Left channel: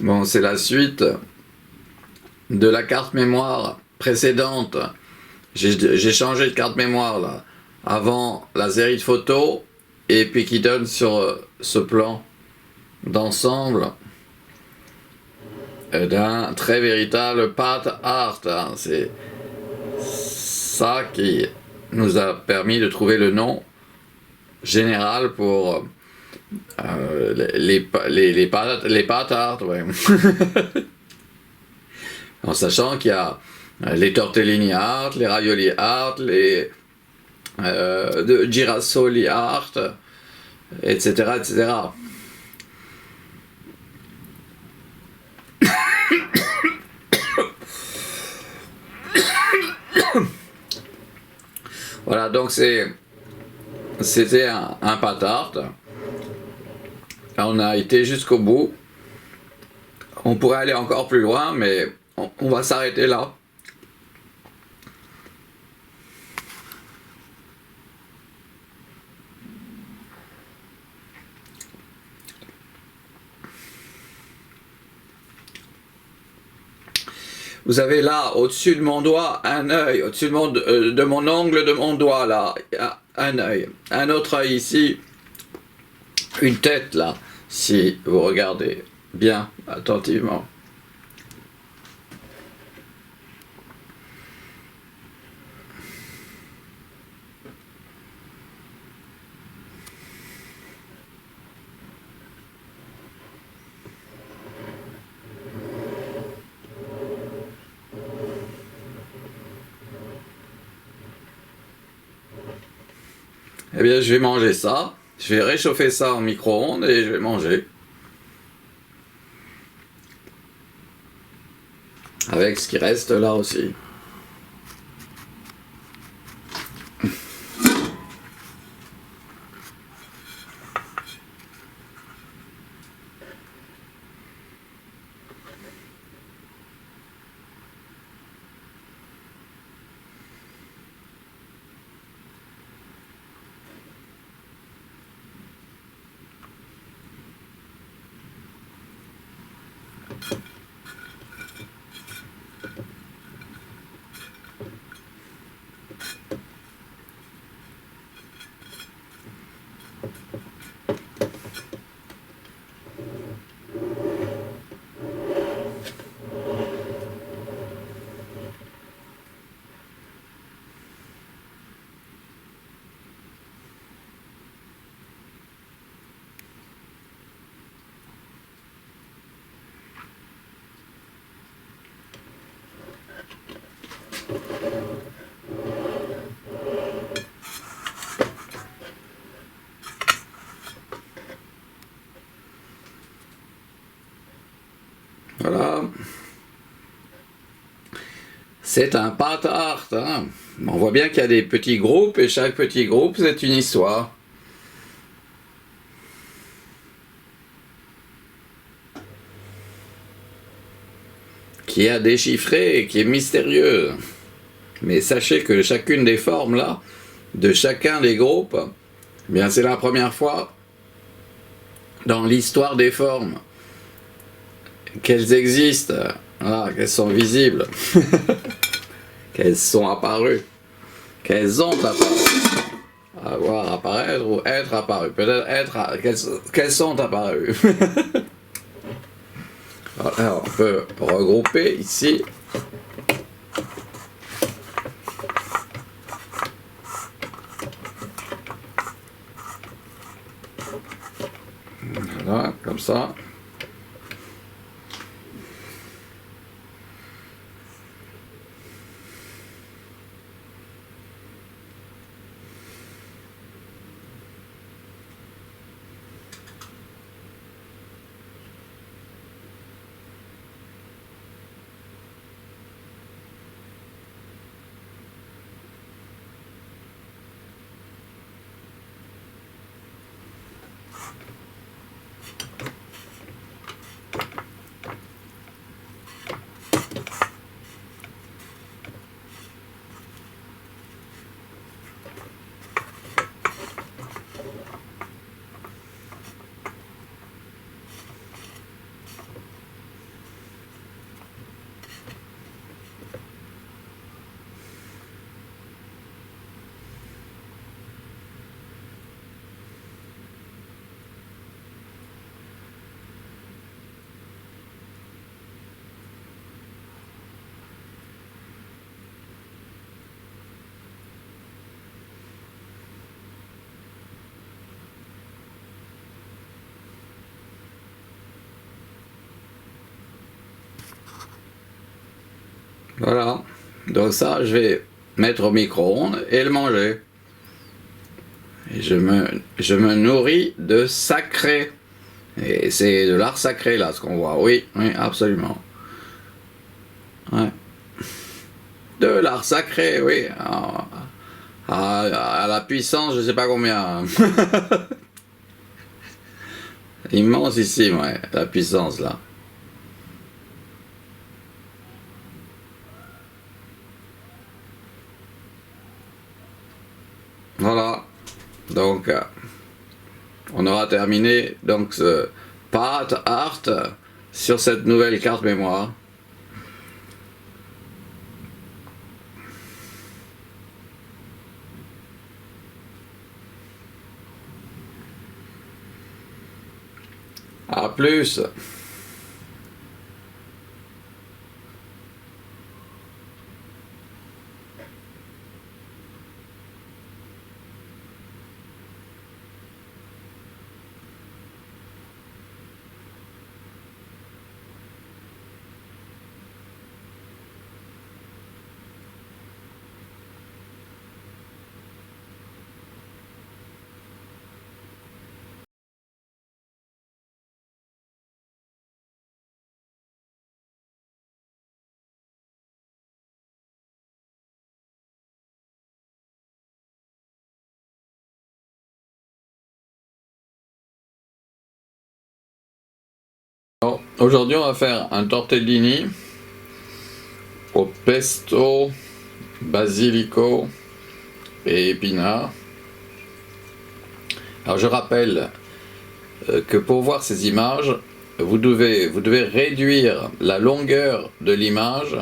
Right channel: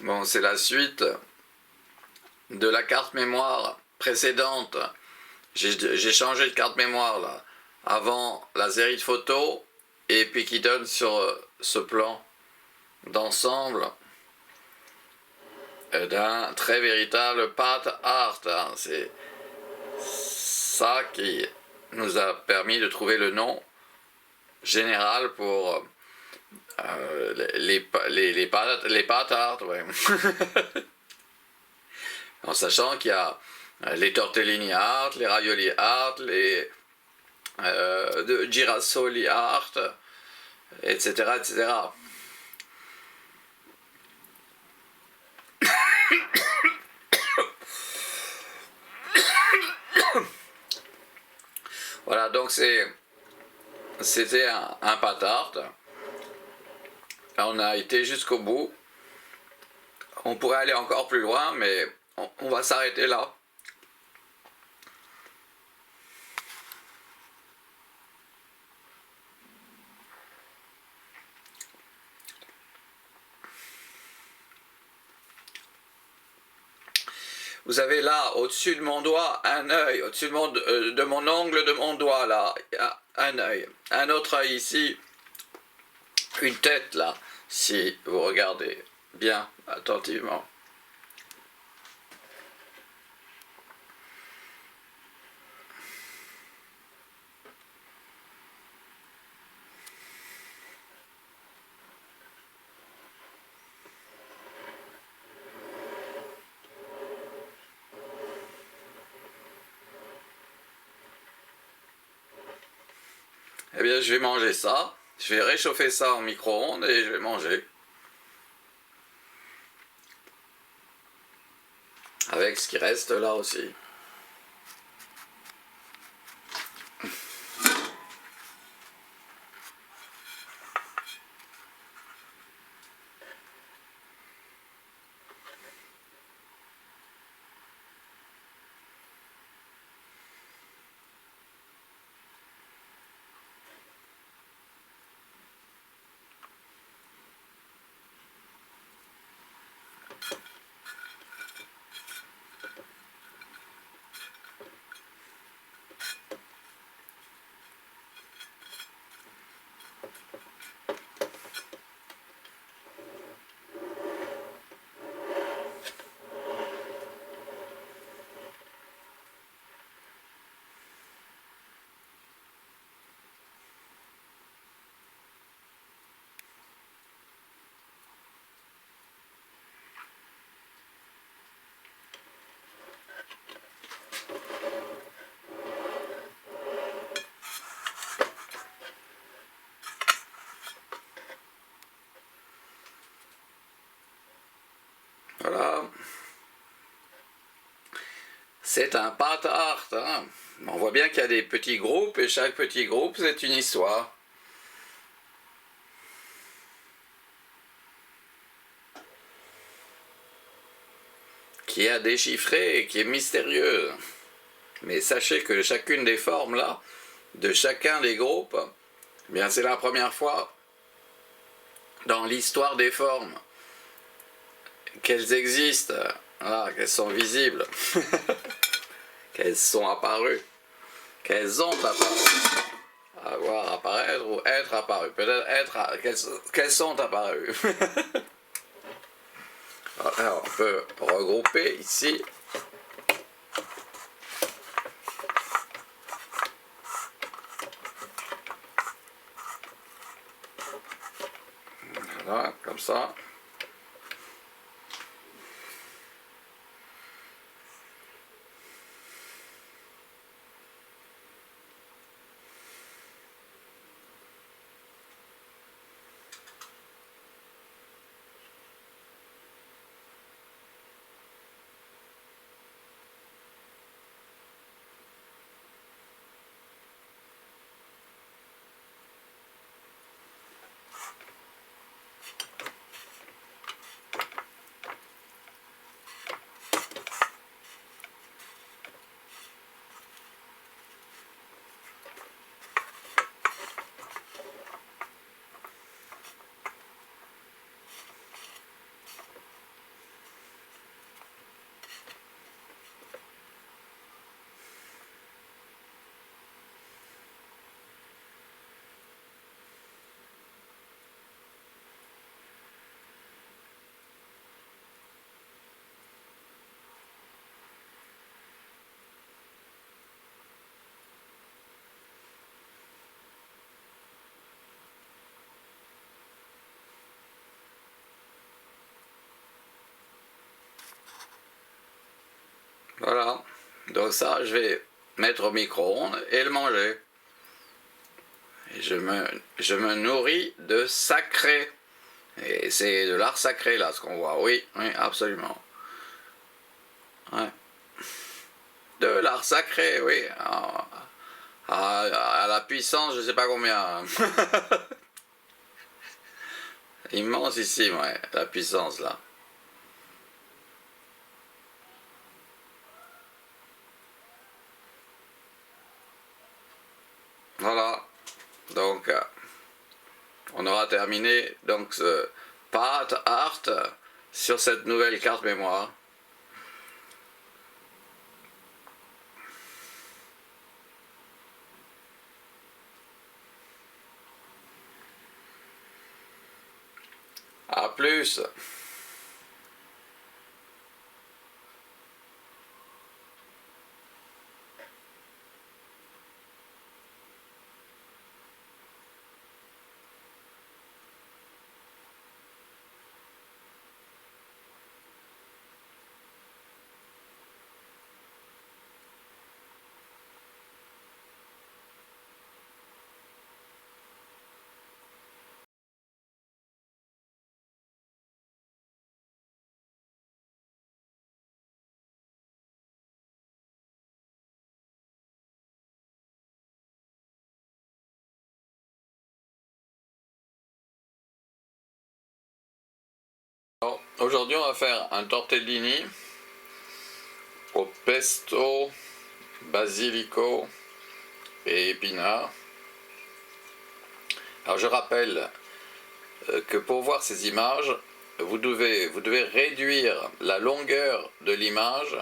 Bon, c'est la suite de la carte mémoire précédente. J'ai changé de carte mémoire là. Avant la série de photos et puis qui donne sur ce plan d'ensemble d'un très véritable path art. Hein. C'est ça qui nous a permis de trouver le nom général pour les path art. Ouais. En sachant qu'il y a les tortellini art, les ravioli art, les girasoli art, etc., etc. Voilà, donc c'était un path art. On a été jusqu'au bout. On pourrait aller encore plus loin, mais on va s'arrêter là. Vous avez là, au-dessus de mon doigt, un œil. Au-dessus de mon ongle de mon doigt, là, un œil. Un autre œil ici. Une tête, là, si vous regardez bien, attentivement. Eh bien, je vais manger ça. Je vais réchauffer ça en micro-ondes et je vais manger. Avec ce qui reste là aussi. Voilà. C'est un path art. Hein. On voit bien qu'il y a des petits groupes et chaque petit groupe, c'est une histoire. Qui est à déchiffrer et qui est mystérieuse. Mais sachez que chacune des formes là, de chacun des groupes, eh bien c'est la première fois dans l'histoire des formes qu'elles existent, voilà, qu'elles sont visibles, qu'elles sont apparues, qu'elles ont apparu, avoir apparaître ou être apparues, peut-être qu'elles sont apparues. Alors on peut regrouper ici. Voilà, comme ça. Voilà. Donc ça, je vais mettre au micro-ondes et le manger. Et je me nourris de sacré. Et c'est de l'art sacré là, ce qu'on voit. Oui, oui, absolument. Ouais. De l'art sacré, oui. À la puissance, je sais pas combien. Immense ici, ouais, la puissance là. Voilà. Donc, on aura terminé donc ce Path Art sur cette nouvelle carte mémoire. À plus. Aujourd'hui, on va faire un tortellini au pesto, basilico et épinards. Alors je rappelle que pour voir ces images, vous devez réduire la longueur de l'image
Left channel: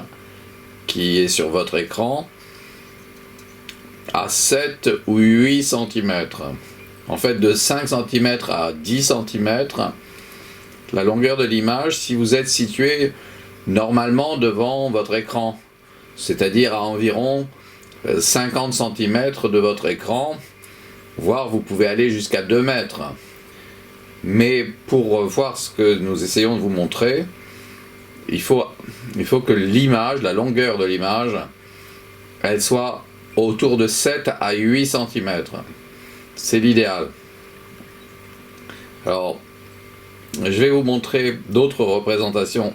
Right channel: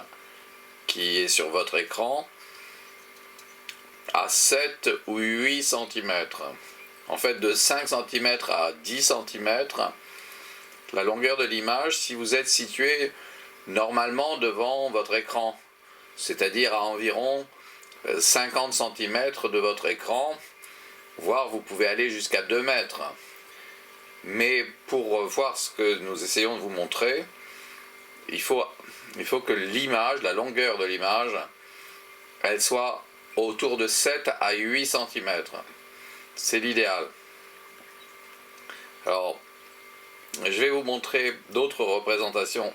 qui est sur votre écran à 7 ou 8 cm. En fait, de 5 cm à 10 cm, la longueur de l'image si vous êtes situé normalement devant votre écran, c'est-à-dire à environ 50 cm de votre écran, voire vous pouvez aller jusqu'à 2 mètres. Mais pour voir ce que nous essayons de vous montrer, il faut que l'image, la longueur de l'image, elle soit autour de 7 à 8 cm. C'est l'idéal. Alors, je vais vous montrer d'autres représentations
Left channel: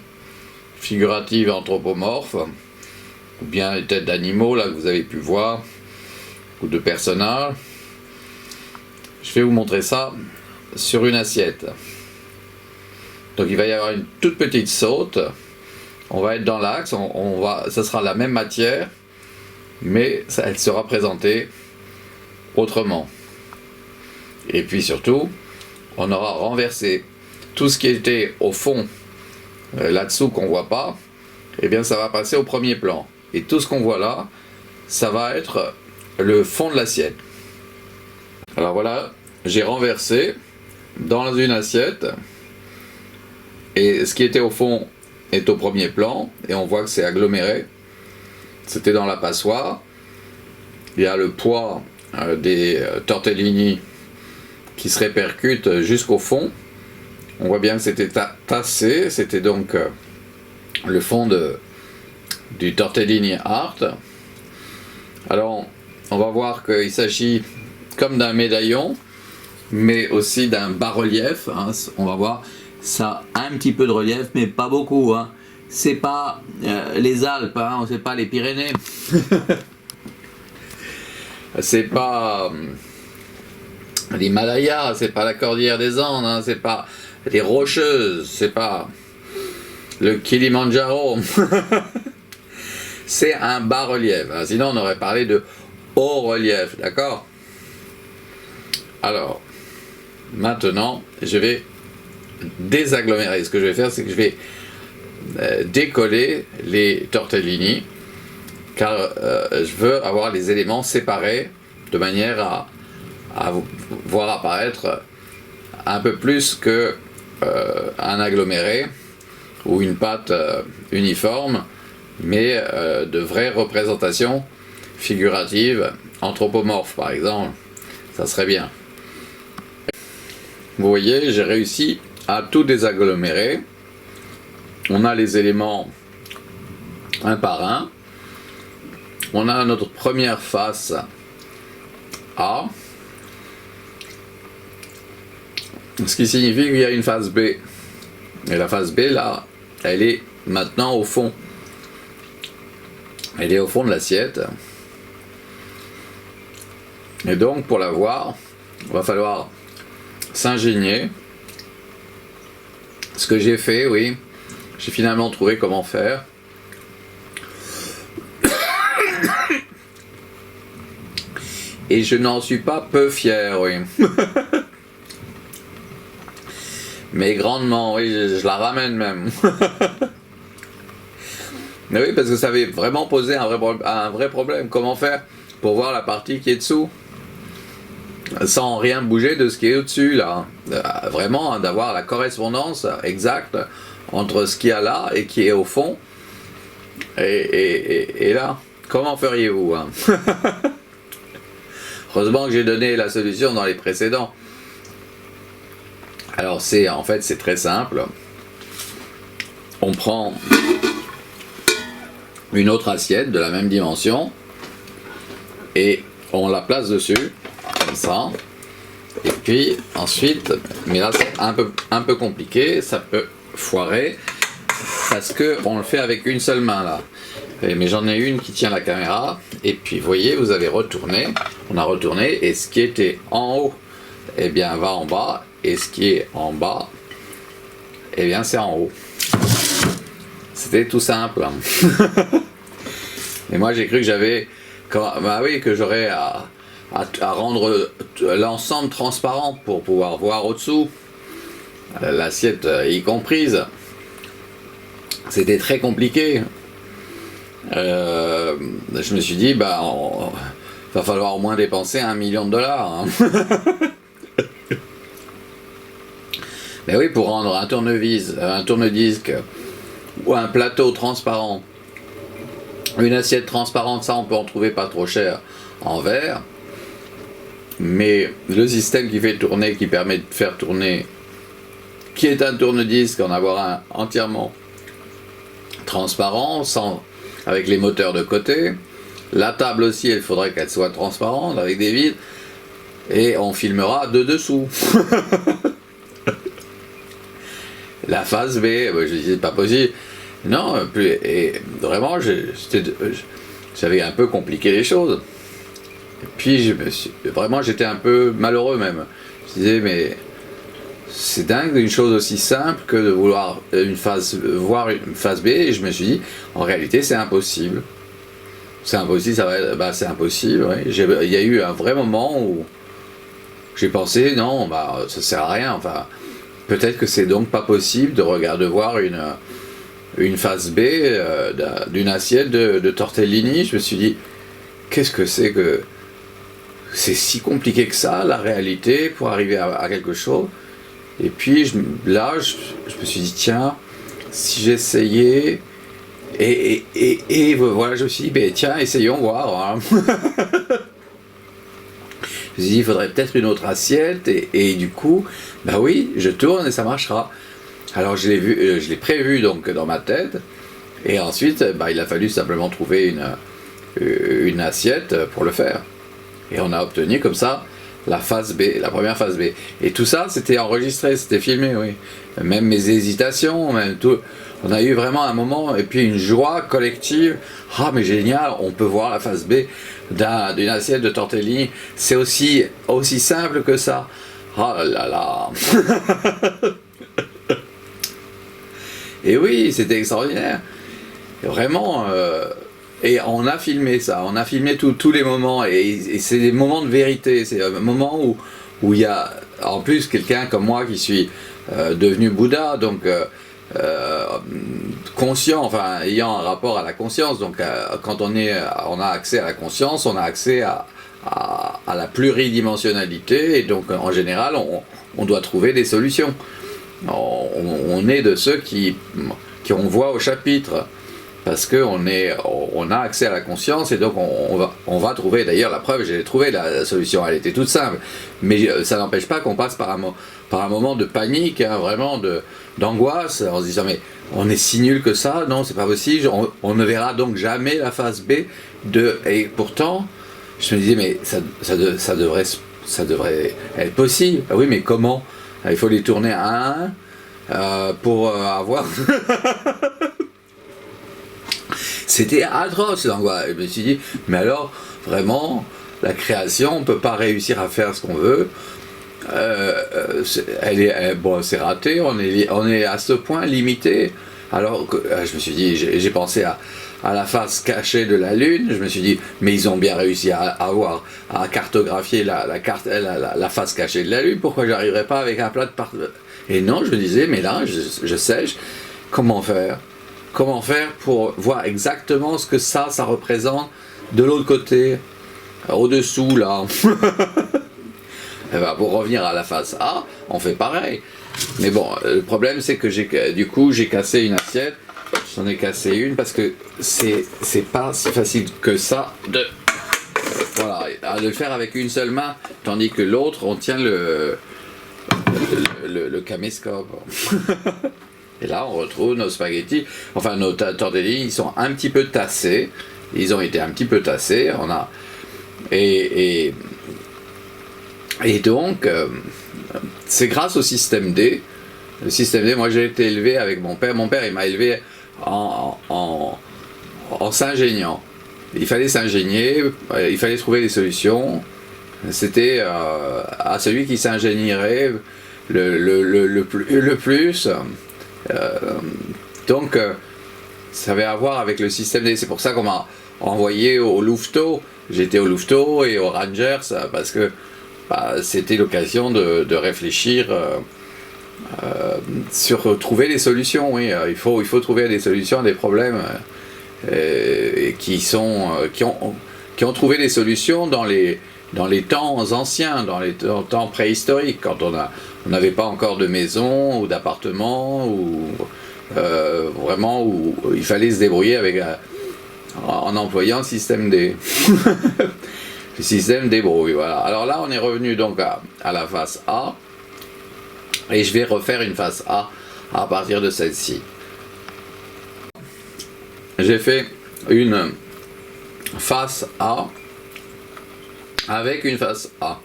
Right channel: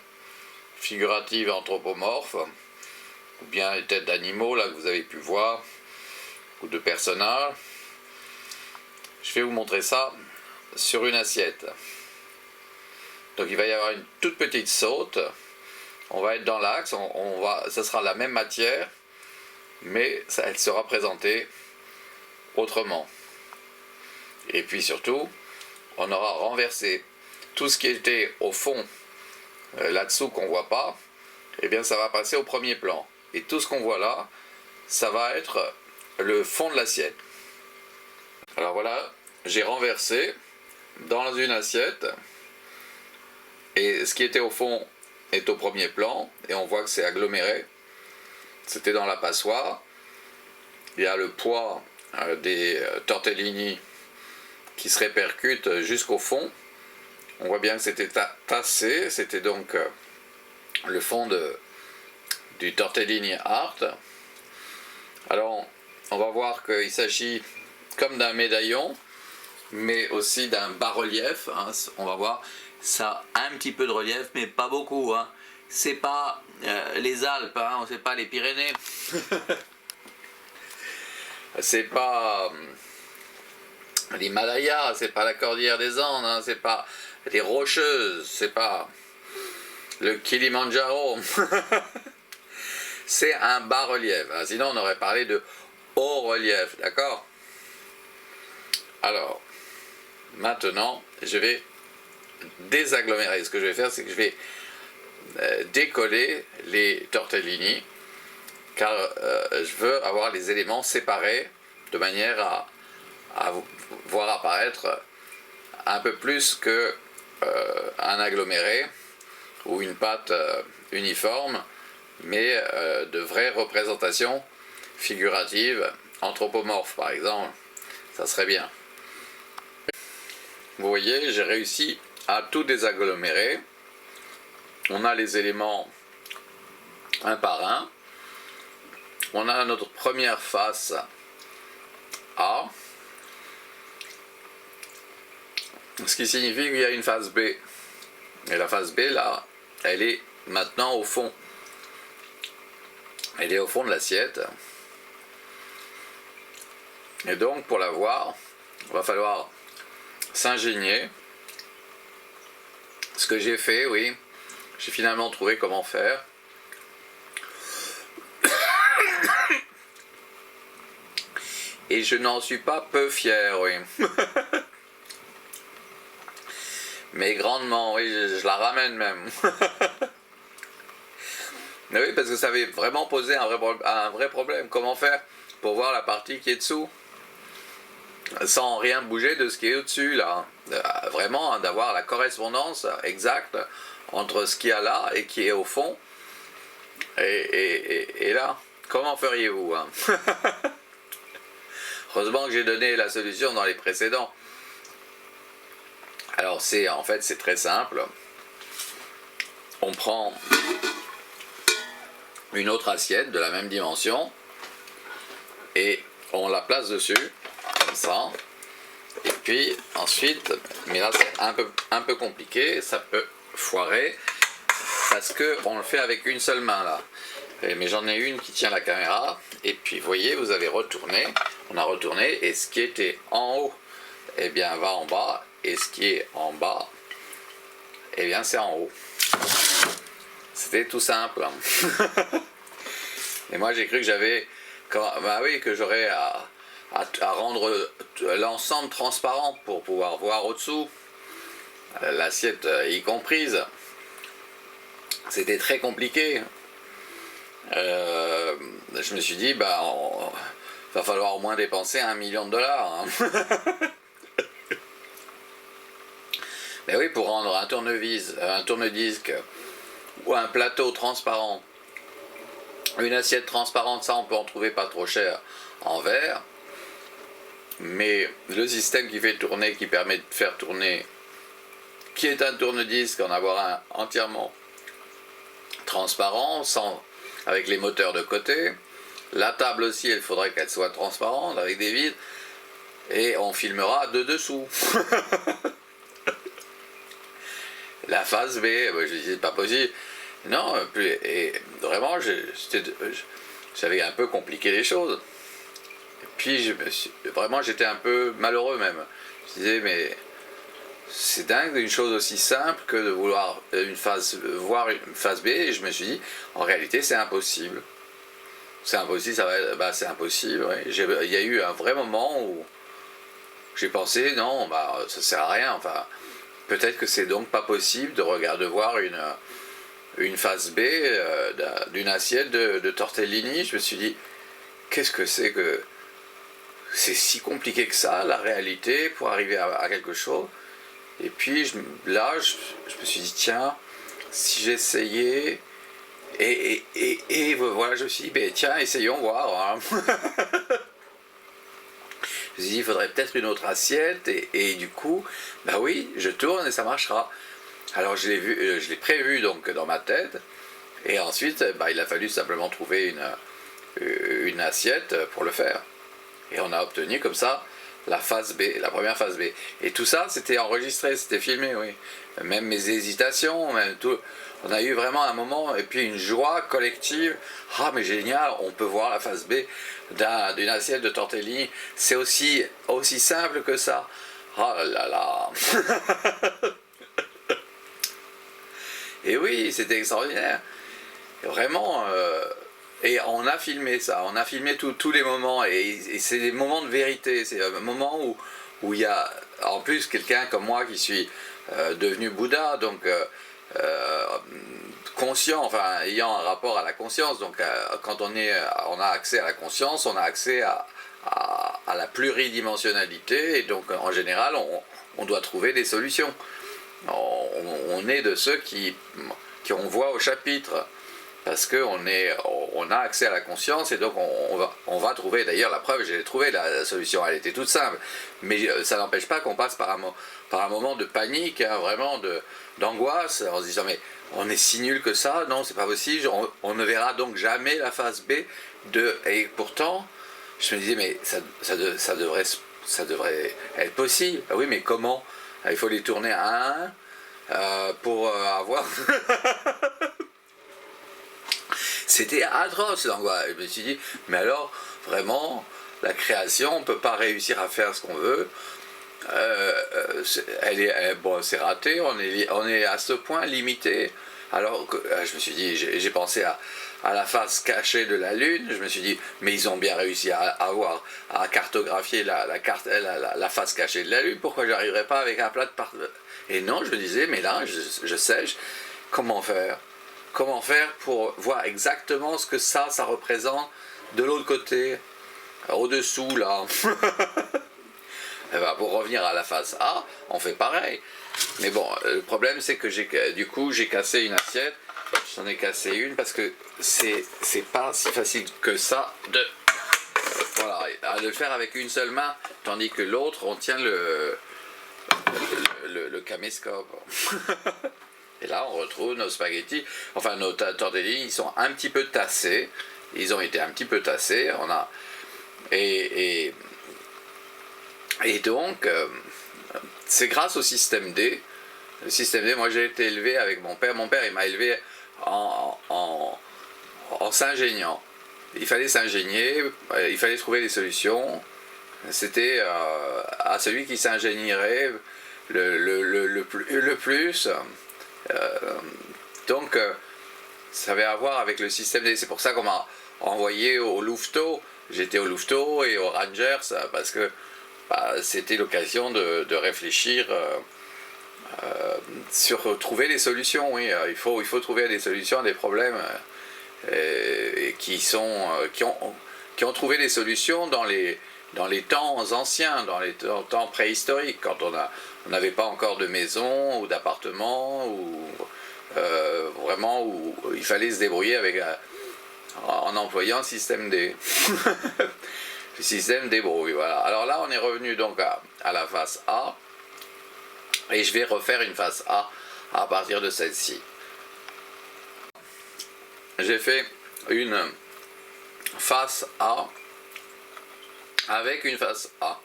figuratives anthropomorphes, ou bien les têtes d'animaux, là que vous avez pu voir, ou de personnages. Je vais vous montrer ça sur une assiette. Donc il va y avoir une toute petite saute. On va être dans l'axe, ça sera la même matière, mais elle sera présentée autrement. Et puis surtout, on aura renversé tout ce qui était au fond, là-dessous qu'on voit pas, et bien ça va passer au premier plan. Et tout ce qu'on voit là, ça va être le fond de l'assiette. Alors voilà, j'ai renversé dans une assiette, et ce qui était au fond est au premier plan, et on voit que c'est aggloméré. C'était dans la passoire. Il y a le poids des tortellini qui se répercute jusqu'au fond. On voit bien que c'était tassé, c'était donc le fond du tortellini art. Alors on va voir qu'il s'agit comme d'un médaillon, mais aussi d'un bas-relief, hein. On va voir, ça a un petit peu de relief, mais pas beaucoup, hein. C'est pas les Alpes, hein, c'est pas les Pyrénées. C'est pas l'Himalaya, c'est pas la cordillère des Andes, hein, c'est pas les Rocheuses, c'est pas le Kilimandjaro. C'est un bas-relief, hein. Sinon on aurait parlé de haut relief, d'accord? Alors, maintenant, je vais désagglomérer. Ce que je vais faire, c'est que je vais décoller les tortellini, car je veux avoir les éléments séparés de manière à voir apparaître un peu plus que un aggloméré ou une pâte uniforme, mais de vraies représentations figuratives, anthropomorphes par exemple. Ça serait bien. Vous voyez, j'ai réussi à tout désagglomérer. On a les éléments un par un. On a notre première face A, ce qui signifie qu'il y a une face B. Et la face B, là, elle est maintenant au fond. Elle est au fond de l'assiette. Et donc, pour la voir, il va falloir s'ingénier. Ce que j'ai fait, oui, j'ai finalement trouvé comment faire. Et je n'en suis pas peu fier, oui. Mais grandement, oui, je la ramène même. Mais oui, parce que ça avait vraiment posé un vrai problème. Comment faire pour voir la partie qui est dessous sans rien bouger de ce qui est au-dessus, là. Vraiment, hein, d'avoir la correspondance exacte entre ce qu'il y a là et qui est au fond. Et là, comment feriez-vous, hein? Heureusement que j'ai donné la solution dans les précédents. Alors en fait c'est très simple. On prend une autre assiette de la même dimension et on la place dessus, comme ça. Et puis ensuite, mais là c'est un peu compliqué, ça peut foirer, parce qu'on le fait avec une seule main là. Mais j'en ai une qui tient la caméra, et puis vous voyez, vous avez retourné, on a retourné, et ce qui était en haut, eh bien va en bas, et ce qui est en bas, eh bien c'est en haut. C'était tout simple. Et moi j'ai cru que j'avais, que j'aurais à rendre l'ensemble transparent pour pouvoir voir au-dessous, l'assiette y comprise. C'était très compliqué. Je me suis dit, va falloir au moins dépenser $1 million. Hein. Mais oui, pour rendre un tourne-disque ou un plateau transparent, une assiette transparente, ça on peut en trouver pas trop cher en verre. Mais le système qui fait tourner, qui permet de faire tourner, qui est un tourne-disque, en avoir un entièrement transparent, avec les moteurs de côté. La table aussi, il faudrait qu'elle soit transparente, avec des vides. Et on filmera de dessous. La face B, je disais, c'est pas possible. Non, et vraiment, j'avais un peu compliqué les choses. Et puis, vraiment, j'étais un peu malheureux même. Je disais, mais c'est dingue d'une chose aussi simple que de vouloir voir une face B, et je me suis dit, en réalité, c'est impossible. C'est impossible, c'est impossible, oui. Il y a eu un vrai moment où j'ai pensé, non, ça sert à rien, enfin, peut-être que c'est donc pas possible de voir une face B d'une assiette de tortellini. Je me suis dit, qu'est-ce que c'est que... C'est si compliqué que ça, la réalité, pour arriver à quelque chose. Et puis je me suis dit, tiens, si j'essayais, et voilà, je me suis dit, tiens, essayons voir. Hein. Je me suis dit, il faudrait peut-être une autre assiette, et du coup, oui, je tourne et ça marchera. Alors je l'ai prévu donc dans ma tête, et ensuite, il a fallu simplement trouver une assiette pour le faire. Et on a obtenu comme ça la phase B, la première phase B. Et tout ça, c'était enregistré, c'était filmé, oui. Même mes hésitations, même tout. On a eu vraiment un moment, et puis une joie collective. Ah, mais génial, on peut voir la phase B d'une assiette de tortellini. C'est aussi simple que ça. Ah là là. Et oui, c'était extraordinaire. Et vraiment... Et on a filmé ça, on a filmé tous les moments, et c'est des moments de vérité, c'est un moment où il y a en plus quelqu'un comme moi qui suis devenu Bouddha, donc conscient, enfin ayant un rapport à la conscience, donc quand on a accès à la conscience, on a accès à la pluridimensionnalité, et donc en général on doit trouver des solutions. On est de ceux qui on voit au chapitre. parce qu'on a accès à la conscience et donc on va trouver, d'ailleurs la preuve, j'ai trouvé la solution, elle était toute simple, mais ça n'empêche pas qu'on passe par un moment de panique, hein, vraiment d'angoisse, en se disant mais on est si nul que ça, non c'est pas possible, on ne verra donc jamais la phase B, et pourtant je me disais mais ça devrait être possible, ah oui mais comment, il faut les tourner à un pour avoir... C'était atroce l'angoisse. Je me suis dit, mais alors, vraiment, la création, on ne peut pas réussir à faire ce qu'on veut. Bon, c'est raté, on est à ce point limité. Alors, je me suis dit, j'ai pensé à la face cachée de la Lune. Je me suis dit, mais ils ont bien réussi à cartographier la face cachée de la Lune. Pourquoi je n'arriverais pas avec un plat de part... Et non, je me disais, mais là, je sais, comment faire ? Comment faire pour voir exactement ce que ça représente de l'autre côté, au-dessous là. Et ben pour revenir à la face A, on fait pareil. Mais bon, le problème c'est que j'ai cassé une assiette, j'en ai cassé une parce que c'est pas si facile que ça de le faire avec une seule main, tandis que l'autre on tient le caméscope. Et là, on retrouve nos spaghettis, enfin nos tortellini, ils sont un petit peu tassés. Ils ont été un petit peu tassés. Et donc, c'est grâce au système D. Le système D, moi j'ai été élevé avec mon père. Mon père, il m'a élevé en s'ingéniant. Il fallait s'ingénier, il fallait trouver des solutions. C'était à celui qui s'ingénierait le plus. Donc ça avait à voir avec le système D. C'est pour ça qu'on m'a envoyé au Louveteau. J'étais au Louveteau et aux Rangers parce que c'était l'occasion de réfléchir sur trouver des solutions. Oui, il faut trouver des solutions à des problèmes qui ont trouvé des solutions dans les temps anciens, dans les temps préhistoriques, quand on n'avait pas encore de maison ou d'appartement, ou vraiment où il fallait se débrouiller en employant le système D. Le système débrouille, voilà. Alors là, on est revenu donc à la face A, et je vais refaire une face A à partir de celle-ci. J'ai fait une face A avec une face A.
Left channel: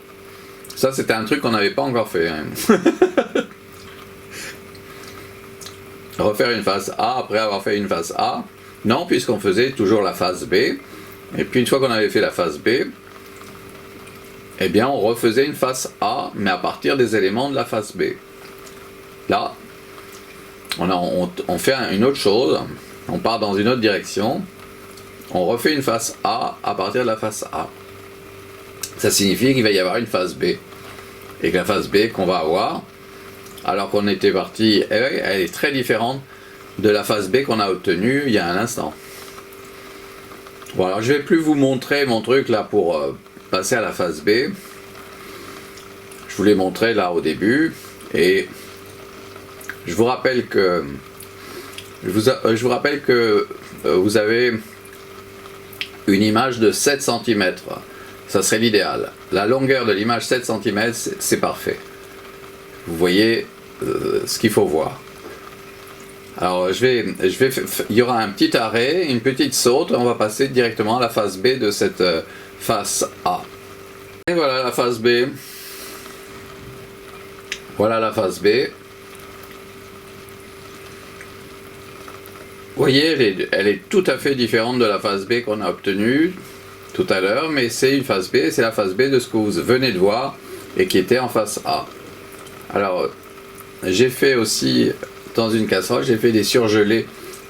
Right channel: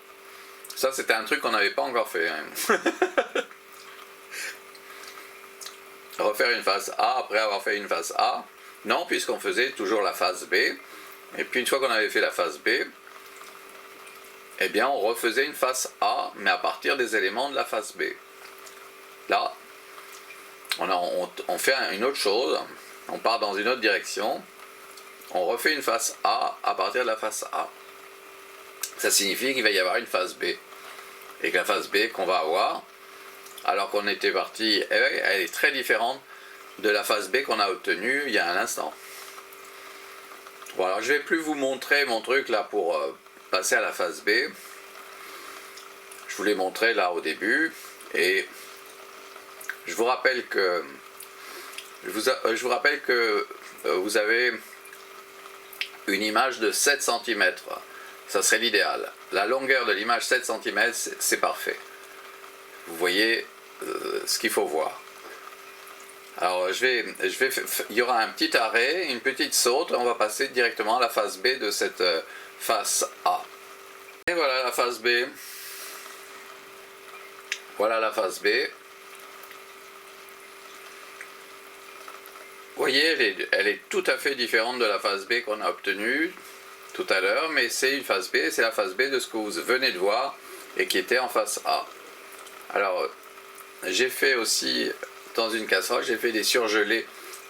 Ça, c'était un truc qu'on n'avait pas encore fait. Hein. Refaire une face A après avoir fait une face A. Non, puisqu'on faisait toujours la face B. Et puis une fois qu'on avait fait la face B, eh bien on refaisait une face A, mais à partir des éléments de la face B. Là, on fait une autre chose. On part dans une autre direction. On refait une face A à partir de la face A. Ça signifie qu'il va y avoir une phase B. Et que la phase B qu'on va avoir, alors qu'on était parti, elle est très différente de la phase B qu'on a obtenue il y a un instant. Bon, alors je vais plus vous montrer mon truc là pour passer à la phase B. Je vous l'ai montré là au début. Et je vous rappelle que vous avez une image de 7 cm. Ça serait l'idéal. La longueur de l'image 7 cm, c'est parfait. Vous voyez ce qu'il faut voir. Alors il y aura un petit arrêt, une petite saute, on va passer directement à la phase B de cette face A. Et voilà la phase B. Voilà la phase B. Vous voyez, elle est tout à fait différente de la phase B qu'on a obtenue tout à l'heure, mais c'est une phase B, c'est la phase B de ce que vous venez de voir et qui était en face A. Alors, j'ai fait aussi, dans une casserole, j'ai fait des surgelés,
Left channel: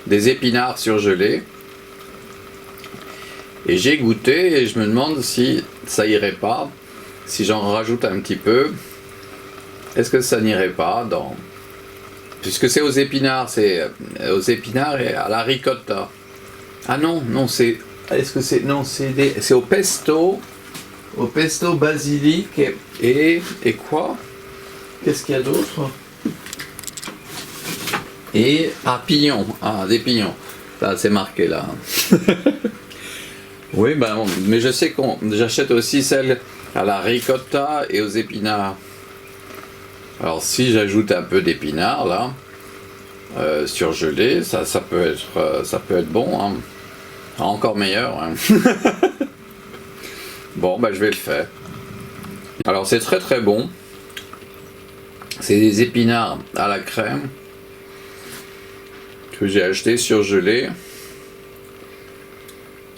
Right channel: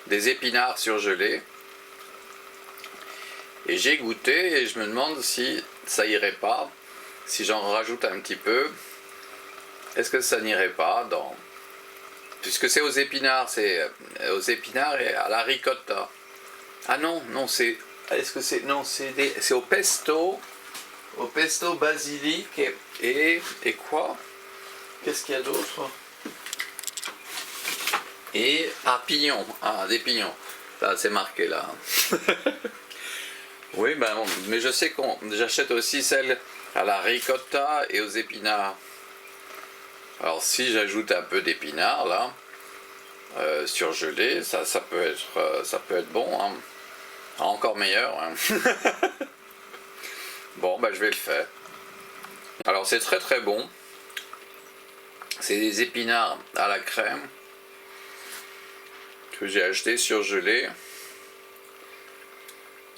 des épinards surgelés, et j'ai goûté et je me demande si ça irait pas, si j'en rajoute un petit peu, est-ce que ça n'irait pas dans... Puisque c'est aux épinards et à la ricotta. Ah non, c'est... Est-ce que c'est... Non, c'est au pesto basilic et quoi? Qu'est-ce qu'il y a d'autre? Et pignons, des pignons. c'est marqué là. Oui, ben, mais je sais qu'on j'achète aussi celle à la ricotta et aux épinards. Alors si j'ajoute un peu d'épinards là, surgelé, ça peut être bon, hein. Encore meilleur, hein. Bon, ben je vais le faire. Alors c'est très très bon. C'est des épinards à la crème que j'ai acheté surgelés.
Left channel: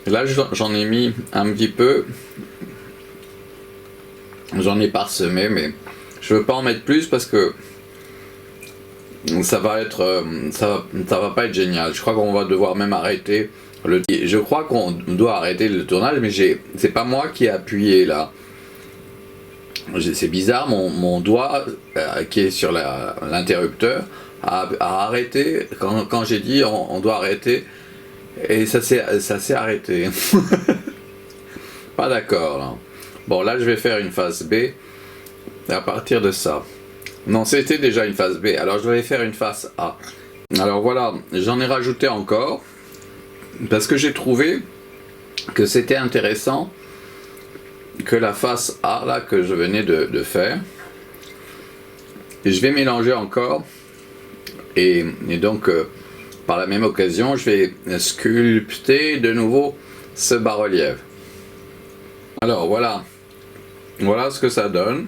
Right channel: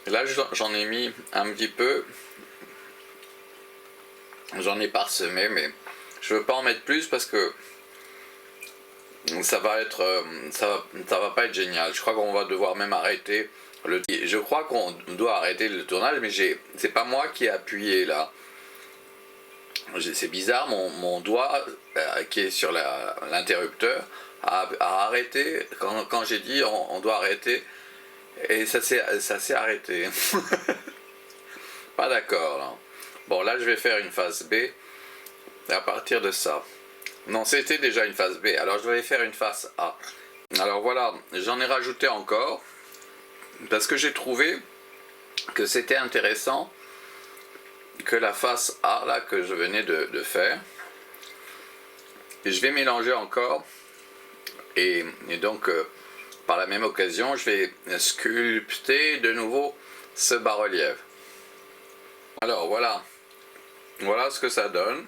Là j'en ai mis un petit peu. J'en ai parsemé, mais je veux pas en mettre plus parce que ça va va pas être génial. Je crois qu'on va devoir même arrêter je crois qu'on doit arrêter le tournage, mais c'est pas moi qui ai appuyé là. C'est bizarre, mon doigt qui est sur l'interrupteur a arrêté quand j'ai dit on doit arrêter, et ça s'est arrêté. Pas d'accord là. Bon, là je vais faire une phase B à partir de ça. Non, c'était déjà une phase B, alors je vais faire une phase A. Alors voilà, j'en ai rajouté encore parce que j'ai trouvé que c'était intéressant que la face A là que je venais de faire. Et je vais mélanger encore et donc par la même occasion je vais sculpter de nouveau ce bas-relief. Alors voilà ce que ça donne.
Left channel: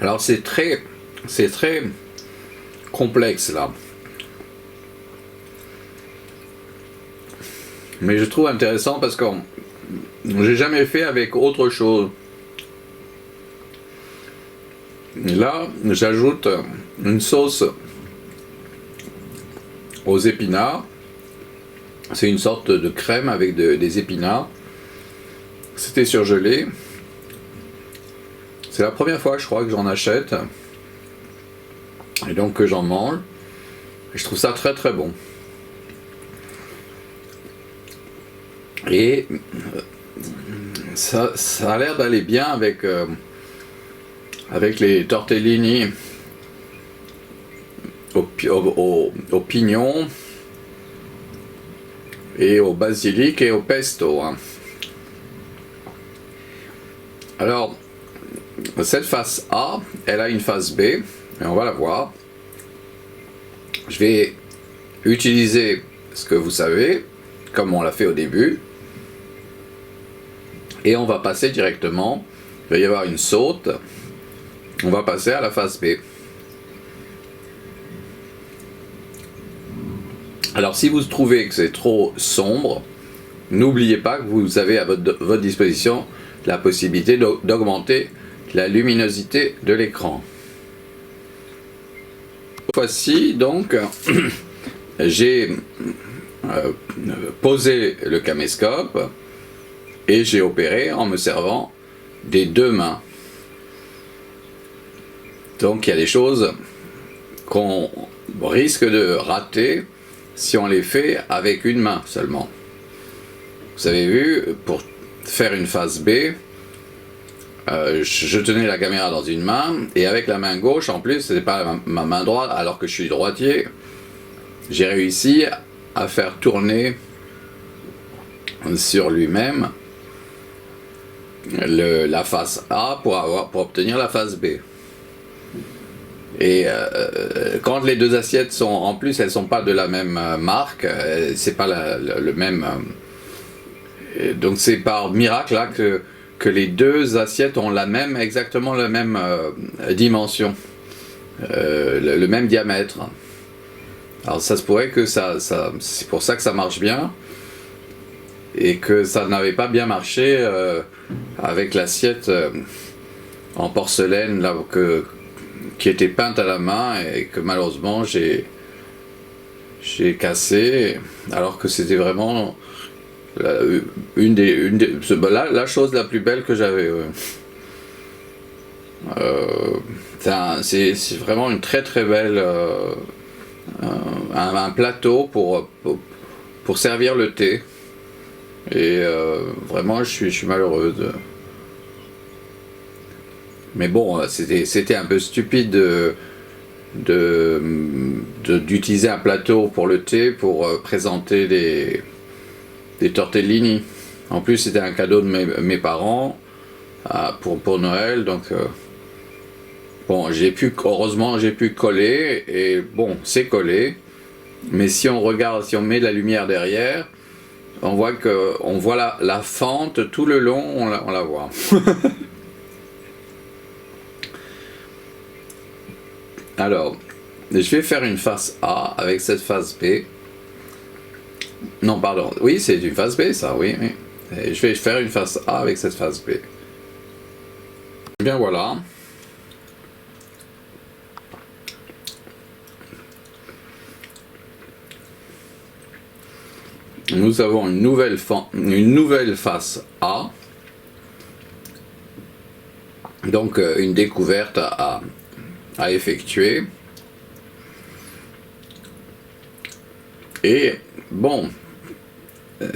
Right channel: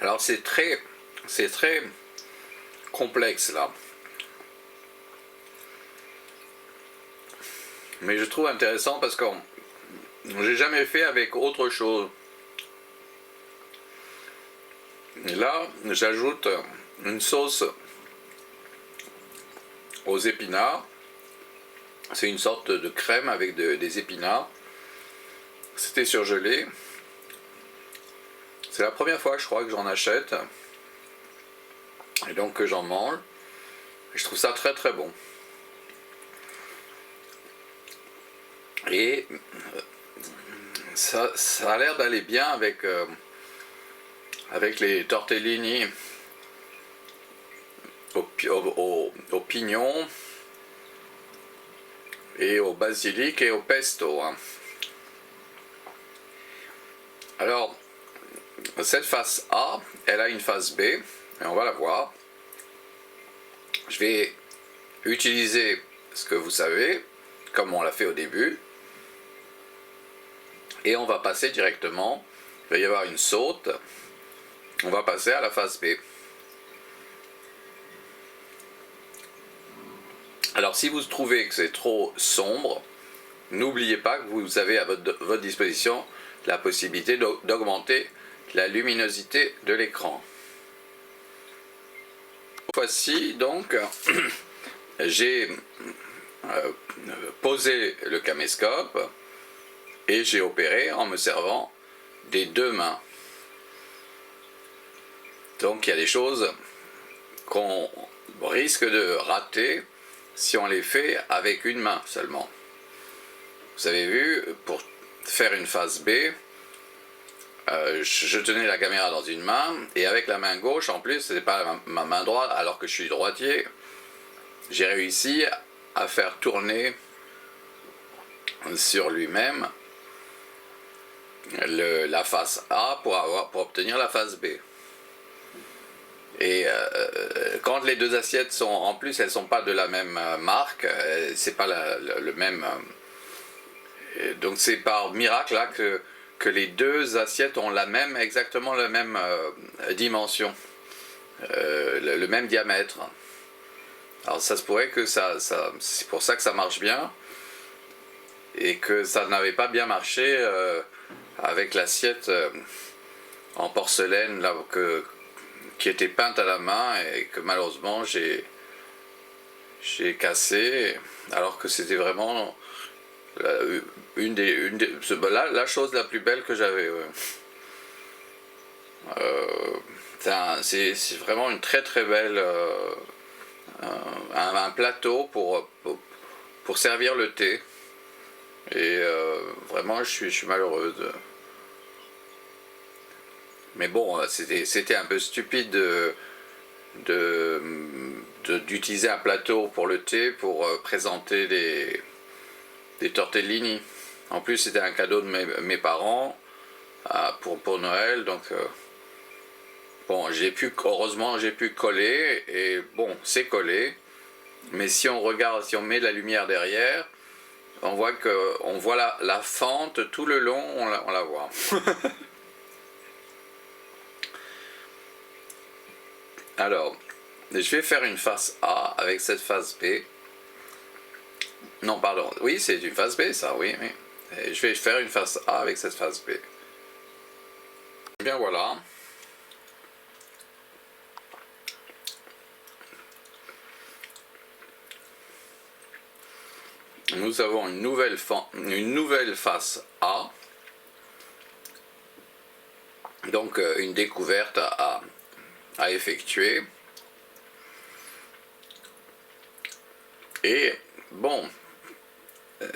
Alors c'est très complexe là, mais je trouve intéressant parce que j'ai jamais fait avec autre chose. Et là j'ajoute une sauce aux épinards. C'est une sorte de crème avec des épinards. C'était surgelé. C'est la première fois je crois que j'en achète et donc que j'en mange. Et je trouve ça très très bon. Et ça a l'air d'aller bien avec les tortellini au pignon et au basilic et au pesto, hein. Alors cette face A, elle a une face B et on va la voir. Je vais utiliser ce que vous savez comme on l'a fait au début et on va passer directement, il va y avoir une saute, on va passer à la face B. Alors si vous trouvez que c'est trop sombre, n'oubliez pas que vous avez à votre disposition la possibilité d'augmenter la luminosité de l'écran. Cette fois-ci donc j'ai posé le caméscope et j'ai opéré en me servant des deux mains. Donc il y a des choses qu'on risque de rater si on les fait avec une main seulement. Vous avez vu, pour faire une phase B, je tenais la caméra dans une main et avec la main gauche, en plus c'est pas ma main droite alors que je suis droitier, j'ai réussi à faire tourner sur lui-même la face A pour obtenir la face B. Et quand les deux assiettes sont, en plus elles sont pas de la même marque, c'est pas le même, donc c'est par miracle là que les deux assiettes ont exactement la même dimension, le même diamètre. Alors ça se pourrait que c'est pour ça que ça marche bien et que ça n'avait pas bien marché avec l'assiette en porcelaine là qui était peinte à la main et que malheureusement j'ai cassé, alors que c'était vraiment la chose la plus belle que j'avais. Ouais. C'est vraiment une très très belle un plateau pour servir le thé, et vraiment je suis malheureuse. Mais bon, c'était un peu stupide de d'utiliser un plateau pour le thé pour présenter des tortellini. En plus, c'était un cadeau de mes parents pour Noël, donc bon, heureusement j'ai pu coller, et bon, c'est collé, mais si on regarde, si on met de la lumière derrière, on voit la fente tout le long, on la voit. Alors, je vais faire une face A avec cette face B. Non, pardon, oui, c'est une face B, ça, oui, oui. Et je vais faire une face A avec cette face B. Bien voilà. Nous avons une nouvelle face A. Donc une découverte à effectuer. Et bon,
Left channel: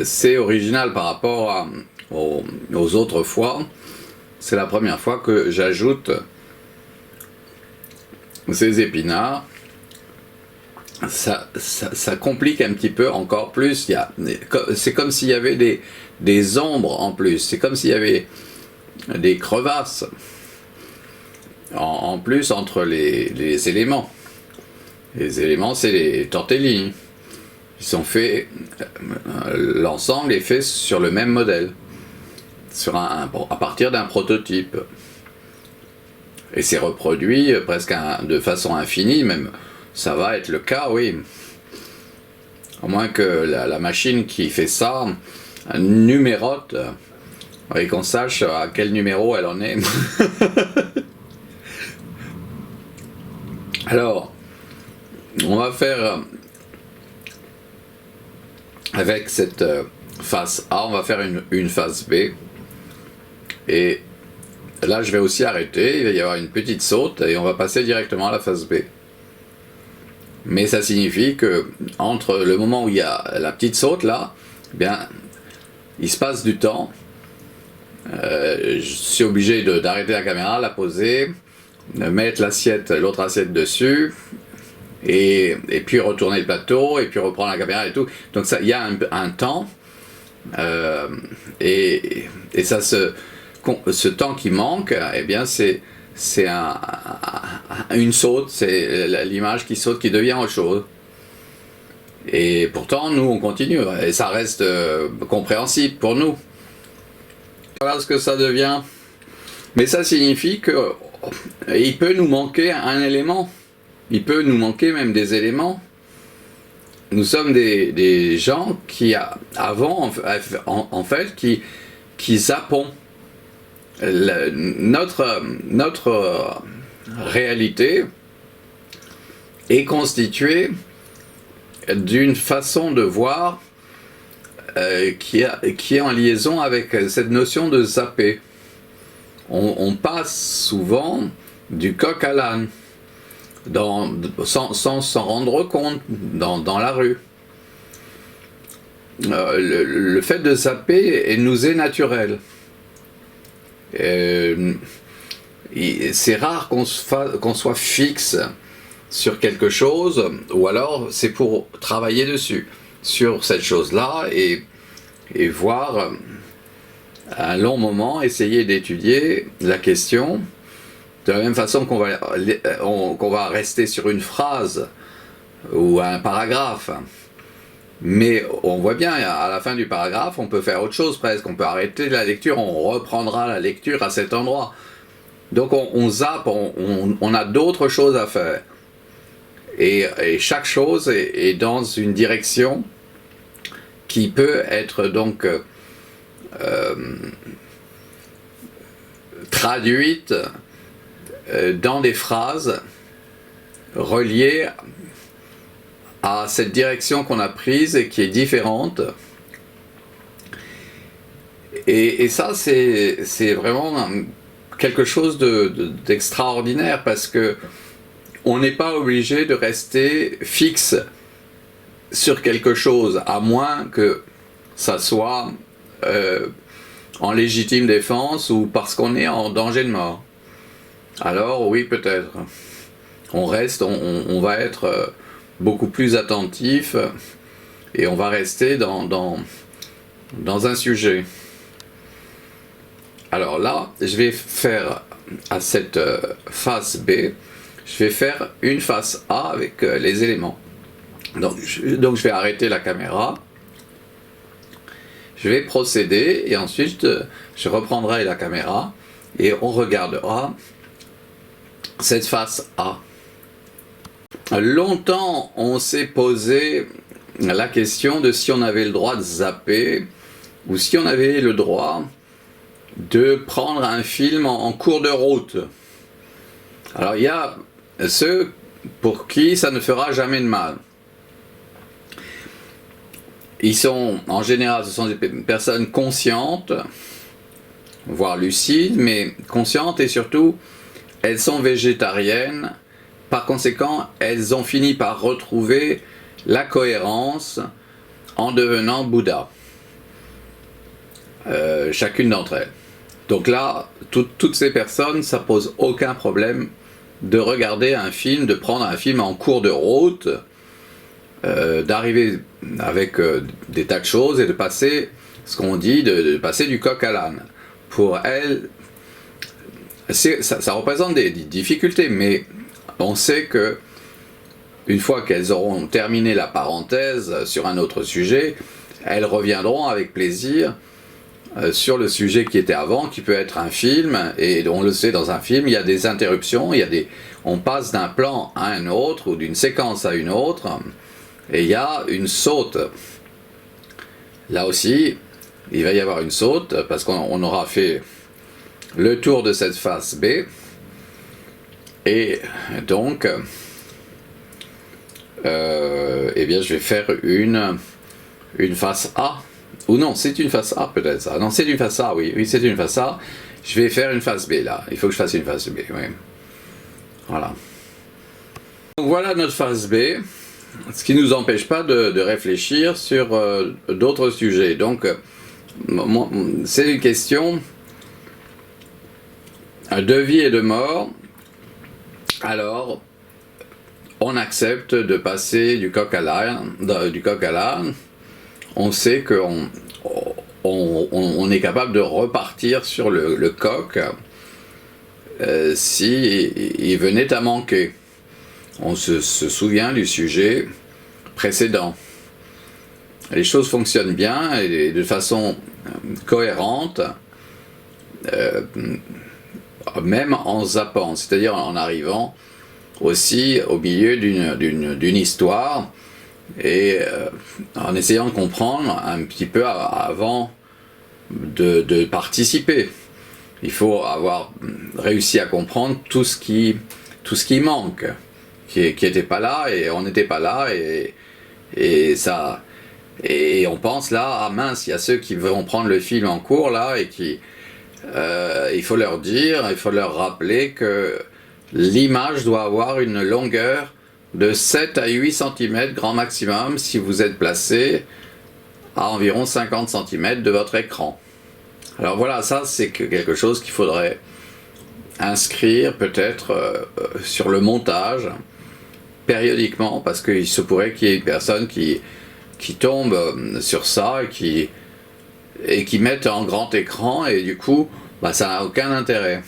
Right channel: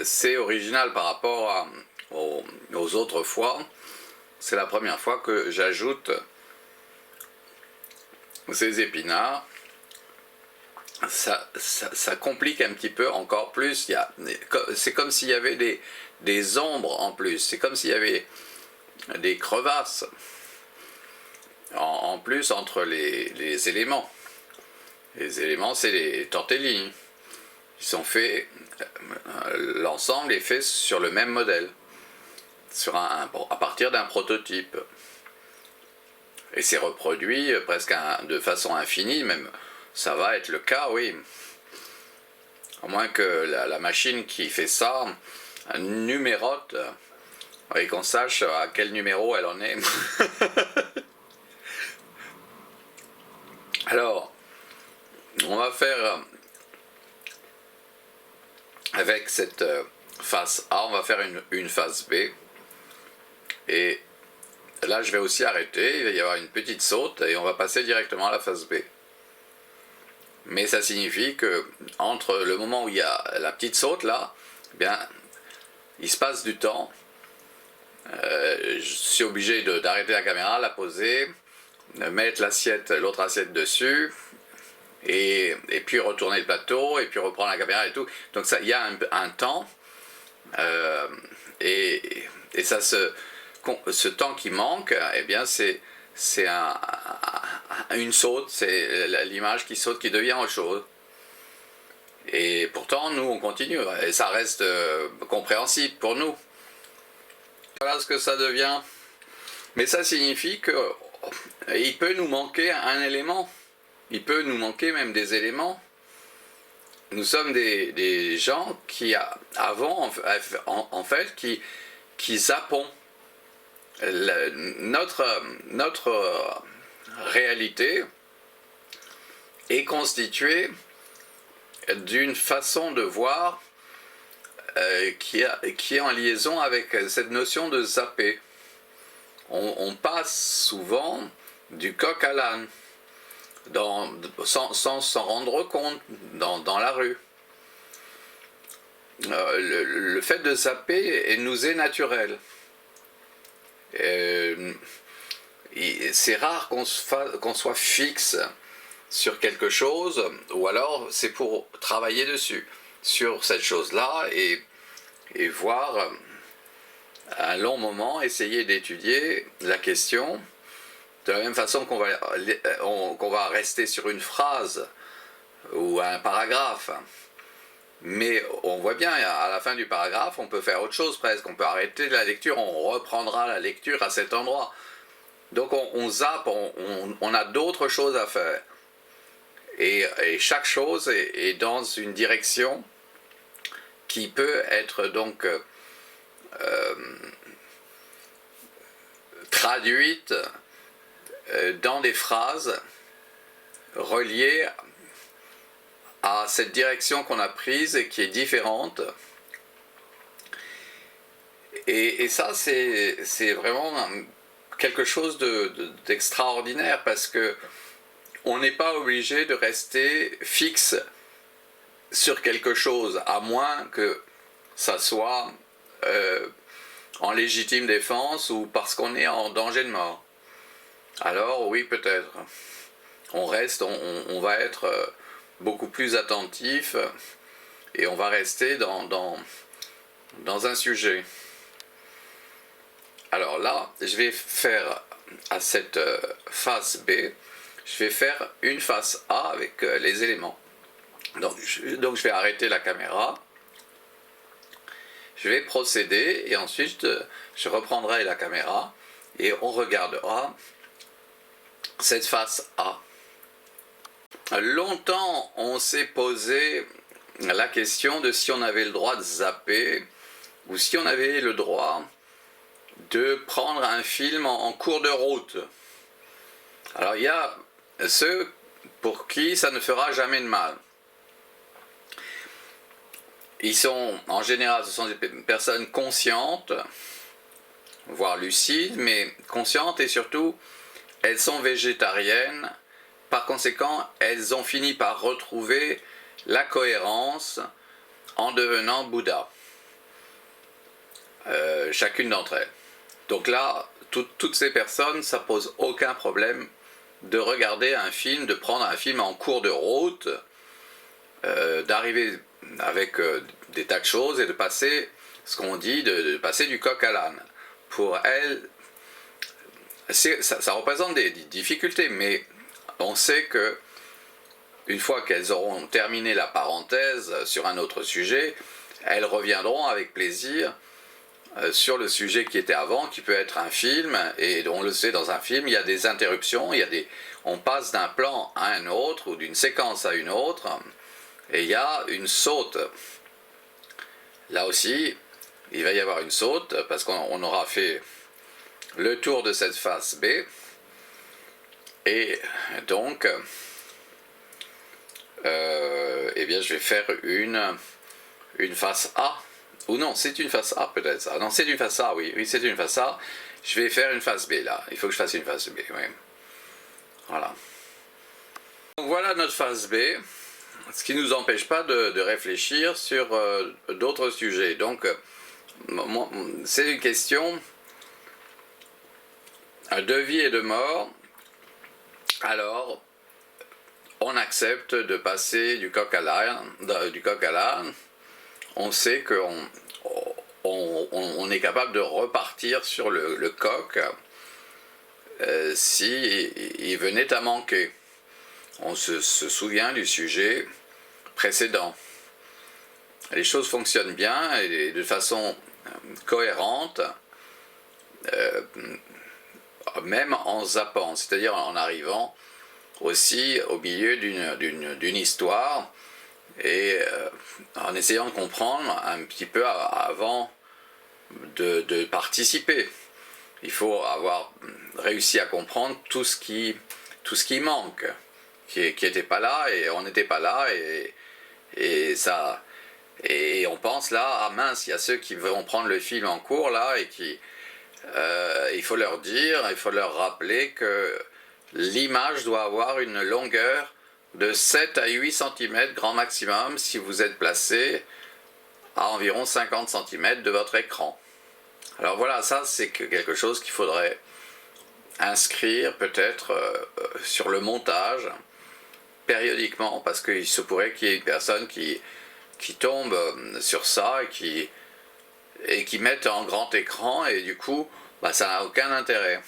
c'est original par rapport aux autres fois. C'est la première fois que j'ajoute ces épinards. Ça complique un petit peu encore plus. C'est comme s'il y avait des ombres en plus. C'est comme s'il y avait des crevasses en plus entre les éléments. Les éléments, c'est les tortellini. Ils sont faits, l'ensemble est fait sur le même modèle, à partir d'un prototype. Et c'est reproduit presque de façon infinie, même ça va être le cas, oui. À moins que la machine qui fait ça numérote et qu'on sache à quel numéro elle en est. Alors, on va faire avec cette face A, on va faire une face B. Et là, je vais aussi arrêter, il va y avoir une petite saute et on va passer directement à la face B. Mais ça signifie que entre le moment où il y a la petite saute là, eh bien, il se passe du temps. Je suis obligé d'arrêter la caméra, la poser, de mettre l'autre assiette dessus, et puis retourner le plateau, et puis reprendre la caméra et tout. Donc il y a un temps, et ça ce temps qui manque, eh bien c'est une saute, c'est l'image qui saute, qui devient autre chose. Et pourtant, nous, on continue, et ça reste compréhensible pour nous. Voilà ce que ça devient. Mais ça signifie que il peut nous manquer un élément. Il peut nous manquer même des éléments. Nous sommes des gens qui, avant, en fait, qui zappons. Notre réalité est constituée d'une façon de voir qui est en liaison avec cette notion de zapper. On passe souvent du coq à l'âne, sans s'en rendre compte, dans la rue. Le fait de zapper nous est naturel. C'est rare qu'on soit fixe sur quelque chose, ou alors c'est pour travailler dessus, sur cette chose-là, et voir un long moment, essayer d'étudier la question, de la même façon qu'on va rester sur une phrase ou un paragraphe. Mais on voit bien, à la fin du paragraphe, on peut faire autre chose presque, on peut arrêter la lecture, on reprendra la lecture à cet endroit. Donc on zappe, on a d'autres choses à faire. Et chaque chose est dans une direction qui peut être donc traduite dans des phrases reliées à cette direction qu'on a prise et qui est différente. Et ça, c'est vraiment quelque chose d'extraordinaire, parce que on n'est pas obligé de rester fixe sur quelque chose, à moins que ça soit en légitime défense ou parce qu'on est en danger de mort. Alors oui, peut-être. On reste, on va être beaucoup plus attentif et on va rester dans un sujet. Alors là, je vais faire à cette face B, je vais faire une face A avec les éléments. Donc je vais arrêter la caméra, je vais procéder et ensuite je reprendrai la caméra et on regardera cette face A. Longtemps on s'est posé la question de si on avait le droit de zapper ou si on avait le droit de prendre un film en cours de route. Alors il y a ceux pour qui ça ne fera jamais de mal. Ils sont, en général, ce sont des personnes conscientes, voire lucides, mais conscientes et surtout, elles sont végétariennes. Par conséquent, elles ont fini par retrouver la cohérence en devenant Bouddha. Chacune d'entre elles. Donc là, toutes ces personnes, ça pose aucun problème de regarder un film, de prendre un film en cours de route, d'arriver avec des tas de choses et de passer, ce qu'on dit, de passer du coq à l'âne. Pour elles, ça représente des difficultés, mais on sait que une fois qu'elles auront terminé la parenthèse sur un autre sujet, elles reviendront avec plaisir sur le sujet qui était avant, qui peut être un film, et on le sait, dans un film, il y a des interruptions, on passe d'un plan à un autre, ou d'une séquence à une autre, et il y a une saute. Là aussi, il va y avoir une saute, parce qu'on aura fait le tour de cette face B, et donc, eh bien, je vais faire une face A. Ou non, c'est une face A peut-être ça. Non, c'est une face A, oui, c'est une face A. Je vais faire une face B là. Il faut que je fasse une face B, oui. Voilà. Donc voilà notre face B. Ce qui ne nous empêche pas de réfléchir sur d'autres sujets. Donc, c'est une question de vie et de mort. Alors, on accepte de passer du coq à l'âne. On sait qu'on est capable de repartir sur le coq si il venait à manquer. On se souvient du sujet précédent. Les choses fonctionnent bien et de façon cohérente, même en zappant, c'est-à-dire en arrivant aussi au milieu d'une histoire et en essayant de comprendre un petit peu avant de participer. Il faut avoir réussi à comprendre tout ce qui manque, qui n'était pas là, et on n'était pas là, et on pense là, ah mince, il y a ceux qui vont prendre le film en cours là, et il faut leur dire, il faut leur rappeler que l'image doit avoir une longueur de 7 à 8 cm grand maximum si vous êtes placé à environ 50 cm de votre écran. Alors voilà, ça c'est quelque chose qu'il faudrait inscrire peut-être sur le montage périodiquement, parce qu'il se pourrait qu'il y ait une personne qui tombe sur ça et qui mette en grand écran, et du coup ça n'a aucun intérêt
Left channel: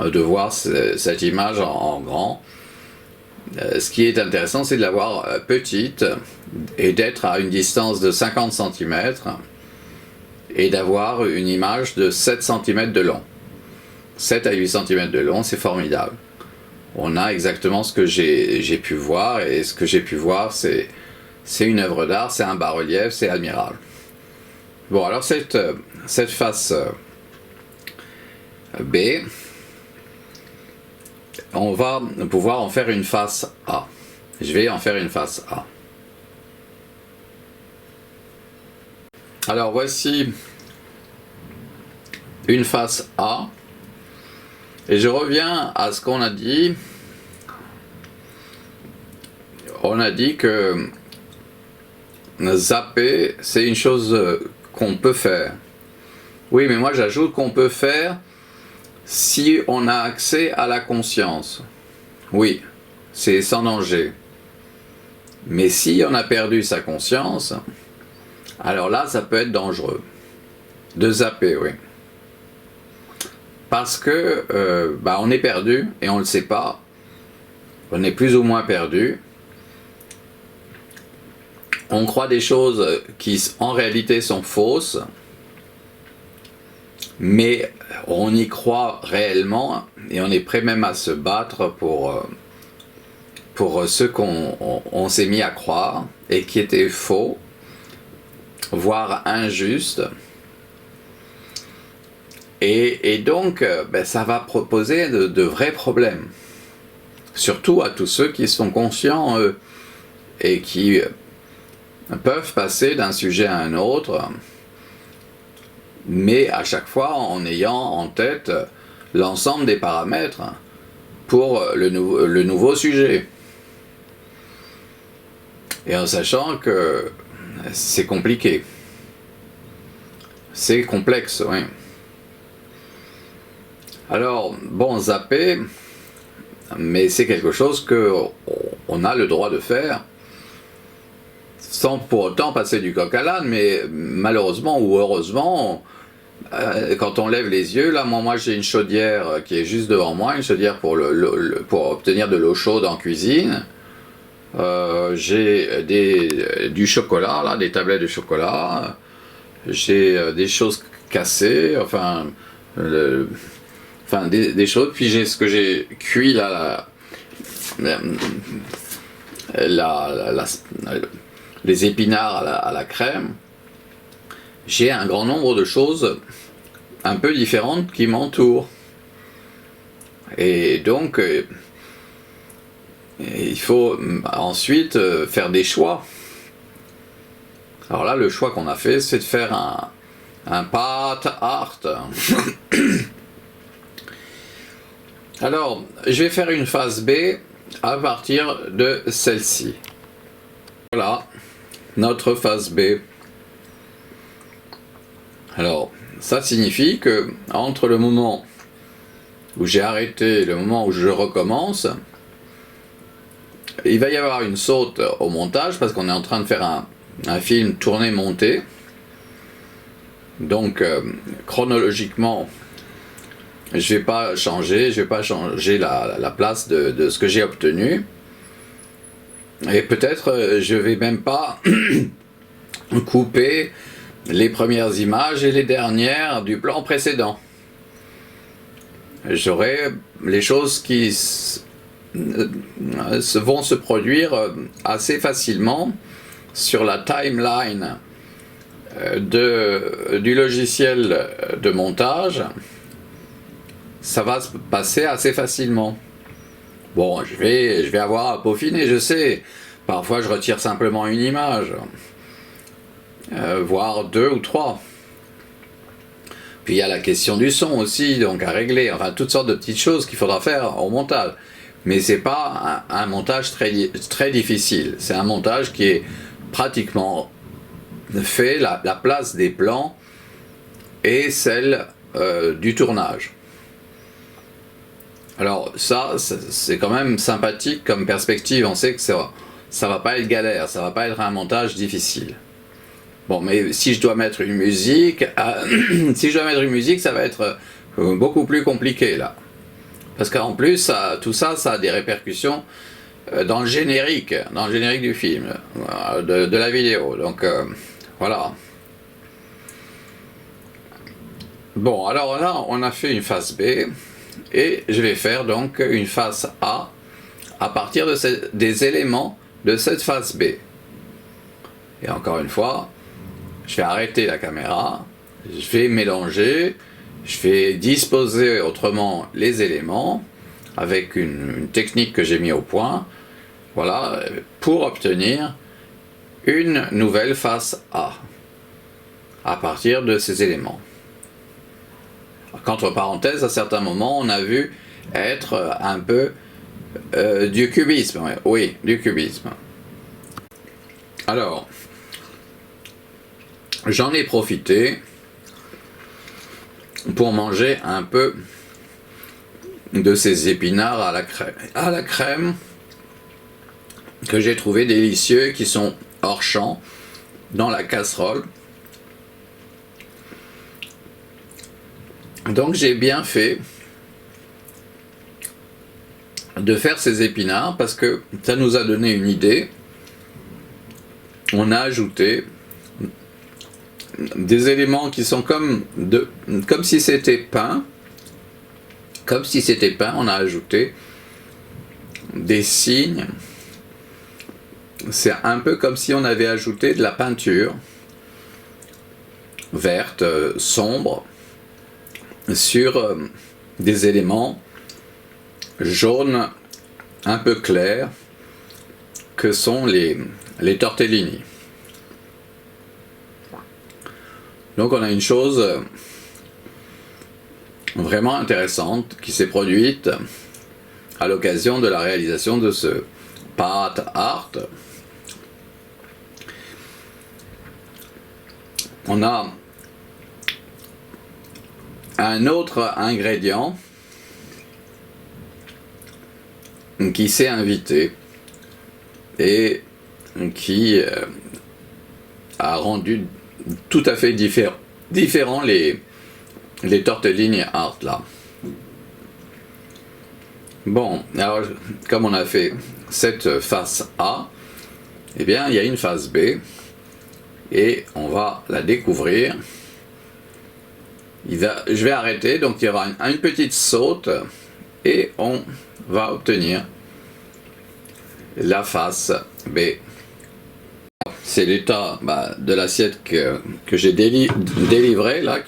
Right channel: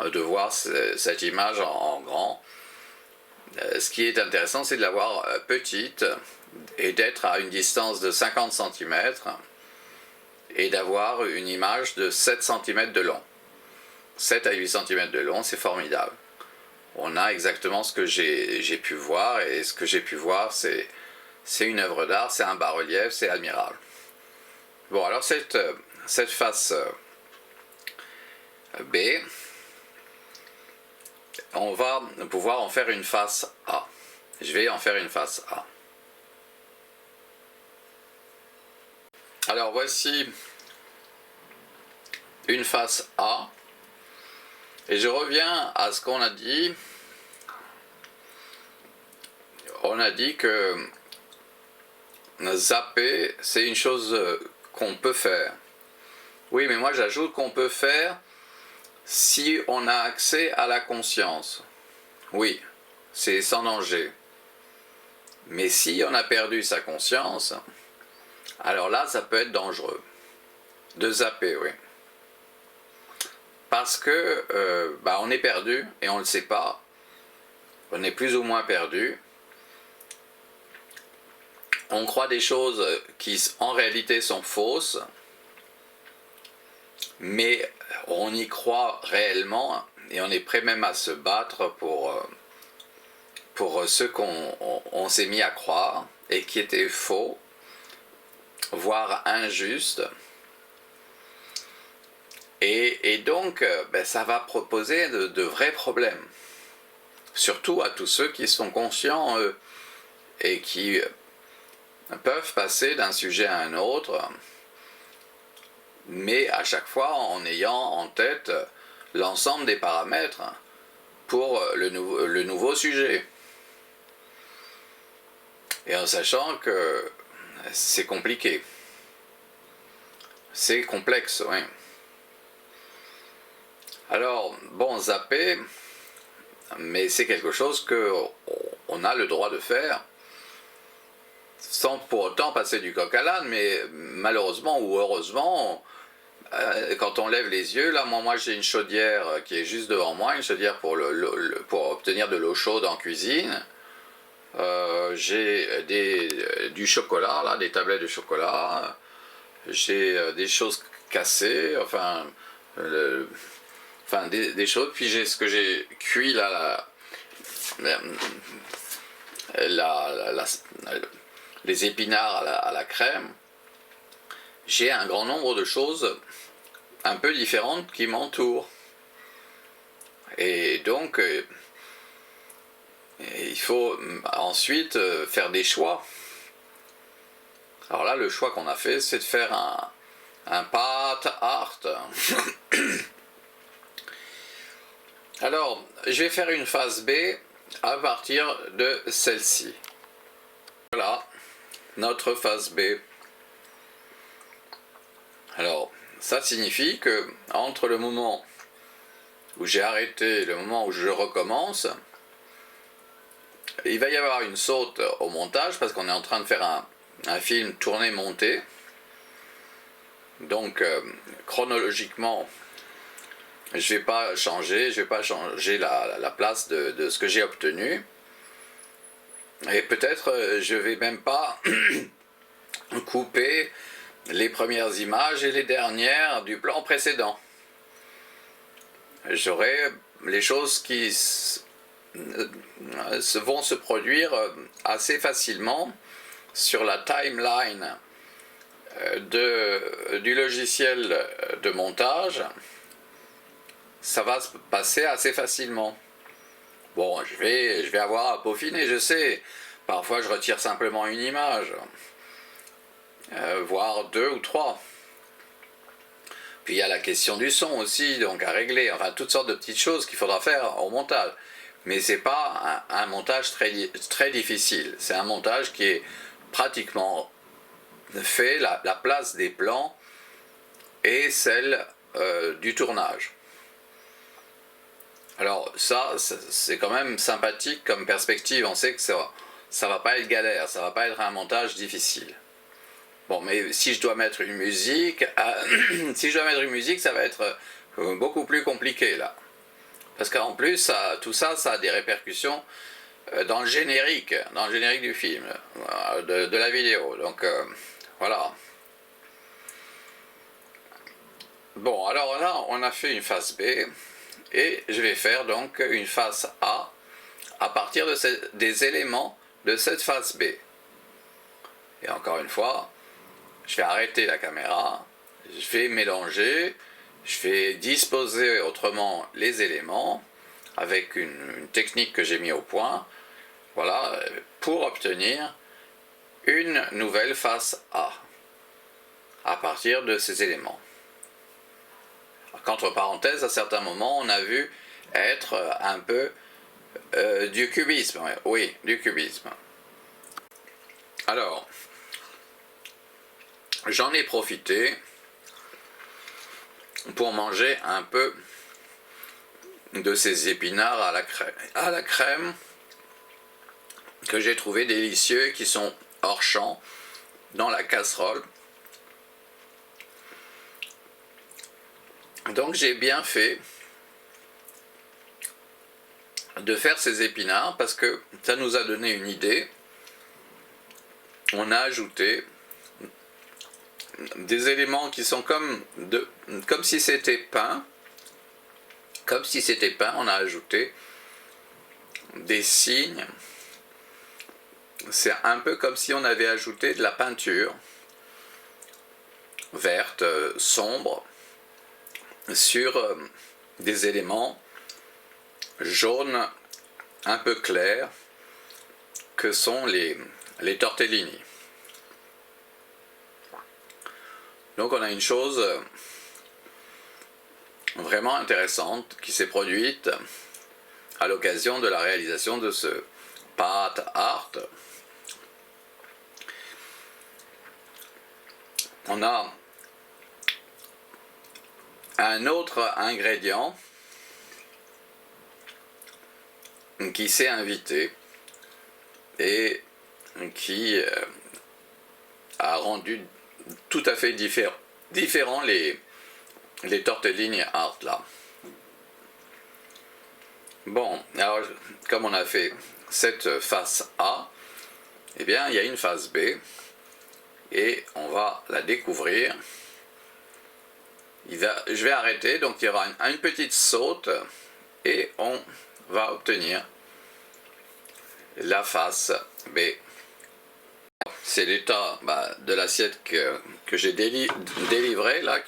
de voir cette image en grand. Ce qui est intéressant, c'est de la voir petite et d'être à une distance de 50 cm et d'avoir une image de 7 cm de long. 7 à 8 cm de long, c'est formidable. On a exactement ce que j'ai pu voir, et ce que j'ai pu voir, c'est une œuvre d'art, c'est un bas-relief, c'est admirable. Bon, alors cette face B, on va pouvoir en faire une face A. Je vais en faire une face A. Alors voici une face A. Et je reviens à ce qu'on a dit. On a dit que zapper, c'est une chose qu'on peut faire. Oui, mais moi j'ajoute qu'on peut faire si on a accès à la conscience. Oui, c'est sans danger. Mais si on a perdu sa conscience, alors là, ça peut être dangereux. De zapper, oui. Parce que on est perdu et on ne le sait pas. On est plus ou moins perdu. On croit des choses qui en réalité sont fausses, mais on y croit réellement et on est prêt même à se battre pour ce qu'on s'est mis à croire et qui était faux, voire injuste. Et donc, ça va proposer de vrais problèmes. Surtout à tous ceux qui sont conscients et qui peuvent passer d'un sujet à un autre, mais à chaque fois en ayant en tête l'ensemble des paramètres pour le nouveau sujet. Et en sachant que c'est compliqué. C'est complexe, oui. Alors, bon, zapper, mais c'est quelque chose qu'on a le droit de faire, sans pour autant passer du coq à l'âne, mais malheureusement ou heureusement, quand on lève les yeux, là, moi j'ai une chaudière qui est juste devant moi, une chaudière pour obtenir de l'eau chaude en cuisine. J'ai du chocolat, là, des tablettes de chocolat. J'ai des choses cassées, des choses. Puis j'ai ce que j'ai cuit là, les épinards à la crème. J'ai un grand nombre de choses un peu différentes qui m'entourent. Et donc, il faut ensuite faire des choix. Alors là, le choix qu'on a fait, c'est de faire un path art. Alors, je vais faire une phase B à partir de celle-ci. Voilà, notre phase B. Alors, ça signifie que entre le moment où j'ai arrêté et le moment où je recommence, il va y avoir une saute au montage parce qu'on est en train de faire un film tourné-monté. Donc, chronologiquement, je vais pas changer la place de ce que j'ai obtenu. Et peut-être je vais même pas couper les premières images et les dernières du plan précédent. J'aurai les choses qui vont se produire assez facilement sur la timeline du logiciel de montage. Ça va se passer assez facilement. Bon, je vais avoir à peaufiner, je sais. Parfois, je retire simplement une image, voire 2 ou 3. Puis il y a la question du son aussi, donc à régler. Enfin, toutes sortes de petites choses qu'il faudra faire au montage. Mais c'est pas un montage très difficile. C'est un montage qui est pratiquement fait la place des plans et celle du tournage. Alors ça, c'est quand même sympathique comme perspective. On sait que ça va pas être galère, ça va pas être un montage difficile. Bon, mais si je dois mettre une musique, ça va être beaucoup plus compliqué là. Parce qu'en plus, tout ça a des répercussions dans le générique du film, de la vidéo. Donc voilà. Bon, alors là, on a fait une phase B. Et je vais faire donc une phase A à partir des éléments de cette phase B. Et encore une fois, je vais arrêter la caméra, je vais mélanger, je vais disposer autrement les éléments avec une technique que j'ai mis au point, voilà, pour obtenir une nouvelle phase A à partir de ces éléments. Qu'entre parenthèses, à certains moments, on a vu être un peu du cubisme. Oui, du cubisme. Alors, j'en ai profité pour manger un peu de ces épinards à la crème que j'ai trouvé délicieux, qui sont hors champ, dans la casserole. Donc j'ai bien fait de faire ces épinards parce que ça nous a donné une idée. On a ajouté des éléments qui sont comme si c'était peint. Comme si c'était peint, on a ajouté des signes. C'est un peu comme si on avait ajouté de la peinture verte, sombre, sur des éléments jaunes un peu clairs que sont les tortellini. Donc on a une chose vraiment intéressante qui s'est produite à l'occasion de la réalisation de ce pâte art. On a un autre ingrédient qui s'est invité et qui a rendu tout à fait différent les tortellini art là. Bon, alors comme on a fait cette face A, eh bien il y a une face B et on va la découvrir. Je vais arrêter, donc il y aura une petite saute et on va obtenir la face B. C'est l'état de l'assiette que j'ai délivré là,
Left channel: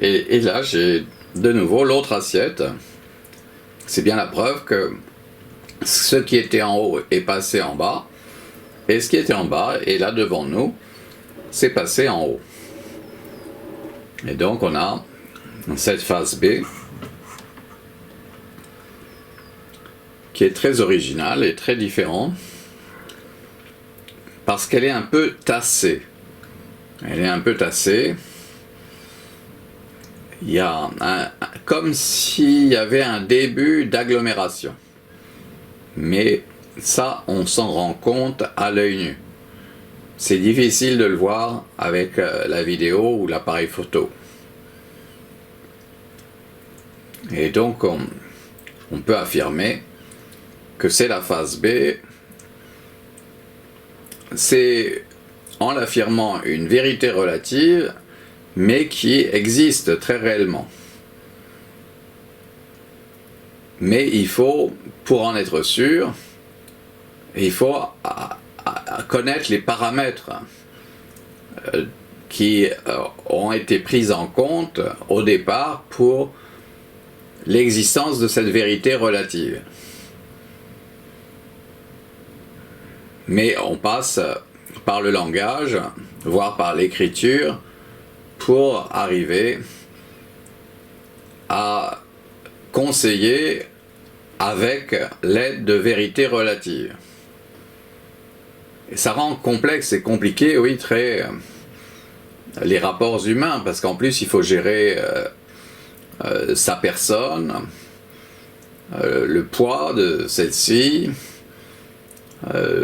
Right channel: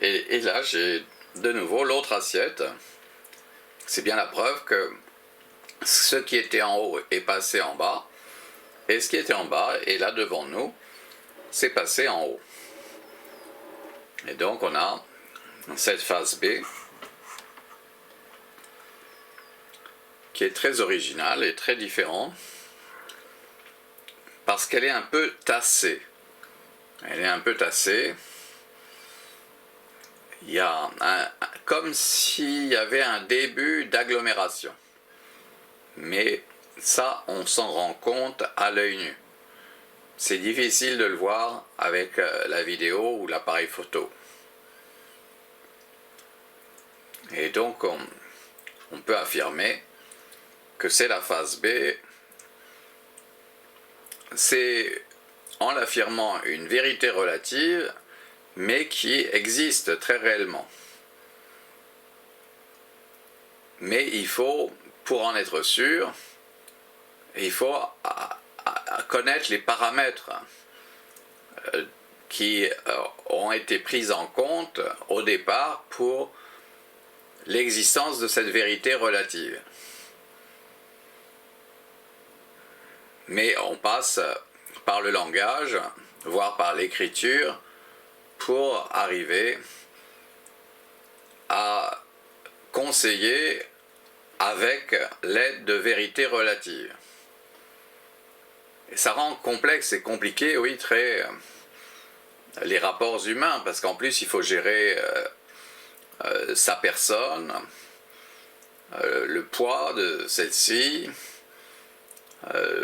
et là j'ai de nouveau l'autre assiette. C'est bien la preuve que ce qui était en haut est passé en bas, et ce qui était en bas est là devant nous, c'est passé en haut. Et donc on a cette face B qui est très originale et très différente parce qu'elle est un peu tassée. Elle est un peu tassée. Il y a comme s'il y avait un début d'agglomération. Mais ça, on s'en rend compte à l'œil nu. C'est difficile de le voir avec la vidéo ou l'appareil photo. Et donc, on peut affirmer que c'est la face B. C'est en l'affirmant une vérité relative, mais qui existe très réellement. Mais il faut, pour en être sûr, il faut connaître les paramètres qui ont été pris en compte au départ pour l'existence de cette vérité relative. Mais on passe par le langage, voire par l'écriture, pour arriver à conseiller avec l'aide de vérités relatives. Et ça rend complexe et compliqué, oui, très les rapports humains, parce qu'en plus il faut gérer sa personne, le poids de celle-ci,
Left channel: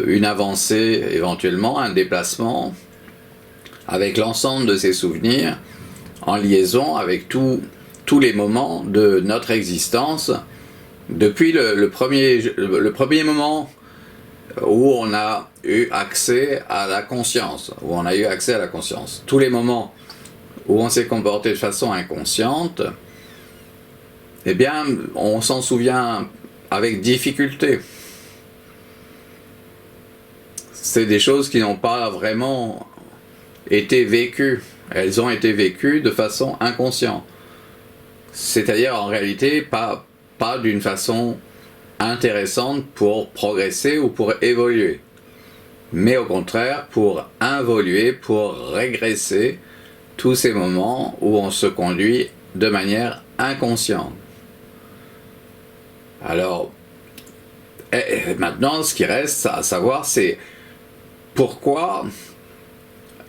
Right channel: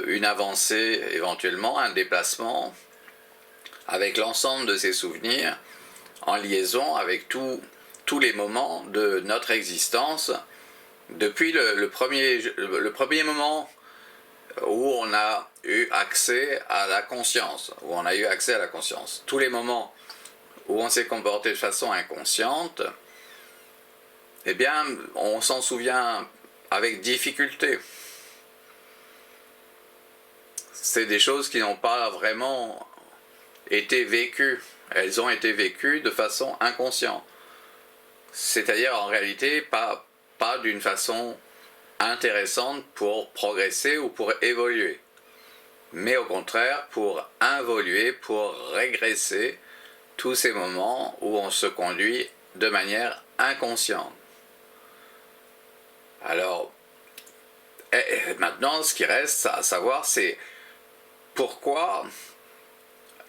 une avancée éventuellement, un déplacement, avec l'ensemble de ses souvenirs, en liaison avec tous les moments de notre existence, depuis le premier moment où on a eu accès à la conscience, tous les moments où on s'est comporté de façon inconsciente, eh bien, on s'en souvient avec difficulté. C'est des choses qui n'ont pas vraiment été vécues. Elles ont été vécues de façon inconsciente. C'est-à-dire, en réalité, pas d'une façon intéressante pour progresser ou pour évoluer. Mais au contraire, pour involuer, pour régresser tous ces moments où on se conduit de manière inconsciente. Alors, maintenant, ce qui reste à savoir, c'est pourquoi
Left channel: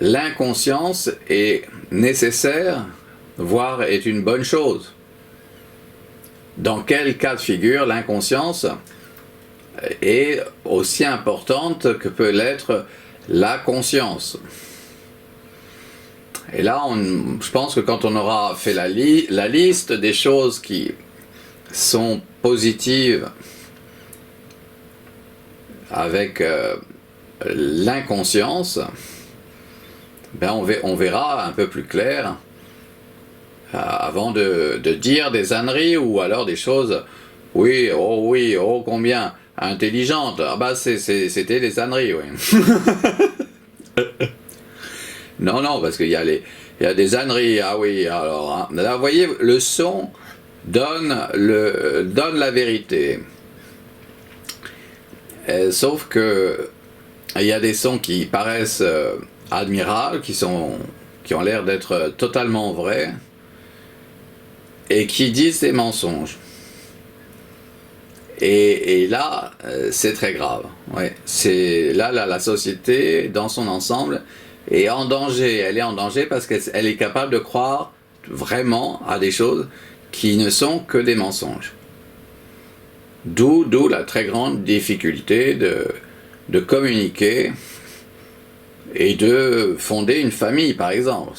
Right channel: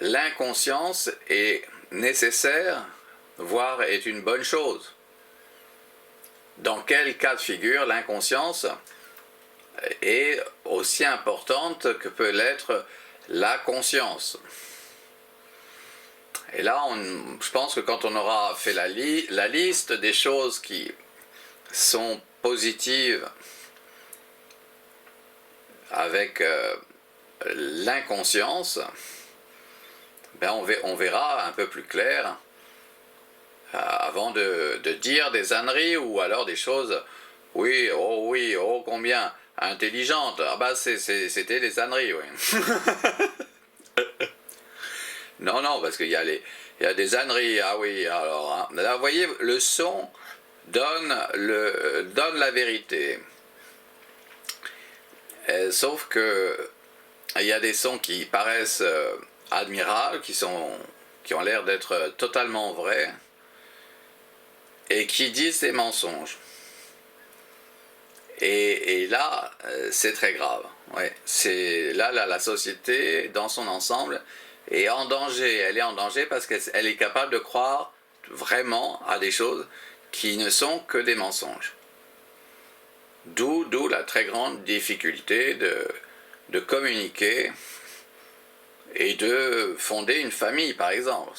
l'inconscience est nécessaire, voire est une bonne chose. Dans quel cas de figure l'inconscience est aussi importante que peut l'être la conscience. Et là, je pense que quand on aura fait la liste des choses qui sont positives avec l'inconscience, ben on verra un peu plus clair avant de dire des âneries ou alors des choses, oui, oh combien, intelligentes. Ah bah c'était des âneries, oui. Non, parce qu'il y a des âneries, ah oui, alors, hein. Là, vous voyez, le son donne la vérité. Sauf que il y a des sons qui paraissent admirables, qui ont l'air d'être totalement vrais, et qui disent des mensonges. Et là, c'est très grave. Ouais. C'est là, la société, dans son ensemble, est en danger. Elle est en danger parce qu'elle est capable de croire vraiment à des choses qui ne sont que des mensonges. D'où la très grande difficulté de communiquer et de fonder une famille, par exemple.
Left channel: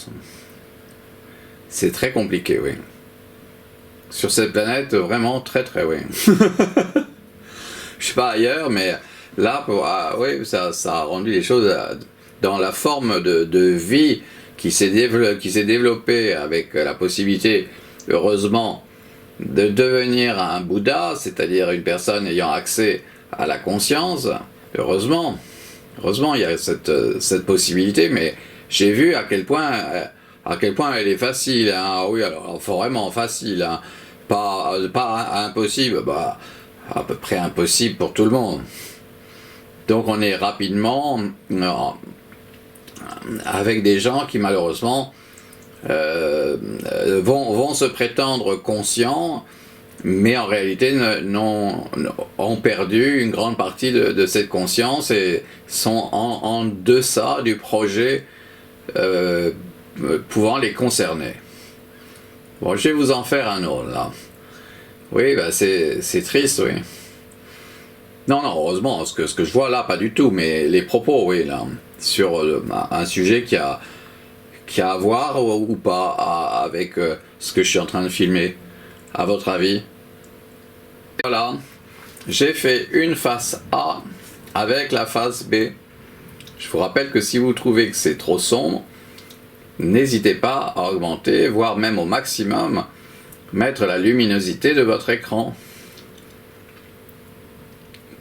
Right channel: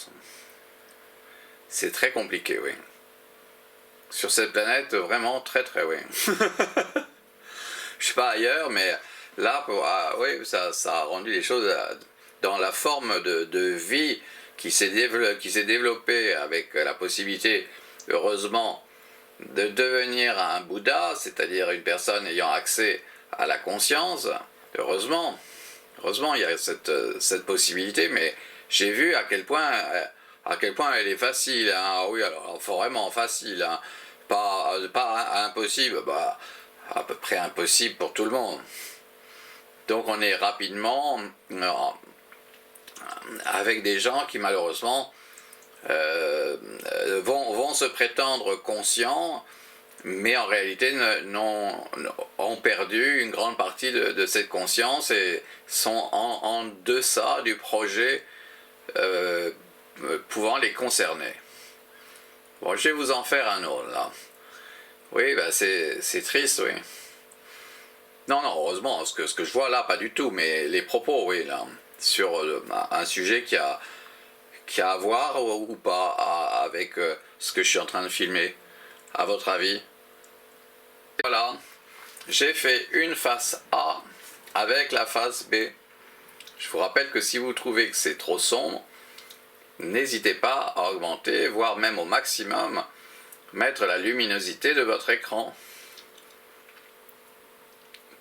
C'est très compliqué, oui. Sur cette planète, vraiment très oui. Je sais pas ailleurs, mais là, oui, ça a rendu les choses dans la forme de vie qui s'est développée avec la possibilité, heureusement, de devenir un Bouddha, c'est-à-dire une personne ayant accès à la conscience. Heureusement, il y a cette possibilité, mais j'ai vu à quel point elle est facile. Hein. Oui, alors vraiment facile. Hein. Pas impossible, bah, à peu près impossible pour tout le monde. Donc on est rapidement avec des gens qui malheureusement vont se prétendre conscients, mais en réalité ont perdu une grande partie de cette conscience et sont en deçà du projet pouvant les concerner. Bon, je vais vous en faire un autre, là. Oui, ben c'est triste, oui. Non, heureusement, ce que je vois là, pas du tout, mais les propos, oui, là, sur un sujet qui a à voir ou pas avec ce que je suis en train de filmer, à votre avis. Voilà, j'ai fait une face A avec la face B. Je vous rappelle que si vous trouvez que c'est trop sombre, n'hésitez pas à augmenter, voire même au maximum, mettre la luminosité de votre écran.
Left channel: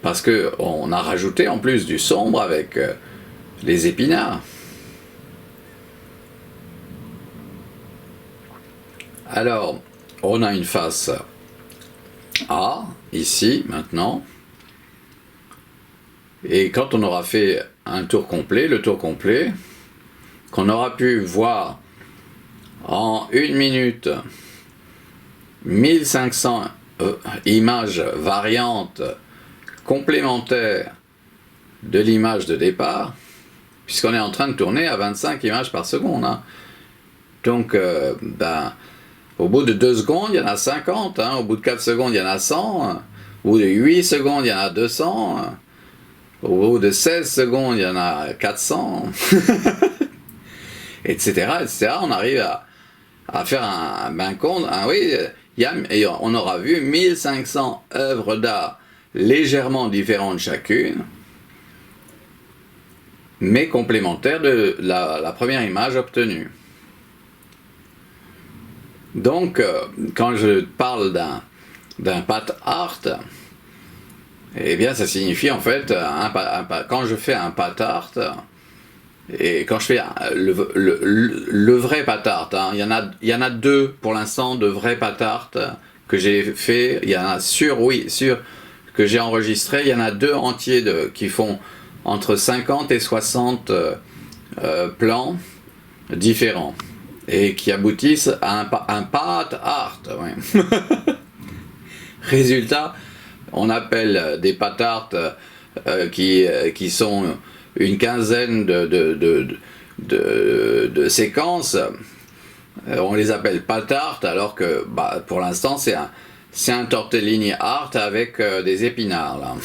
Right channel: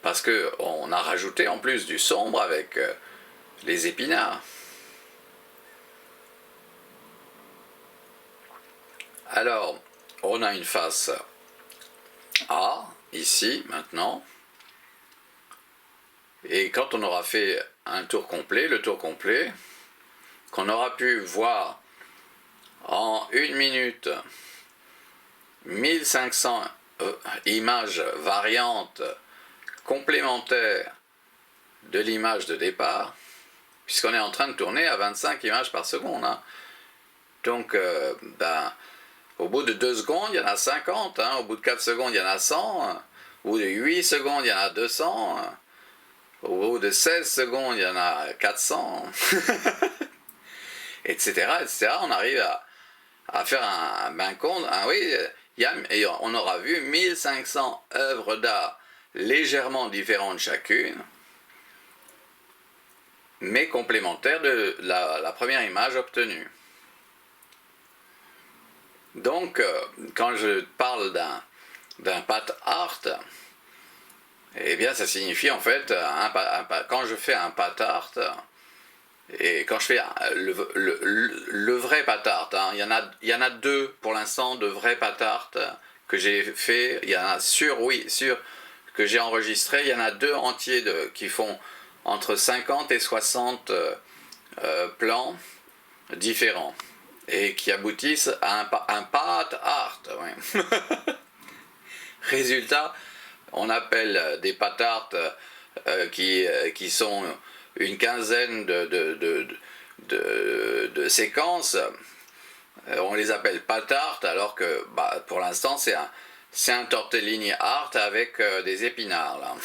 Parce qu'on a rajouté en plus du sombre avec les épinards. Alors, on a une face A, ici, maintenant. Et quand on aura fait un tour complet, le tour complet, qu'on aura pu voir en 1 minute 1500 images variantes complémentaires de l'image de départ, puisqu'on est en train de tourner à 25 images par seconde. Hein. Donc, au bout de 2 secondes, il y en a 50. Hein. Au bout de 4 secondes, il y en a 100. Hein. Au bout de 8 secondes, il y en a 200. Hein. Au bout de 16 secondes, il y en a 400. etc., etc. On arrive à faire un bain compte. Ah oui, on aura vu 1500 œuvres d'art légèrement différentes chacune, mais complémentaires de la première image obtenue. Donc, quand je parle d'un pat art, eh bien, ça signifie en fait, quand je fais un pat art, et quand je fais le vrai pat art, hein, il y en a 2 pour l'instant de vrais pat art que j'ai fait, il y en a sur que j'ai enregistré, il y en a 2 entiers qui font entre 50 et 60 plans différents et qui aboutissent à un pat art. Ouais. Résultat, on appelle des pat art qui sont une quinzaine de séquences, on les appelle pat art, alors que pour l'instant c'est un tortellini art avec des épinards là.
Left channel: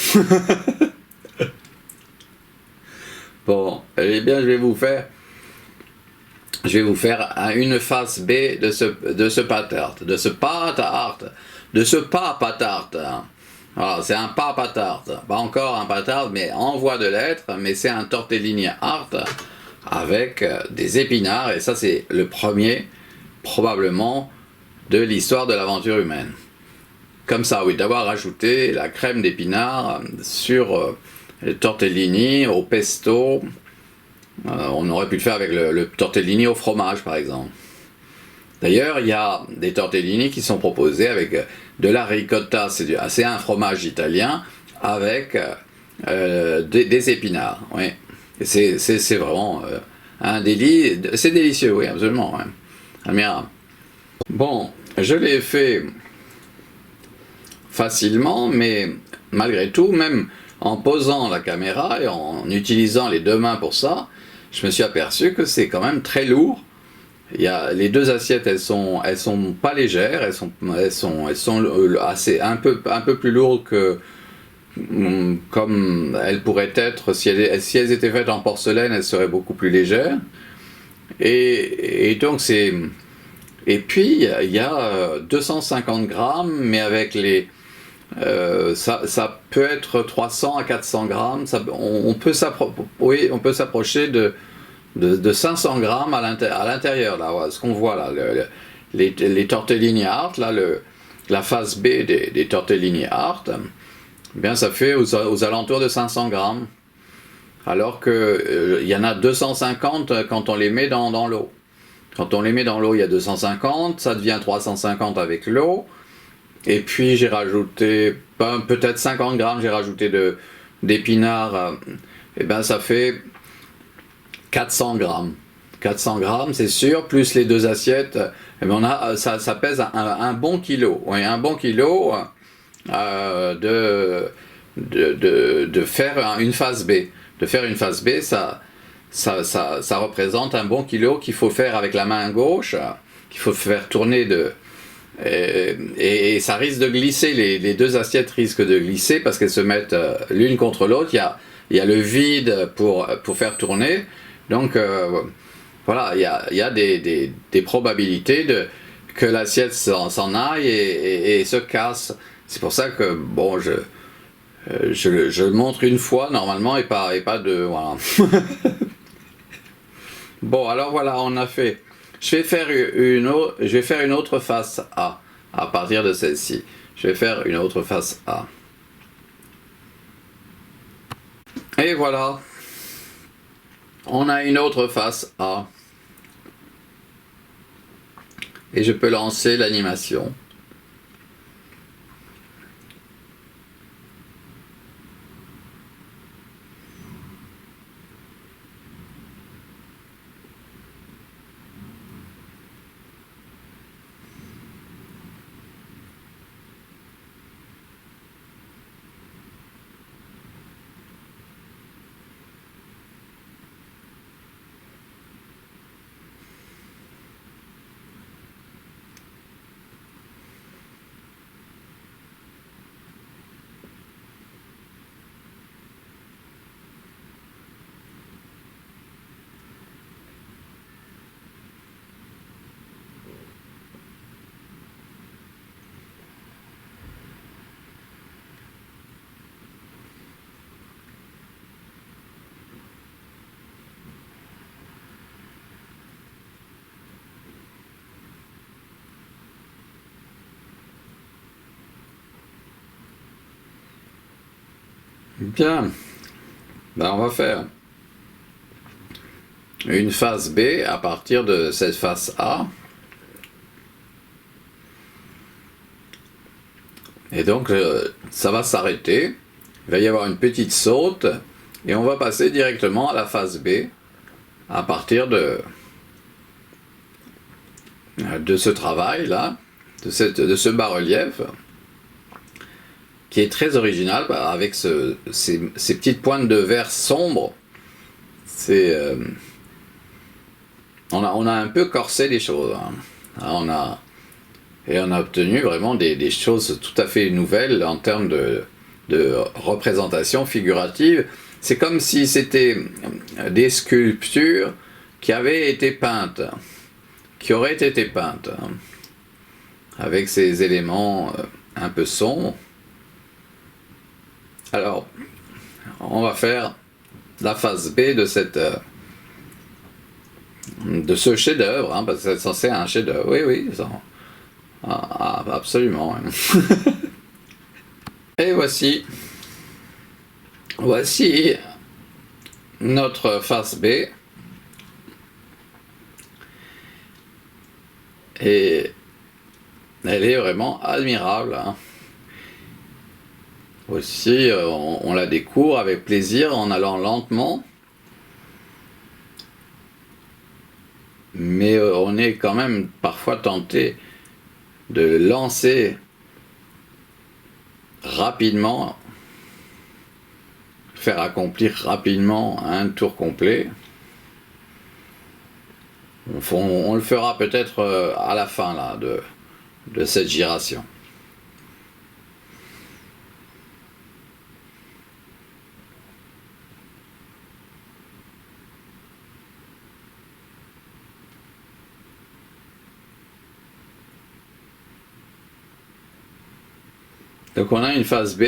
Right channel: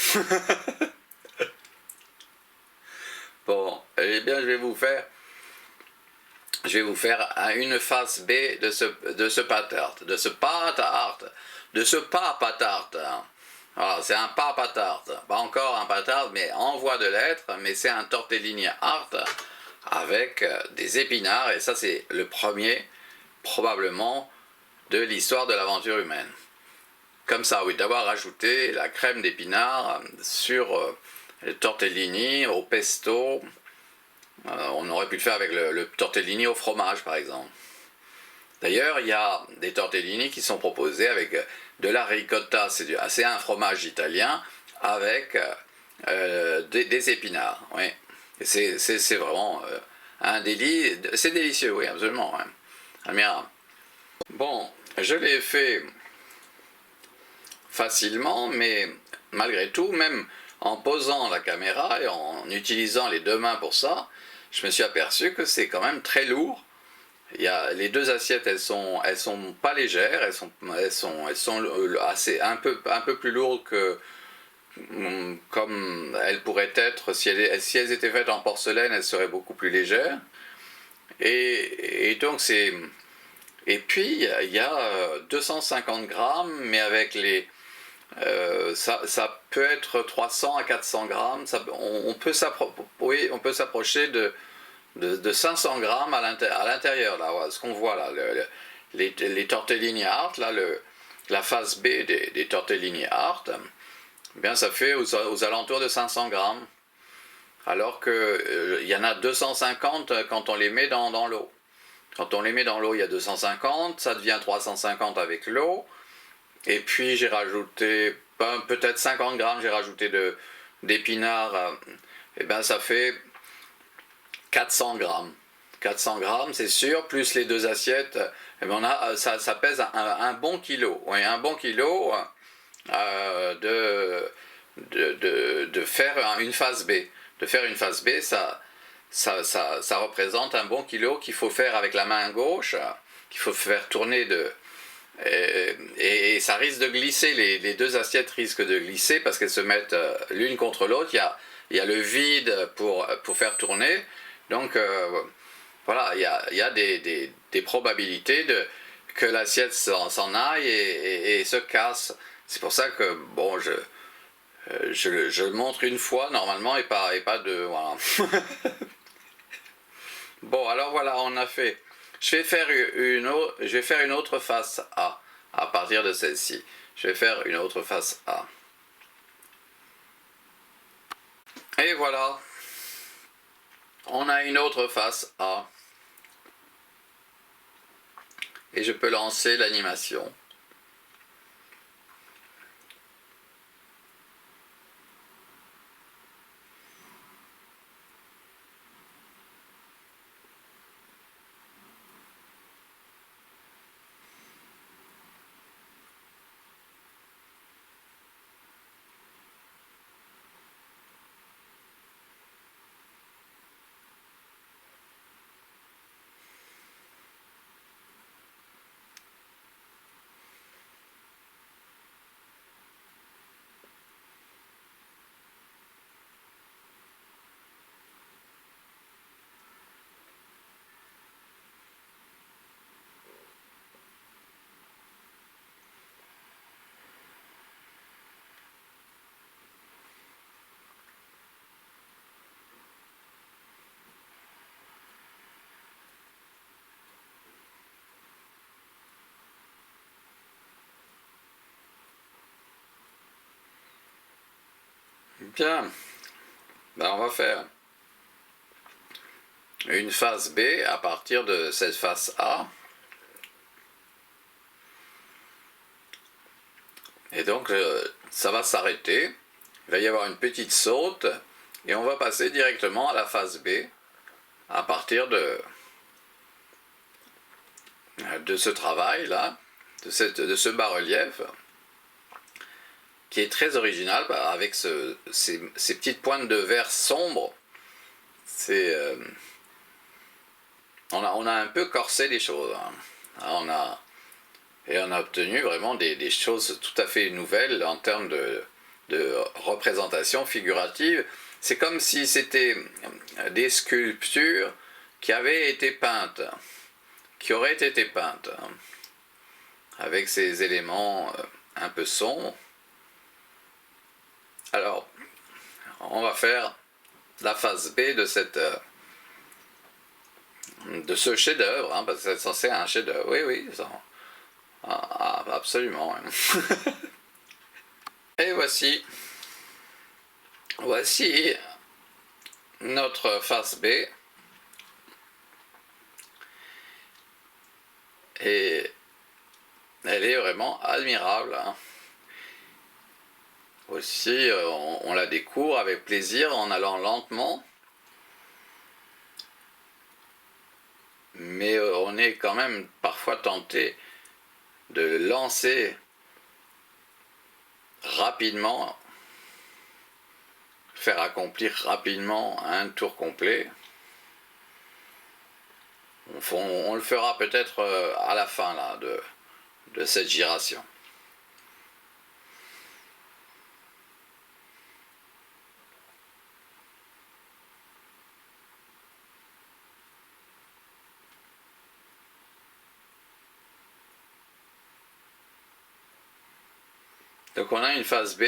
Bon, eh bien je vais vous faire une face B de ce pas tarte, de ce pâte à art, de ce pas tarte. Voilà, c'est un pas tarte, pas encore un pas tarte, mais en voie de l'être, mais c'est un tortellini art avec des épinards, et ça c'est le premier, probablement, de l'histoire de l'aventure humaine. Comme ça, oui, d'avoir rajouté la crème d'épinards sur le tortellini au pesto. On aurait pu le faire avec le tortellini au fromage, par exemple. D'ailleurs, il y a des tortellini qui sont proposés avec de la ricotta, c'est un fromage italien, avec des épinards. Oui. C'est vraiment un délit. C'est délicieux, oui, absolument. Ouais. Admirable. Bon, je l'ai fait facilement, mais malgré tout, même en posant la caméra et en utilisant les deux mains pour ça, je me suis aperçu que c'est quand même très lourd. Les deux assiettes, elles sont pas légères, elles sont assez un peu plus lourdes que comme elles pourraient être si elles étaient faites en porcelaine, elles seraient beaucoup plus légères. Et donc et puis il y a 250 grammes, mais avec ça peut être 300 à 400 grammes. On peut s'approcher de 500 grammes à l'intérieur, là, voilà, ce qu'on voit là, les tortellini art, là, la face B des tortellini art, eh bien ça fait aux alentours de 500 grammes, alors que il y en a 250 quand on les met dans l'eau. Quand on les met dans l'eau, il y a 250, ça devient 350 avec l'eau, et puis j'ai rajouté peut-être 50 grammes, j'ai rajouté d'épinards, et bien ça fait 400 grammes. 400 grammes, c'est sûr, plus les deux assiettes, et bien ça pèse un bon kilo. Oui, un bon kilo de faire une face B. De faire une face B, ça représente un bon kilo qu'il faut faire avec la main gauche, qu'il faut faire tourner et ça risque de glisser, les deux assiettes risquent de glisser parce qu'elles se mettent l'une contre l'autre. Il y a le vide pour faire tourner. Donc voilà, il y a des probabilités que l'assiette s'en aille et se casse. C'est pour ça que bon, je le montre une fois normalement et pas deux. Voilà. Bon, alors voilà, on a fait. Je vais faire une autre face A à partir de celle-ci. Je vais faire une autre face A. Et voilà. On a une autre face A. Et je peux lancer l'animation. Bien, ben, on va faire une face B à partir de cette face A. Et donc ça va s'arrêter, il va y avoir une petite saute et on va passer directement à la face B à partir de ce travail là, de ce bas-relief qui est très original avec ces petites pointes de vert sombre. On a un peu corsé les choses, hein. On a Et on a obtenu vraiment des choses tout à fait nouvelles en termes de représentation figurative. C'est comme si c'était des sculptures qui avaient été peintes, qui auraient été peintes, avec ces éléments un peu sombres. Alors, on va faire la phase B de ce chef-d'œuvre, parce que c'est censé être un chef-d'œuvre. Oui, oui, ça, absolument. Et voici notre phase B. Et elle est vraiment admirable. Aussi, on la découvre avec plaisir en allant lentement. Mais on est quand même parfois tenté de lancer rapidement, faire accomplir rapidement un tour complet. On le fera peut-être à la fin là, de cette giration. Donc on a une phase B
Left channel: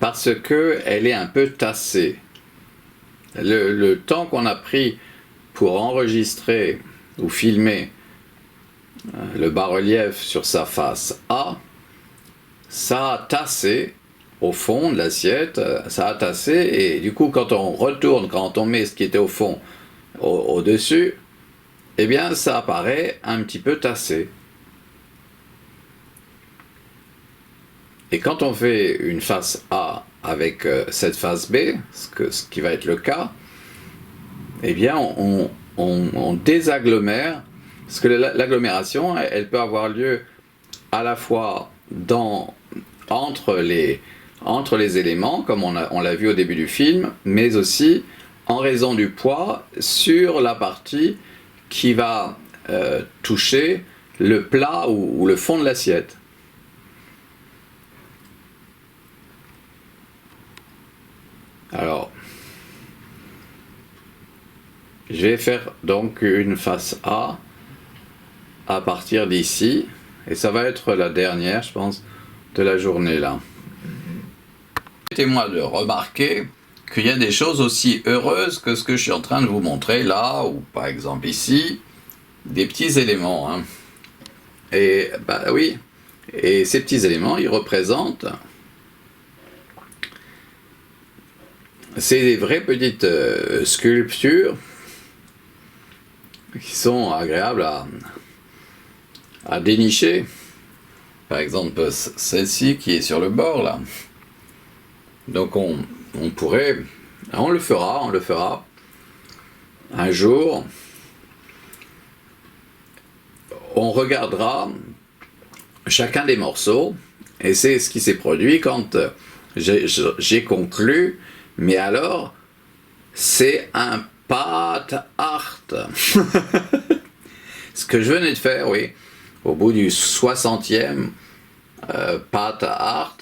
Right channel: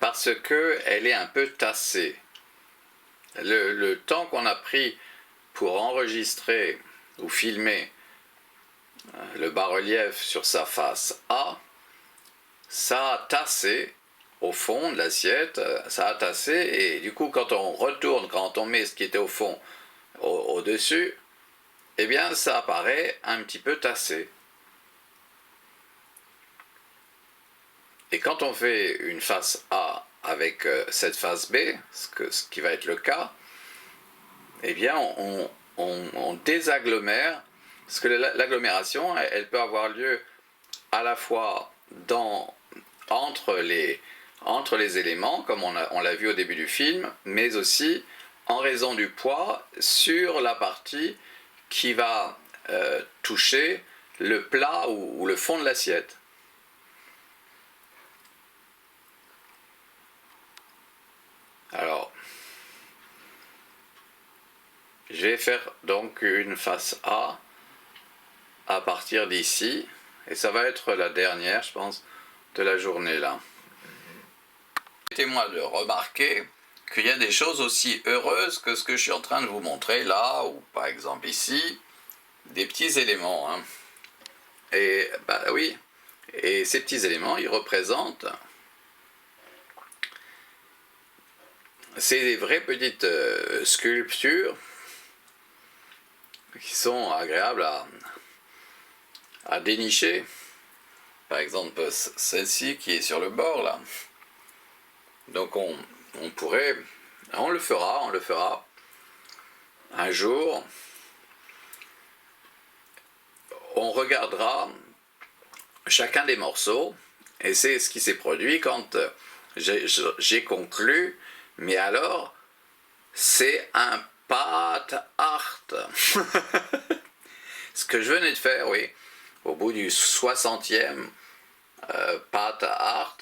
parce qu'elle est un peu tassée. Le temps qu'on a pris pour enregistrer ou filmer le bas-relief sur sa face A, ça a tassé au fond de l'assiette, ça a tassé, et du coup quand on retourne, quand on met ce qui était au fond au-dessus, eh bien ça apparaît un petit peu tassé. Et quand on fait une face A avec cette face B, ce qui va être le cas, eh bien on désagglomère, parce que l'agglomération, elle peut avoir lieu à la fois entre les éléments, comme on l'a vu au début du film, mais aussi en raison du poids sur la partie qui va toucher le plat ou le fond de l'assiette. Alors, je vais faire donc une face A à partir d'ici, et ça va être la dernière, je pense, de la journée là. Permettez-moi de remarquer qu'il y a des choses aussi heureuses que ce que je suis en train de vous montrer là, ou par exemple ici, des petits éléments. Et bah oui, et ces petits éléments, ils représentent c'est des vraies petites sculptures qui sont agréables à dénicher. Par exemple, celle-ci qui est sur le bord là. Donc on pourrait, on le fera un jour. On regardera chacun des morceaux, et c'est ce qui s'est produit quand j'ai conclu. Mais alors, c'est un pat art. Ce que je venais de faire, oui, au bout du 60e pat art,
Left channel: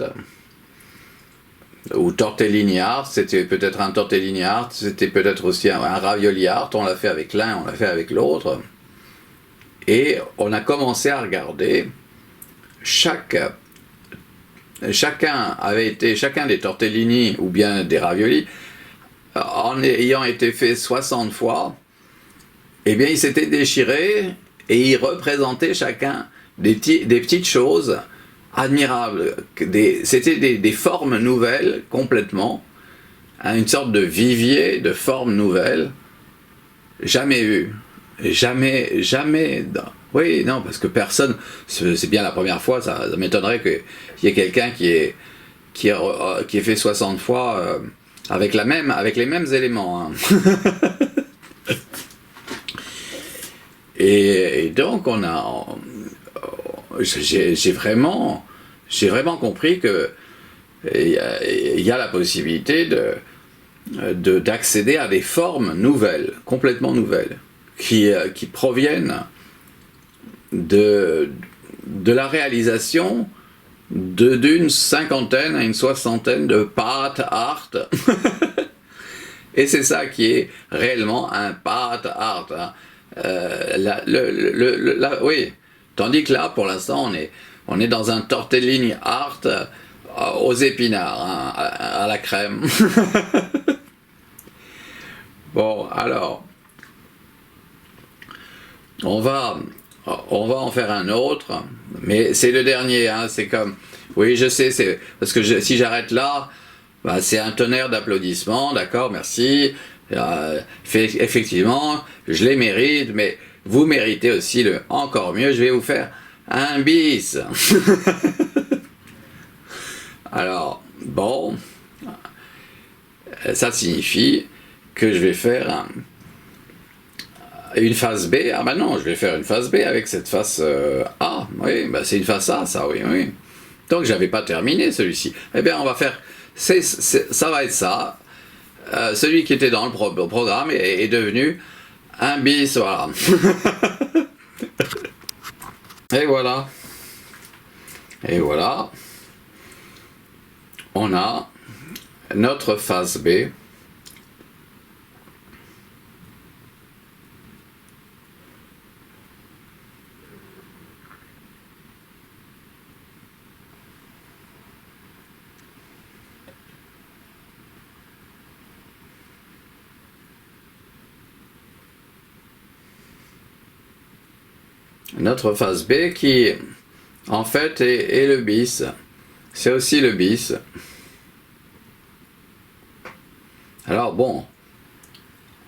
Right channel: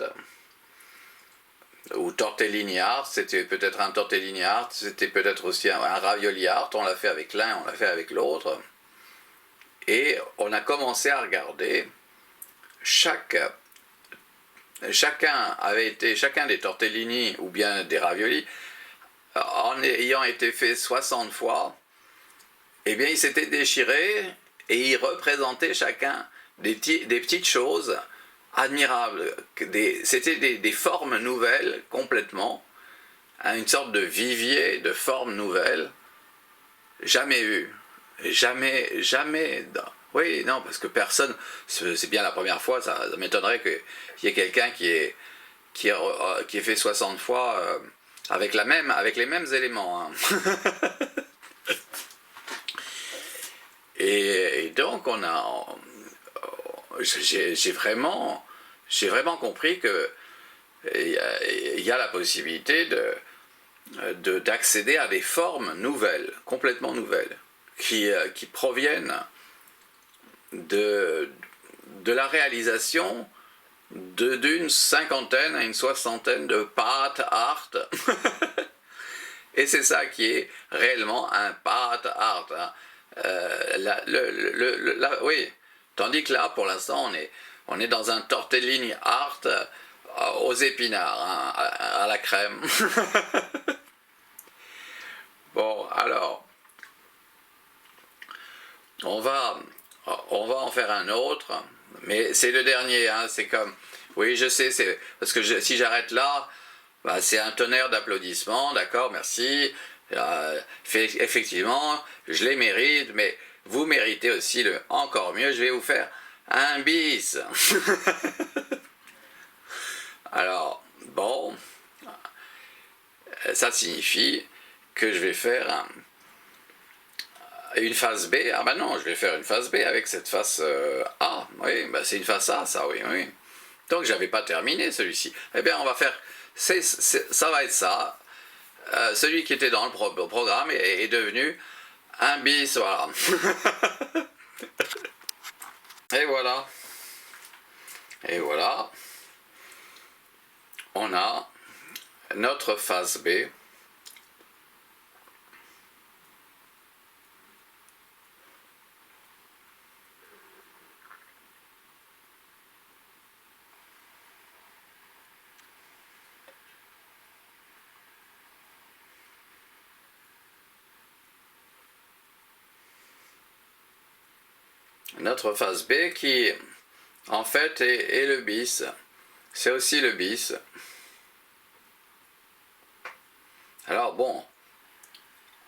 ou tortellini art, c'était peut-être un tortellini art, c'était peut-être aussi un ravioli art, on l'a fait avec l'un, on l'a fait avec l'autre. Et on a commencé à regarder chacun des tortellini ou bien des raviolis, en ayant été fait 60 fois, eh bien il s'était déchiré et il représentait chacun des petites choses admirables. C'était des formes nouvelles complètement, une sorte de vivier de formes nouvelles, jamais vues. Jamais. Oui, non, parce que personne, c'est bien la première fois, ça m'étonnerait qu'il y ait quelqu'un qui ait fait 60 fois avec les mêmes éléments. Et donc j'ai vraiment compris que il y a la possibilité d'accéder à des formes nouvelles, complètement nouvelles, qui proviennent de la réalisation d'une cinquantaine à une soixantaine de path art. Et c'est ça qui est réellement un path art. Hein. Oui. Tandis que là, pour l'instant, on est dans un tortellini art aux épinards, hein, à la crème. Bon, alors, on va en faire un autre, mais c'est le dernier, hein, c'est comme, oui, je sais, c'est parce que si j'arrête là, bah, c'est un tonnerre d'applaudissements, d'accord, merci, effectivement, je les mérite, mais vous méritez aussi le encore mieux, je vais vous faire un bis. Alors, bon, ça signifie que je vais faire une face B. Ah ben non, je vais faire une face B avec cette face A. Oui, ben c'est une face A, ça, oui, oui. Donc j'avais pas terminé celui-ci. Eh bien, on va faire... ça va être ça. Celui qui était dans le programme est devenu un bis, voilà. Et voilà. Et voilà. On a notre face B. Notre face B qui, en fait, est le bis. C'est aussi le bis. Alors bon,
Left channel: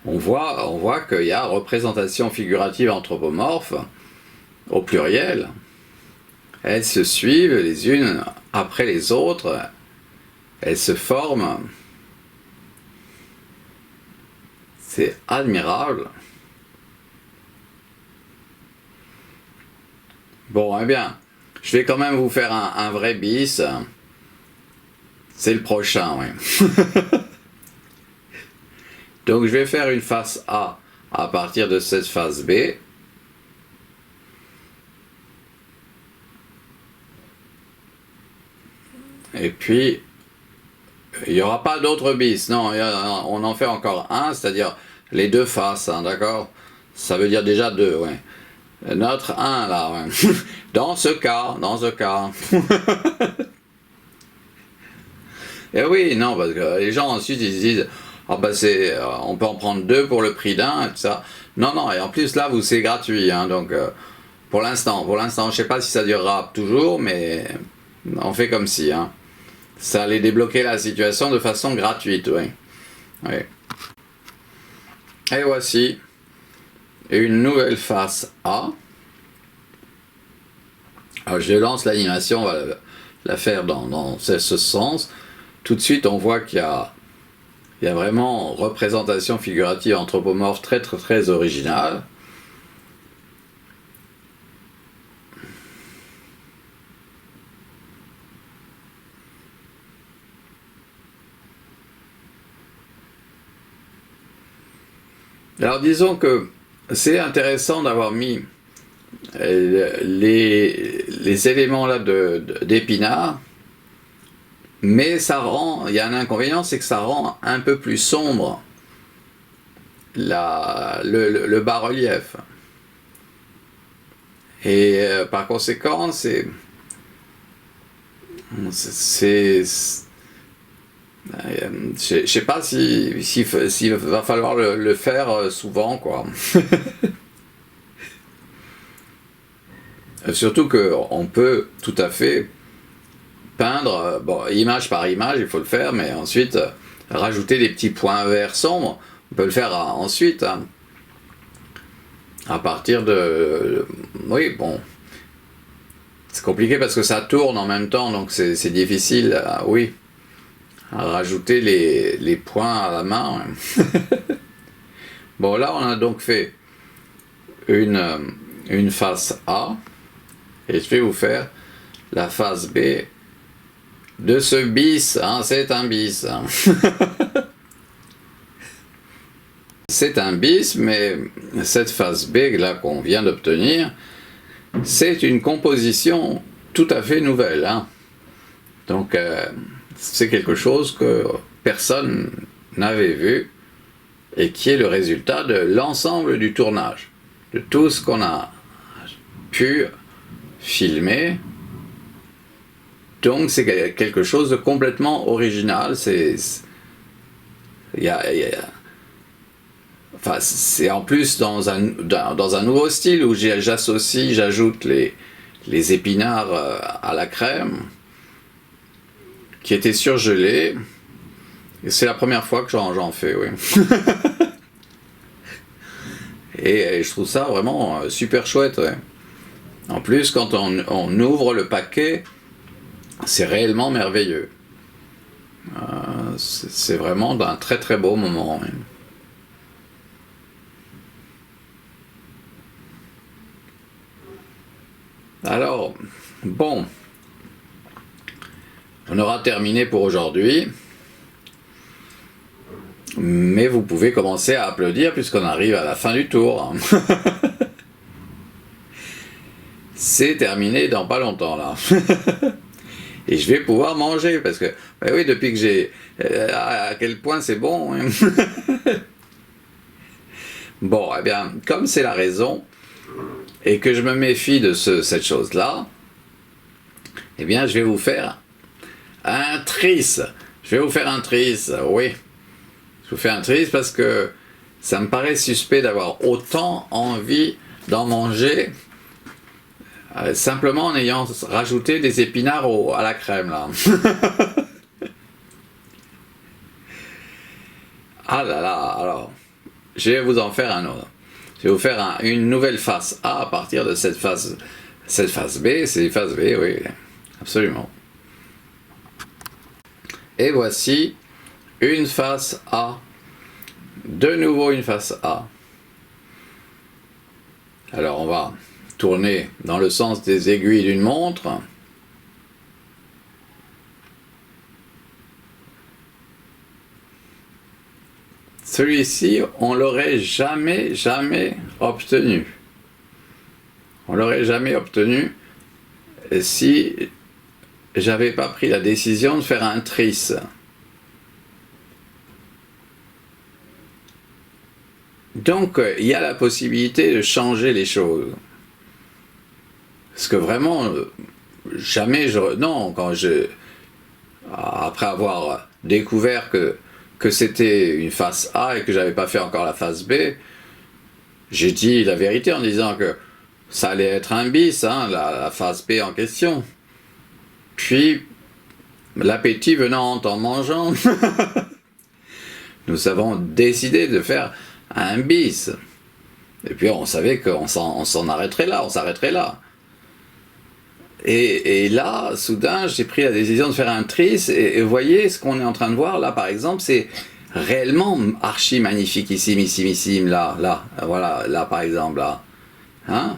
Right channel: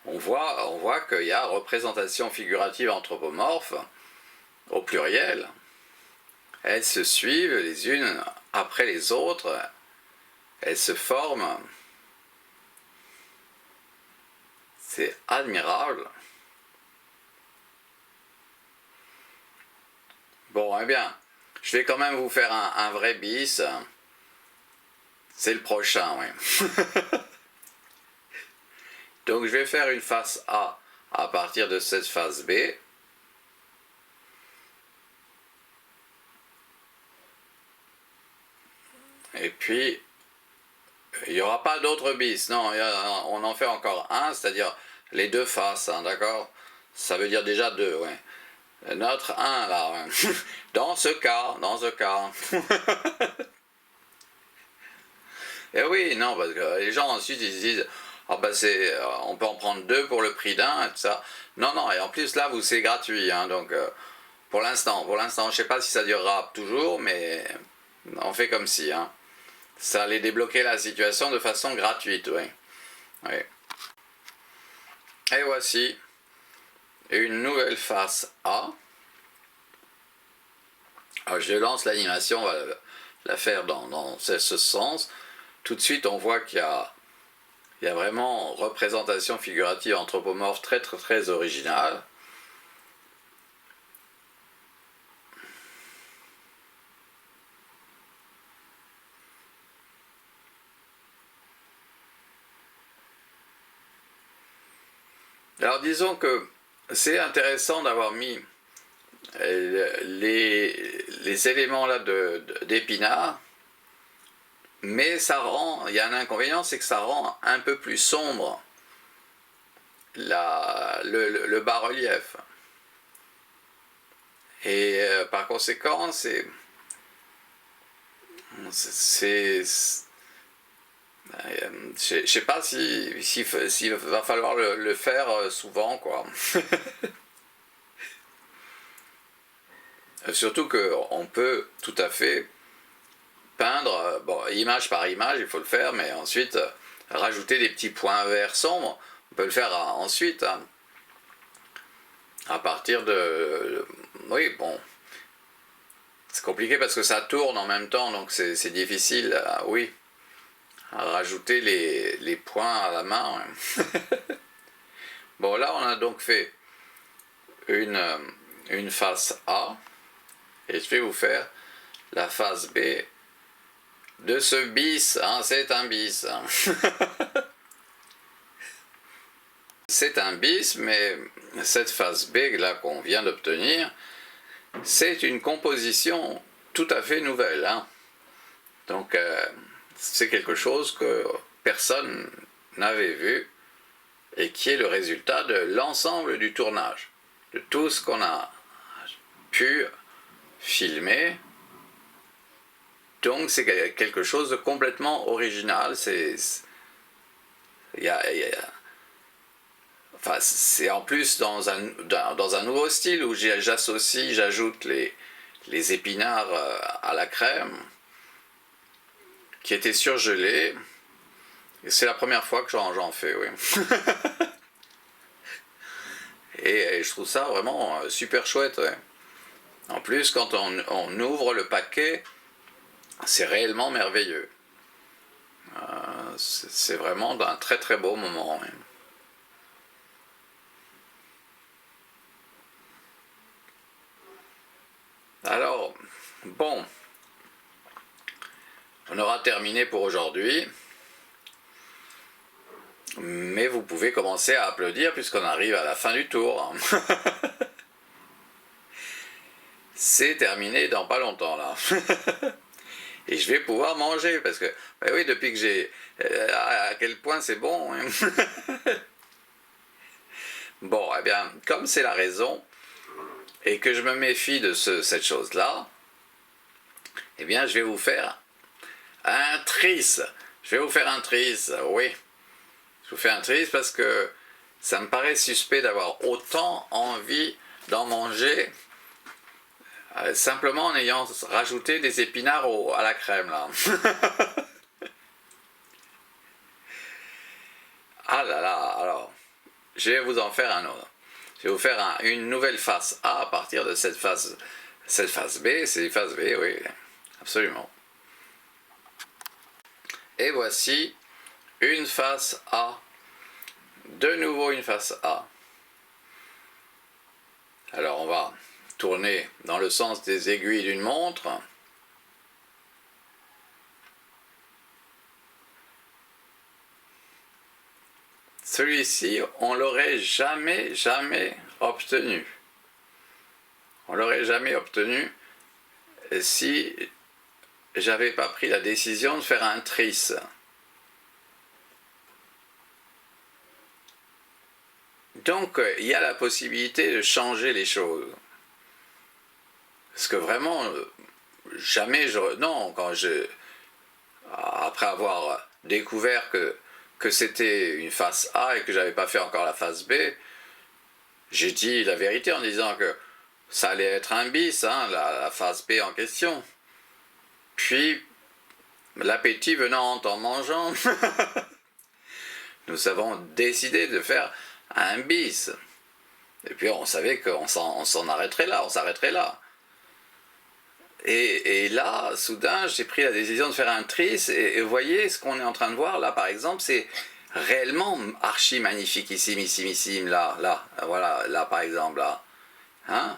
on voit qu'il y a représentation figurative anthropomorphe au pluriel. Elles se suivent les unes après les autres. Elles se forment. C'est admirable. Bon, eh bien, je vais quand même vous faire un vrai bis. C'est le prochain, oui. Donc, je vais faire une face A à partir de cette face B. Et puis, il n'y aura pas d'autres bis. Non, on en fait encore un, c'est-à-dire les deux faces, hein, d'accord? Ça veut dire déjà deux, ouais. Notre 1 là, ouais. Dans ce cas. Et oui, non, parce que les gens ensuite ils se disent, ah bah on peut en prendre deux pour le prix d'un, et tout ça. Non, non, et en plus là, c'est gratuit, hein, donc pour l'instant, je sais pas si ça durera toujours, mais on fait comme si, hein. Ça allait débloquer la situation de façon gratuite, oui. Oui. Et voici une nouvelle face A. Alors je lance l'animation, on va la faire dans ce sens. Tout de suite, on voit qu'il y a vraiment représentation figurative anthropomorphe très très très originale. Alors disons que c'est intéressant d'avoir mis les éléments là d'épinards, mais il y a un inconvénient, c'est que ça rend un peu plus sombre le bas-relief. Et par conséquent, je sais pas s'il va falloir le faire souvent, quoi. Surtout qu'on peut tout à fait peindre, bon, image par image, il faut le faire, mais ensuite rajouter des petits points verts sombres, on peut le faire ensuite, hein, à partir de... Oui, bon, c'est compliqué parce que ça tourne en même temps, donc c'est difficile, oui, à rajouter les points à la main. Bon, là, on a donc fait une face A, et je vais vous faire la face B de ce bis, hein, c'est un bis. Hein. C'est un bis, mais cette face B là qu'on vient d'obtenir, c'est une composition tout à fait nouvelle, hein. Donc c'est quelque chose que personne n'avait vu et qui est le résultat de l'ensemble du tournage, de tout ce qu'on a pu filmer. Donc c'est quelque chose de complètement original. Enfin, c'est en plus dans un nouveau style où j'ajoute les épinards à la crème qui étaient surgelés. Et c'est la première fois que j'en fais, oui. et je trouve ça vraiment super chouette, ouais. En plus, quand on ouvre le paquet, c'est réellement merveilleux. C'est vraiment d'un très très beau moment, ouais. Alors, bon, on aura terminé pour aujourd'hui, mais vous pouvez commencer à applaudir puisqu'on arrive à la fin du tour. C'est terminé dans pas longtemps là. Et je vais pouvoir manger parce que, ben oui, depuis que j'ai... à quel point c'est bon, hein. Bon, eh bien, comme c'est la raison, et que je me méfie de cette chose-là, eh bien, je vais vous faire un tris. Je vais vous faire un tris, oui. Je vous fais un tris parce que ça me paraît suspect d'avoir autant envie d'en manger simplement en ayant rajouté des épinards à la crème, là. Ah là là, alors, je vais vous en faire un autre. Je vais vous faire une nouvelle face A à partir de cette face B, c'est face B, oui, absolument. Et voici une face A, de nouveau une face A. Alors on va tourner dans le sens des aiguilles d'une montre. Celui-ci, on l'aurait jamais obtenu. On l'aurait jamais obtenu si j'avais pas pris la décision de faire un tris. Donc, il y a la possibilité de changer les choses. Parce que vraiment, jamais non, après avoir découvert que c'était une face A et que j'avais pas fait encore la face B, j'ai dit la vérité en disant que ça allait être un bis, hein, la face B en question. Puis, l'appétit venant en mangeant, nous avons décidé de faire un bis. Et puis on savait qu'on s'en arrêterait là, on s'arrêterait là. Et là, soudain, j'ai pris la décision de faire un tris, et vous voyez, ce qu'on est en train de voir là, par exemple, c'est réellement archi magnifiquissime, là, voilà, là, par exemple, là. Hein?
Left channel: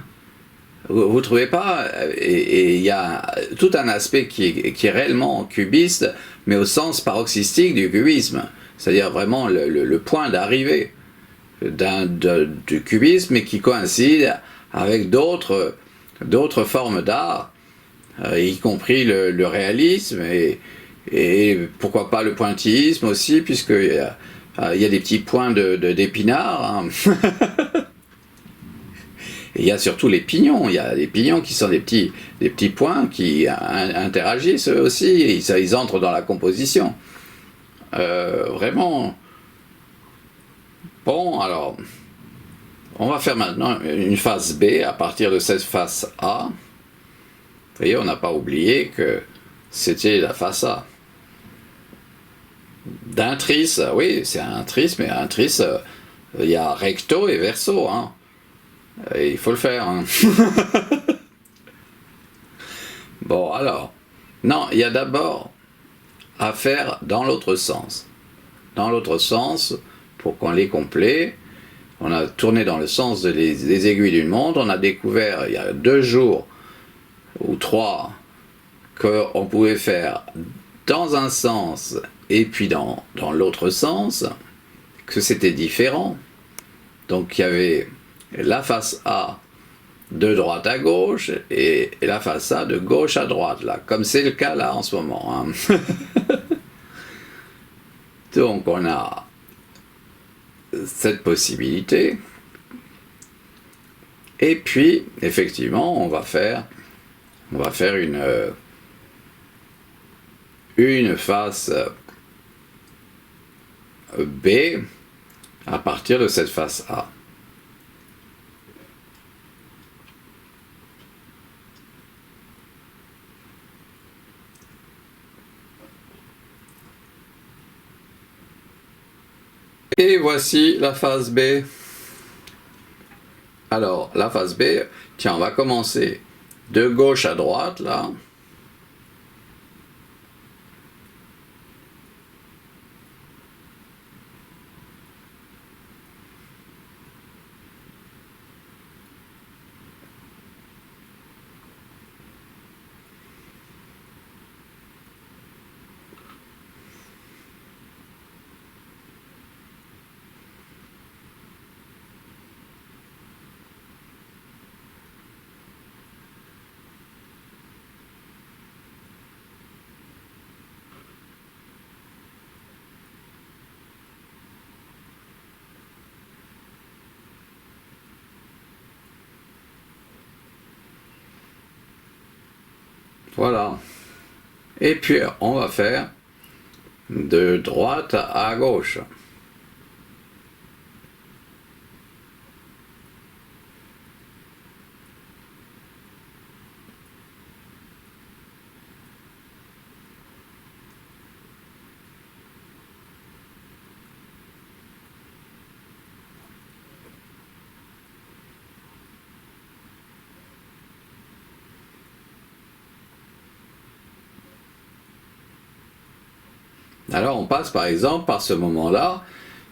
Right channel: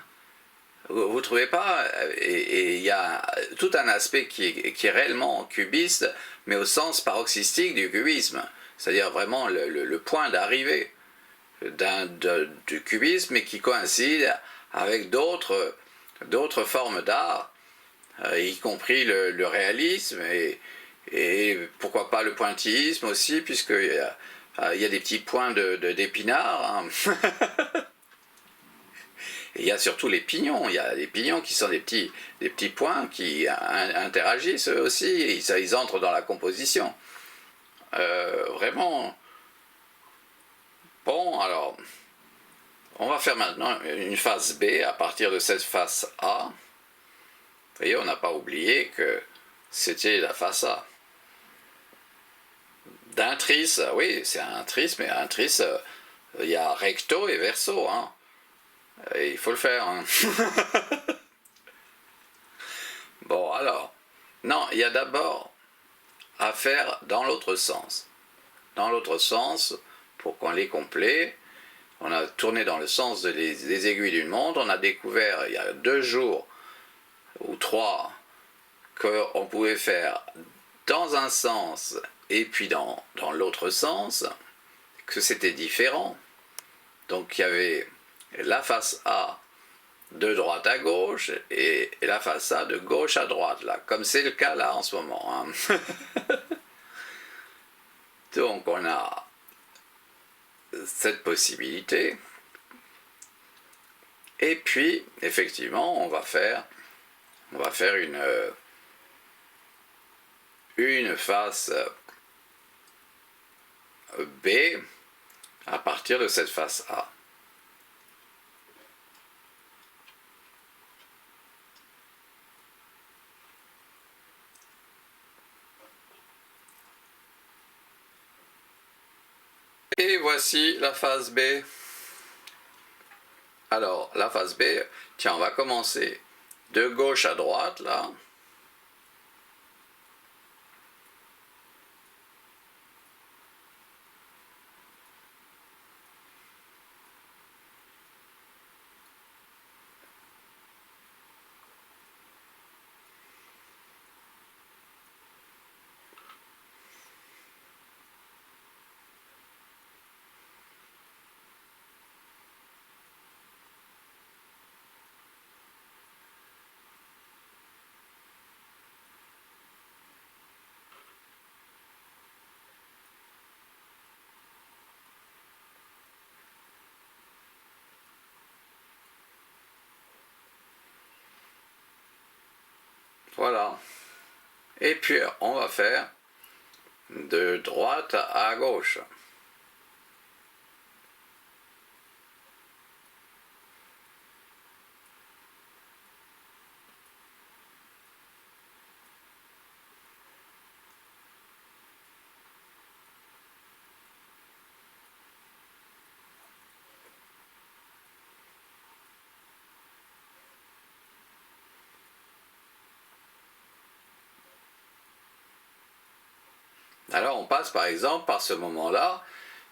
Vous trouvez pas? Et il y a tout un aspect qui est réellement cubiste, mais au sens paroxystique du cubisme. C'est-à-dire vraiment le point d'arrivée du cubisme, mais qui coïncide avec d'autres formes d'art, y compris le réalisme et pourquoi pas le pointillisme aussi, puisqu'il y a des petits points d'épinards, hein. Et il y a surtout les pignons. Il y a les pignons qui sont des petits points qui interagissent eux aussi, ils entrent dans la composition. Vraiment. Bon, alors, on va faire maintenant une face B à partir de cette face A. Vous voyez, on n'a pas oublié que c'était la face A. D'un tris, oui, c'est un tris, mais un tris, il y a recto et verso, hein. Et il faut le faire, hein. Bon, alors, non, il y a d'abord à faire dans l'autre sens. Dans l'autre sens, pour qu'on les complète, on a tourné dans le sens des aiguilles d'une montre, on a découvert il y a 2 jours ou 3 qu'on pouvait faire dans un sens et puis dans l'autre sens, que c'était différent. Donc il y avait la face A de droite à gauche et la face A de gauche à droite, là, comme c'est le cas là en ce moment. Hein. Donc on a cette possibilité. Et puis, effectivement, on va faire une face B à partir de cette face A. Et voici la phase B. Alors, la phase B, tiens, on va commencer de gauche à droite, là. Voilà. Et puis, on va faire de droite à gauche. Alors on passe par exemple par ce moment-là,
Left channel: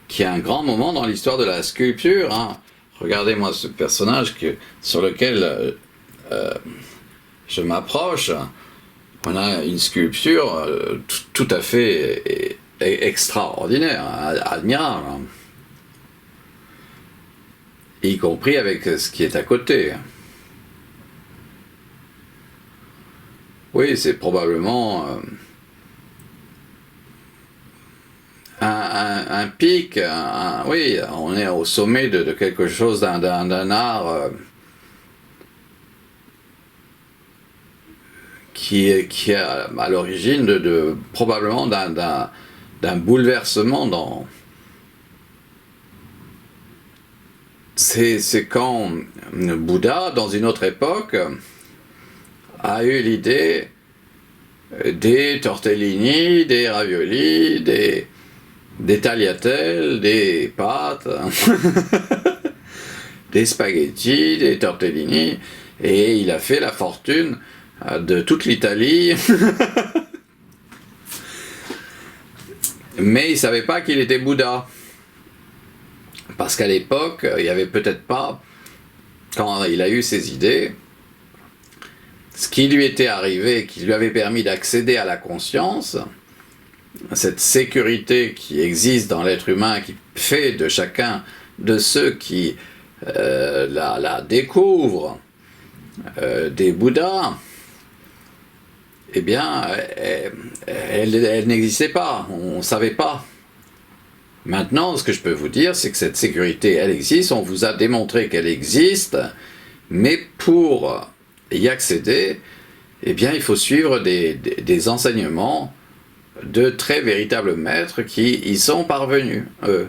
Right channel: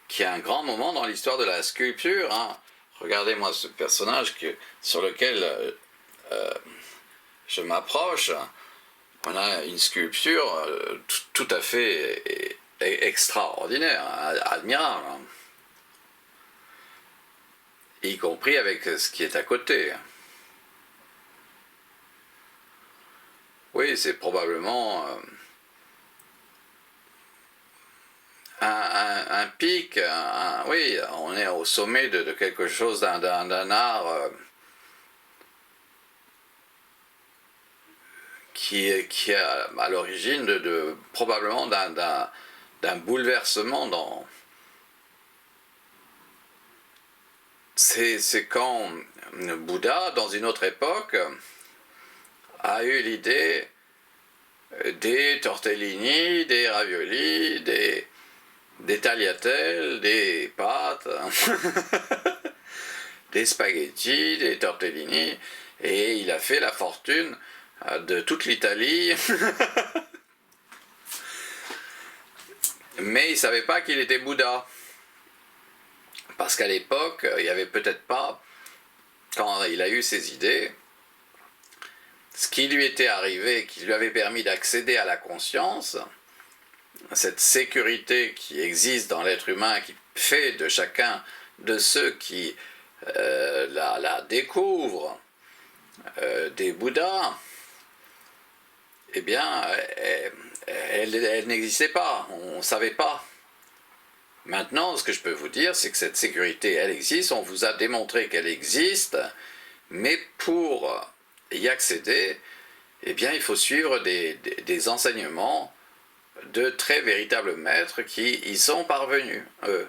qui est un grand moment dans l'histoire de la sculpture. Hein. Regardez-moi ce personnage sur lequel je m'approche. On a une sculpture tout à fait extraordinaire, admirable. Hein. Y compris avec ce qui est à côté. Oui, c'est probablement un pic, oui, on est au sommet de quelque chose, d'un art qui est à l'origine probablement d'un bouleversement dans... C'est quand Bouddha, dans une autre époque, a eu l'idée des tortellini, des raviolis, des tagliatelles, des pâtes, des spaghettis, des tortellini, et il a fait la fortune de toute l'Italie. Mais il ne savait pas qu'il était Bouddha. Parce qu'à l'époque, il n'y avait peut-être pas, quand il a eu ses idées, ce qui lui était arrivé, qui lui avait permis d'accéder à la conscience, cette sécurité qui existe dans l'être humain, qui fait de chacun de ceux qui la découvrent des Bouddhas, eh bien, elle n'existait pas, on ne savait pas. Maintenant, ce que je peux vous dire, c'est que cette sécurité, elle existe, on vous a démontré qu'elle existe, mais pour y accéder, eh bien, il faut suivre des enseignements de très véritables maîtres qui y sont parvenus, eux,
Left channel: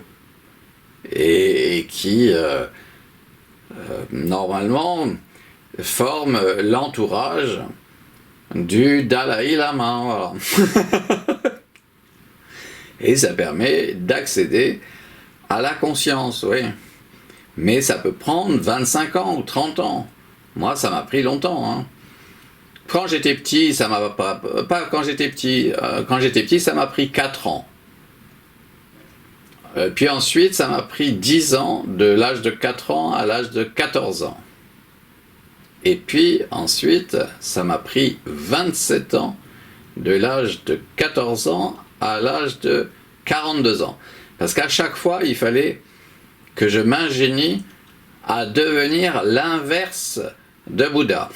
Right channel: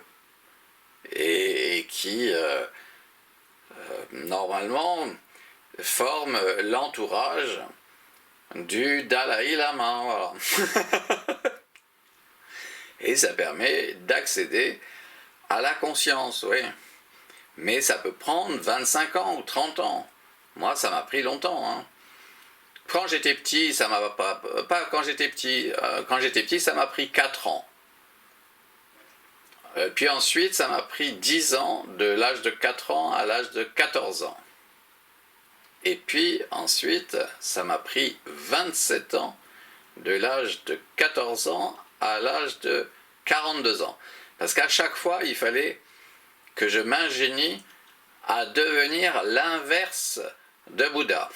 et qui, normalement, forment l'entourage du Dalai Lama. Voilà. Et ça permet d'accéder à la conscience, oui. Mais ça peut prendre 25 ans ou 30 ans. Moi, ça m'a pris longtemps. Hein. Quand j'étais petit, ça m'a pas quand j'étais petit. Quand j'étais petit, ça m'a pris 4 ans. Puis ensuite, ça m'a pris 10 ans, de l'âge de 4 ans à l'âge de 14 ans. Et puis ensuite, ça m'a pris 27 ans, de l'âge de 14 ans à l'âge de 42 ans. Parce qu'à chaque fois, il fallait que je m'ingénie à devenir l'inverse de Bouddha.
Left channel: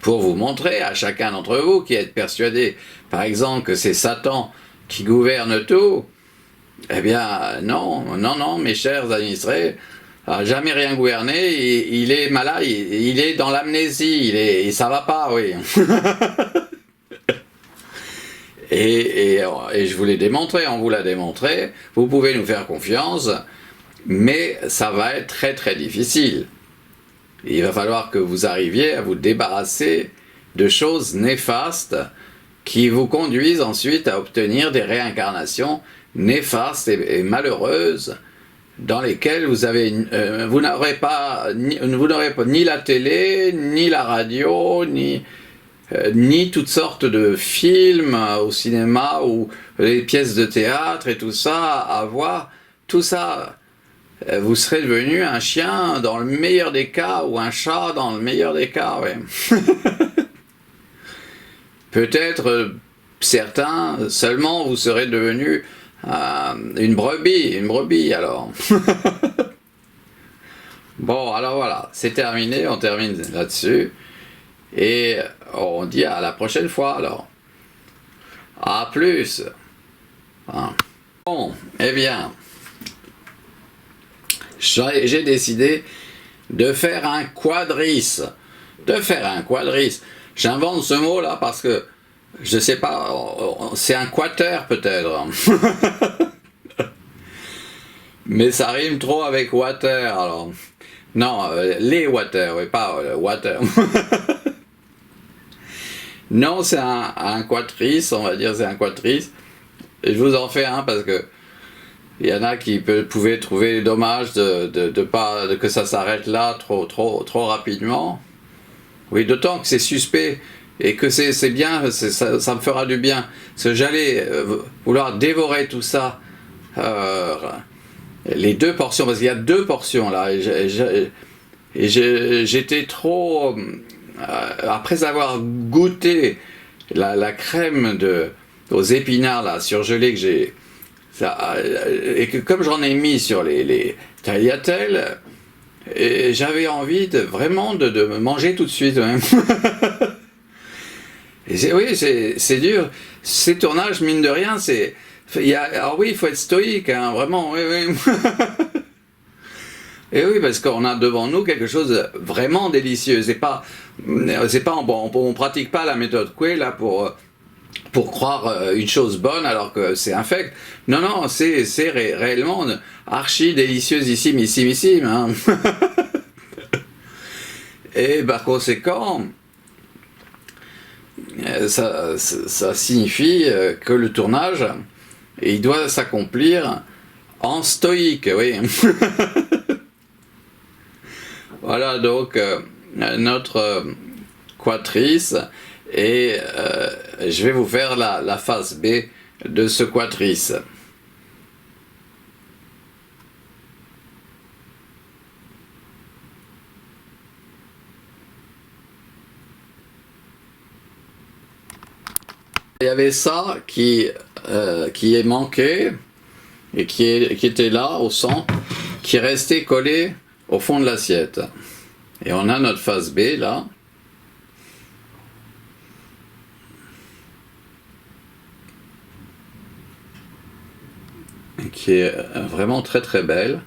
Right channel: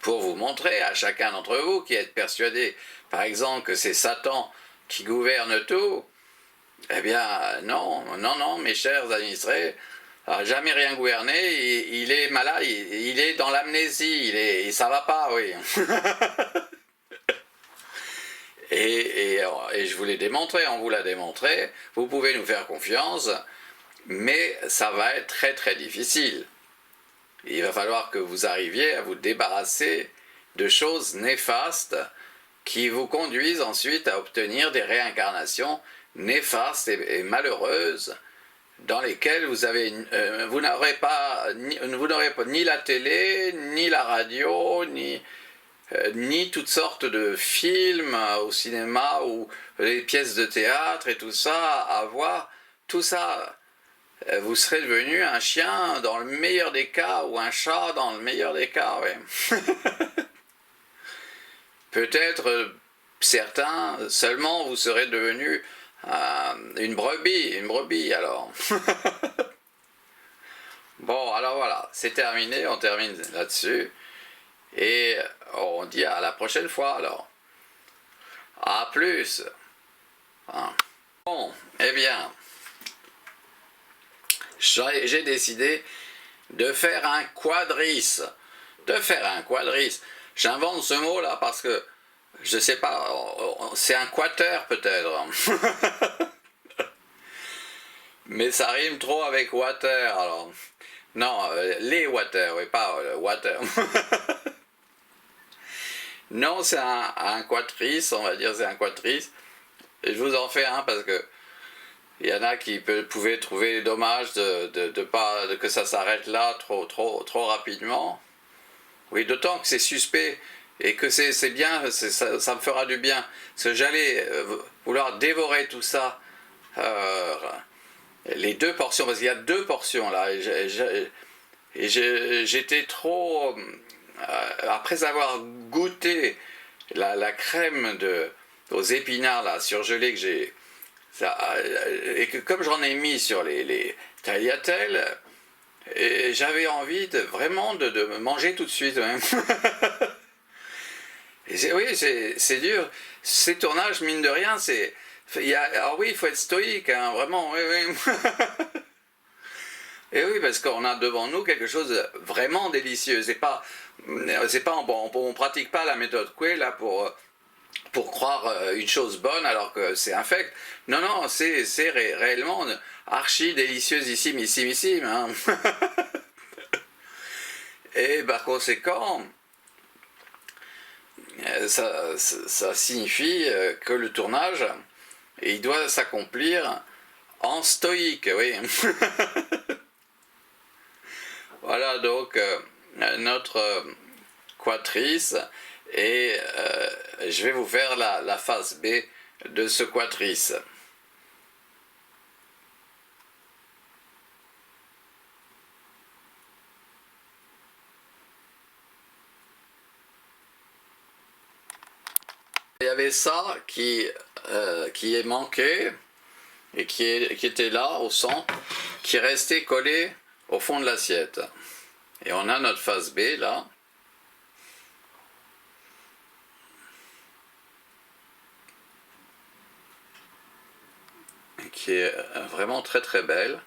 Pour vous montrer à chacun d'entre vous qui êtes persuadé, par exemple, que c'est Satan qui gouverne tout, eh bien, non, non, non, mes chers administrés, n'a jamais rien gouverné, il est malade, il est dans l'amnésie, ça va pas, oui. et je vous l'ai démontré, on vous l'a démontré, vous pouvez nous faire confiance, mais ça va être très très difficile. Il va falloir que vous arriviez à vous débarrasser de choses néfastes qui vous conduisent ensuite à obtenir des réincarnations néfastes et malheureuses dans lesquelles vous n'aurez pas ni la télé, ni la radio, ni toutes sortes de films au cinéma ou les pièces de théâtre et tout ça à voir. Tout ça, vous serez devenu un chien dans le meilleur des cas ou un chat dans le meilleur des cas, ouais. Peut-être certains seulement vous serez devenu une brebis alors. Bon, alors voilà, c'est terminé, on termine là-dessus. Et on dit à la prochaine fois alors. À plus. Bon, eh bien, j'ai décidé de faire un quadrice. J'invente ce mot-là parce que, je sais pas, c'est un quater peut-être. Mais ça rime trop avec water, alors. Non, les water, oui, pas water. Non, c'est un quatrice, on va dire, c'est un quatrice. Et je vous en fais un parce que il y en a qui pouvaient trouver dommage que ça s'arrête là trop rapidement. Oui, d'autant que c'est suspect et que c'est bien, ça me fera du bien. Parce que j'allais vouloir dévorer tout ça, les 2 portions, parce qu'il y a 2 portions là. Et j'étais trop... après avoir goûté la crème aux épinards là, surgelés que j'ai... et que comme j'en ai mis sur les tagliatelles, et j'avais envie vraiment de me manger tout de suite même. Et oui, c'est dur. Ces tournages, mine de rien, alors oui, il faut être stoïque, hein, vraiment, oui, oui. Et oui, parce qu'on a devant nous quelque chose de vraiment délicieux. On pratique pas la méthode Coué là pour croire une chose bonne alors que c'est infect. Non, non, c'est réellement archi délicieux, hein. Et par conséquent, ça signifie que le tournage, il doit s'accomplir en stoïque, oui. Voilà donc notre quatrice, et je vais vous faire la phase B de ce quatrice. Il y avait ça qui est manqué et qui était là au centre, qui restait collé au fond de l'assiette. Et on a notre phase B là. Qui est vraiment très très belle.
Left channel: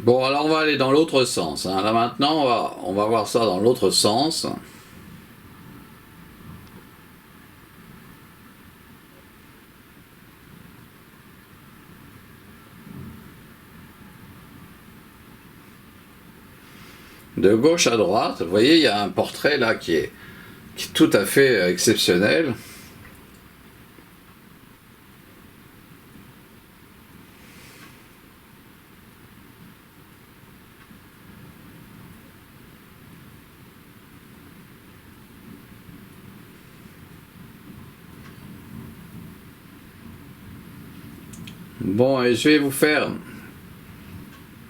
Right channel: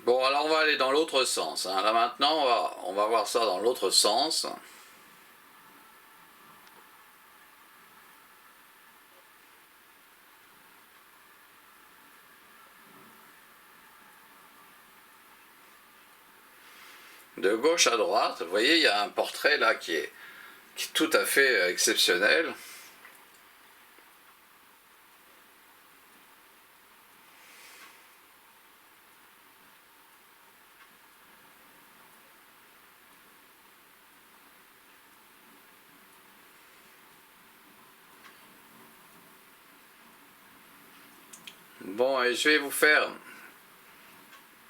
Bon, alors on va aller dans l'autre sens, hein. Là maintenant, on va voir ça dans l'autre sens. De gauche à droite, vous voyez, il y a un portrait là qui est tout à fait exceptionnel. Bon, et je vais vous faire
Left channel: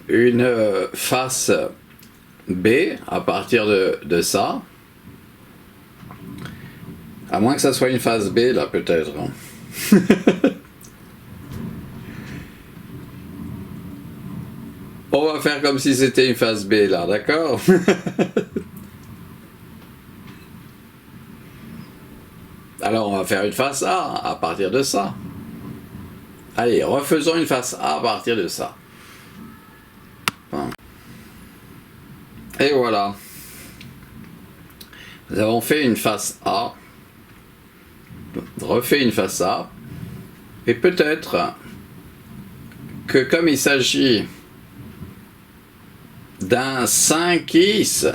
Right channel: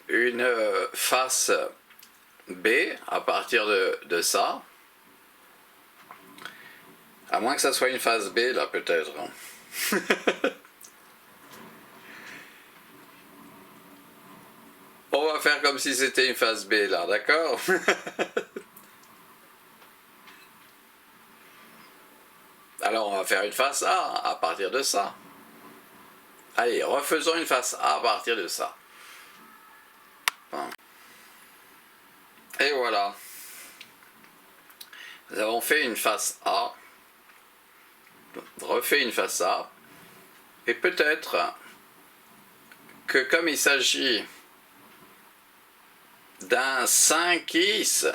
une face B à partir de ça. À moins que ça soit une face B, là, peut-être. On va faire comme si c'était une face B, là, d'accord? Alors, on va faire une face A à partir de ça. Allez, refaisons une face A à partir de ça. Et voilà. Nous avons fait une face A. Refait une face A. Et peut-être que comme il s'agit d'un 5is,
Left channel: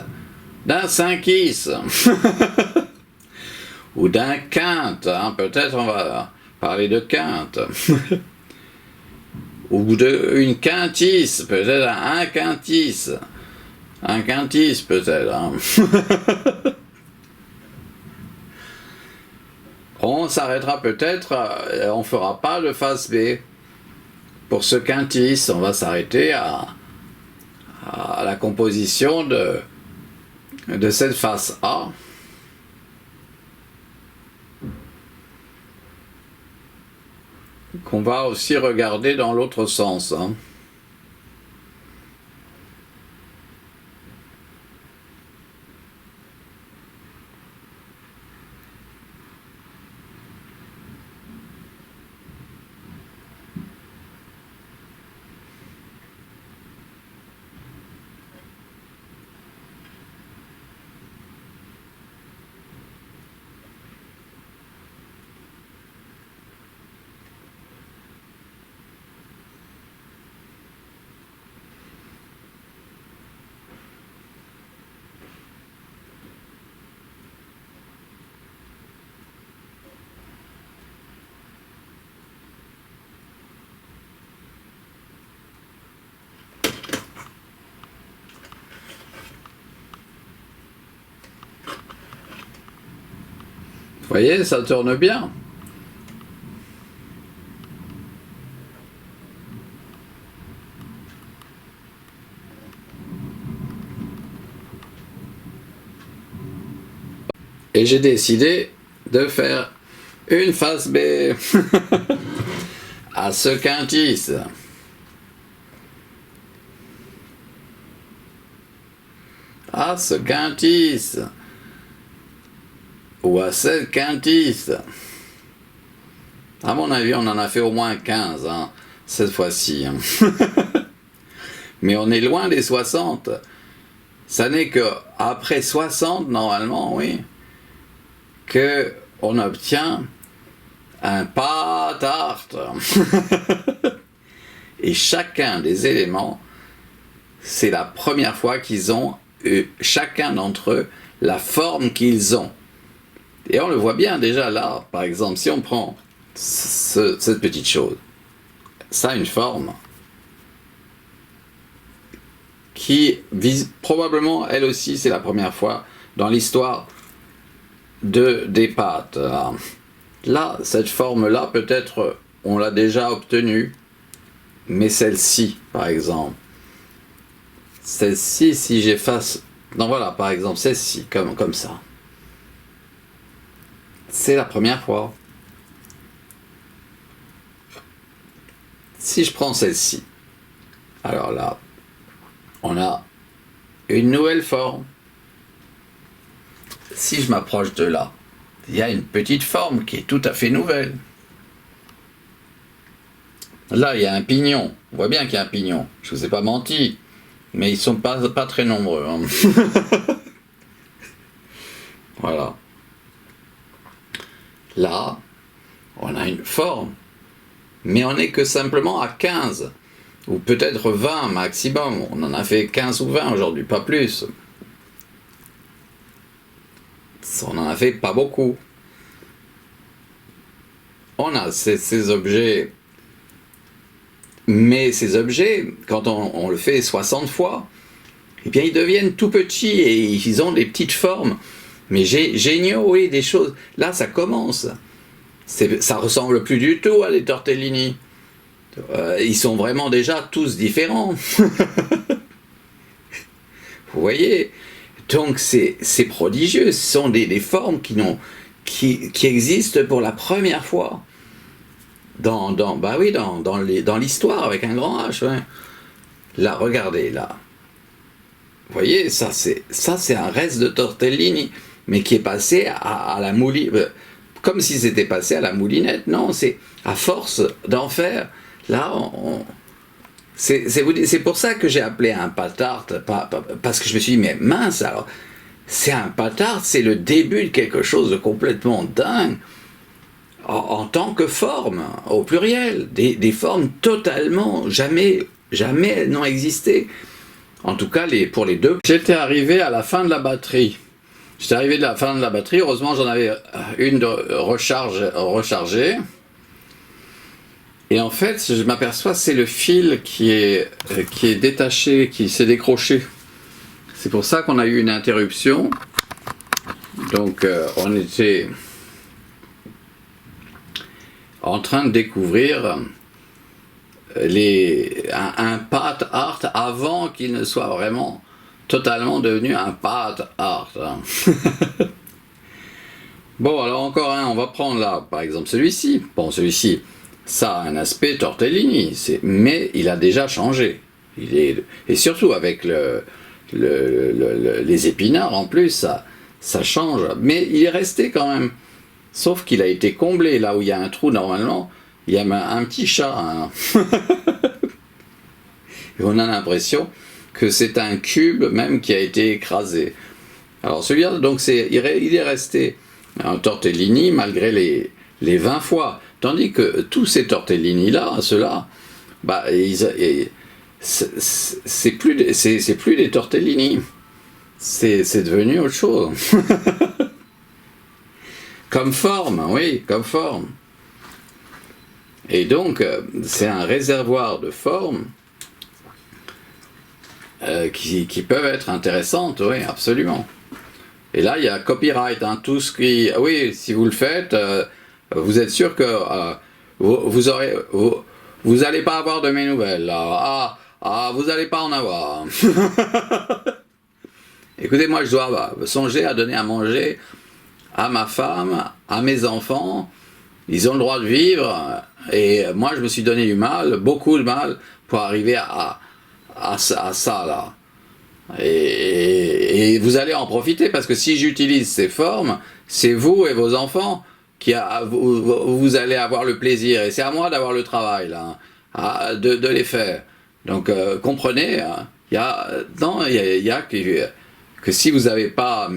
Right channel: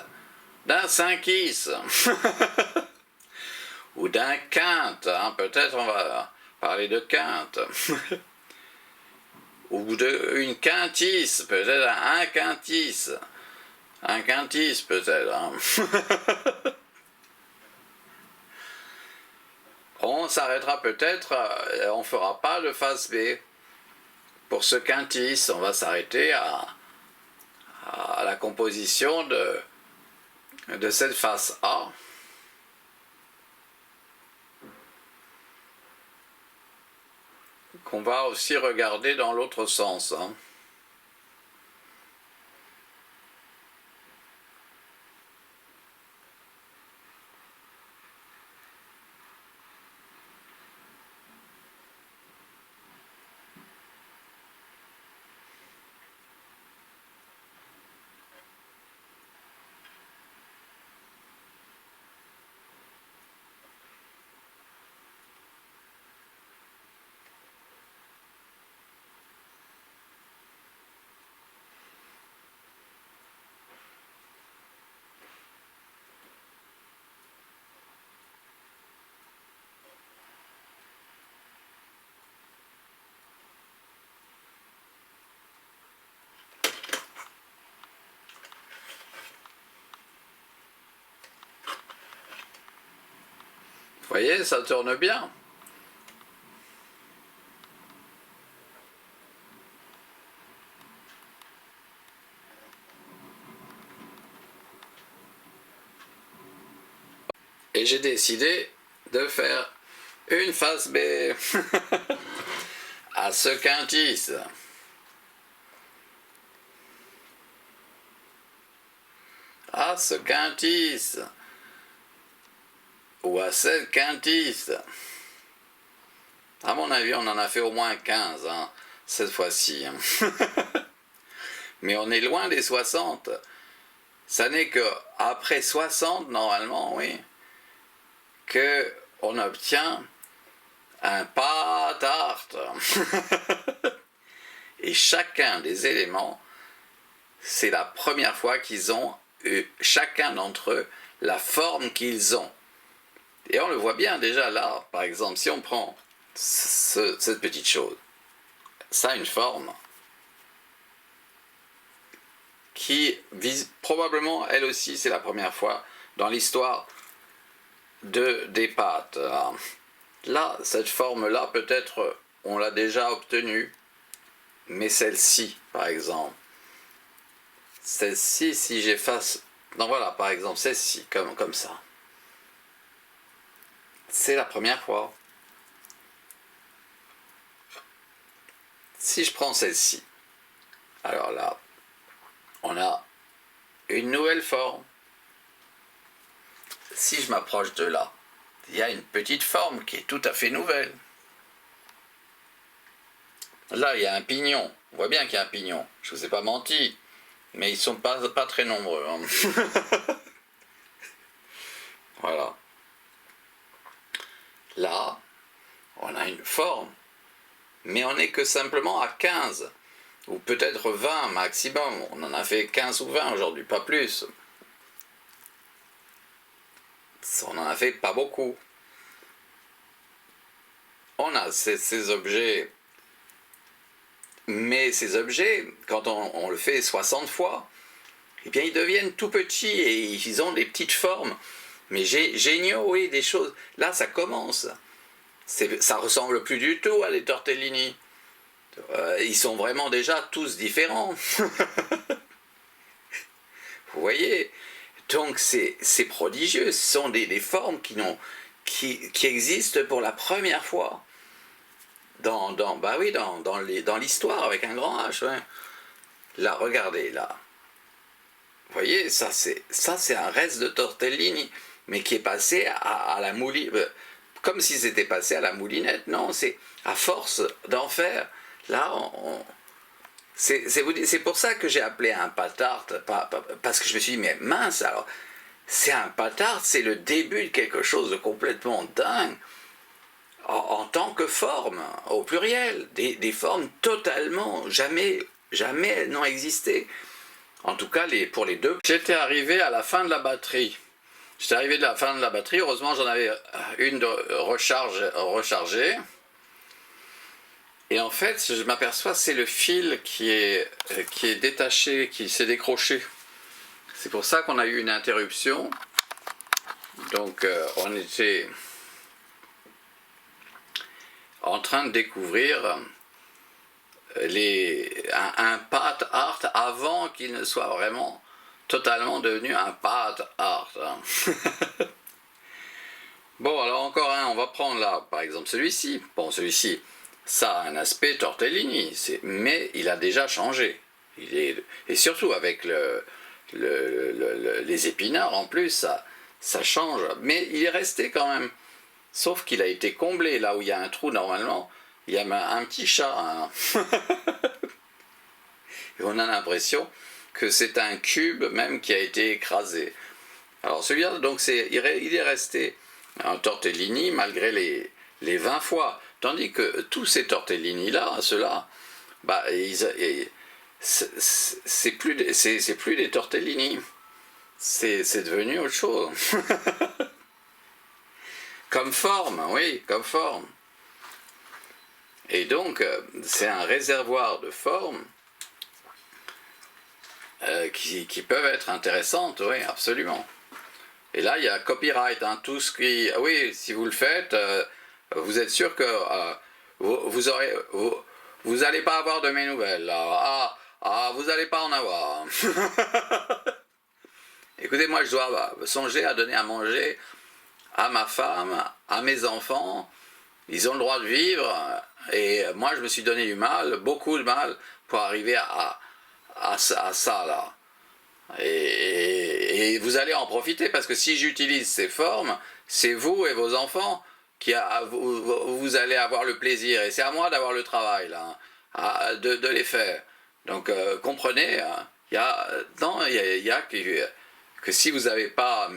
ou d'un quinte, hein, peut-être on va parler de quinte, ou d'une quintis, peut-être un quintis peut-être. Hein. On s'arrêtera peut-être, on fera pas de face B. Pour ce quintis, on va s'arrêter à la composition de cette face A. Qu'on va aussi regarder dans l'autre sens. Hein. Vous voyez, ça tourne bien. Et j'ai décidé de faire une face B à ce quintis. À ce quintis. Ou à cette quintis. À mon avis, on en a fait au moins 15 hein, cette fois-ci. Hein. Mais on est loin des 60. Ça n'est qu'après 60, normalement, oui, qu'on obtient un pas tarte. Et chacun des éléments, c'est la première fois qu'ils ont, chacun d'entre eux, la forme qu'ils ont. Et on le voit bien déjà là, par exemple, si on prend cette petite chose, ça a une forme qui vise probablement, elle aussi, c'est la première fois dans l'histoire des pâtes. Là, cette forme-là, peut-être on l'a déjà obtenue, mais celle-ci, par exemple, celle-ci, si j'efface, non voilà, par exemple, celle-ci, comme ça, c'est la première fois. Si je prends celle-ci, alors là, on a une nouvelle forme. Si je m'approche de là, il y a une petite forme qui est tout à fait nouvelle. Là, il y a un pignon. On voit bien qu'il y a un pignon. Je ne vous ai pas menti, mais ils ne sont pas très nombreux. Hein. Voilà. Là, on a une forme, mais on n'est que simplement à 15, ou peut-être 20 maximum. On en a fait 15 ou 20 aujourd'hui, pas plus. On en a fait pas beaucoup. On a ces objets, mais ces objets, quand on le fait 60 fois, eh bien ils deviennent tout petits et ils ont des petites formes. Mais géniaux, oui, des choses. Là, ça commence. Ça ressemble plus du tout à des tortellini. Ils sont vraiment déjà tous différents. Vous voyez? Donc c'est prodigieux, ce sont des formes qui existent pour la première fois dans l'histoire avec un grand H. Ouais. Là, regardez, là. Vous voyez, ça c'est un reste de tortellini, mais qui est passé à la moulinette, comme si c'était passé à la moulinette. Non, c'est à force d'en faire. Là, c'est pour ça que j'ai appelé un patart, parce que je me suis dit, mais mince, alors, c'est un patart, c'est le début de quelque chose de complètement dingue, en tant que forme, au pluriel, des formes totalement, jamais elles n'ont existé. En tout cas, pour les deux. J'étais arrivé à la fin de la batterie. Heureusement j'en avais une de rechargée. Et en fait, je m'aperçois, c'est le fil qui est détaché, qui s'est décroché. C'est pour ça qu'on a eu une interruption. Donc, on était en train de découvrir un pad art avant qu'il ne soit vraiment totalement devenu un pad art. Bon, alors encore un, on va prendre là, par exemple celui-ci. Bon, celui-ci, ça a un aspect tortellini, mais il a déjà changé. Et surtout avec les épinards en plus, ça change. Mais il est resté quand même. Sauf qu'il a été comblé là où il y a un trou normalement. Il y a un petit chat. Hein. Et on a l'impression que c'est un cube même qui a été écrasé. Alors celui-là, donc il est resté un tortellini malgré les 20 fois. Tandis que tous ces tortellini-là, ceux-là, bah, c'est plus des tortellini. C'est devenu autre chose. Comme forme, oui, comme forme. Et donc, c'est un réservoir de formes qui peuvent être intéressantes, oui, absolument. Et là, il y a copyright, hein, tout ce qui... Oui, si vous le faites, vous êtes sûr que vous allez pas avoir de mes nouvelles. Là. Vous n'allez pas en avoir. Écoutez, moi, je dois songer à donner à manger à ma femme, à mes enfants. Ils ont le droit de vivre. Et moi, je me suis donné du mal, beaucoup de mal, pour arriver à ça, là. Et vous allez en profiter, parce que si j'utilise ces formes, c'est vous et vos enfants vous allez avoir le plaisir. Et c'est à moi d'avoir le travail, là, de les faire. Donc, comprenez, hein, il y a que si vous n'avez pas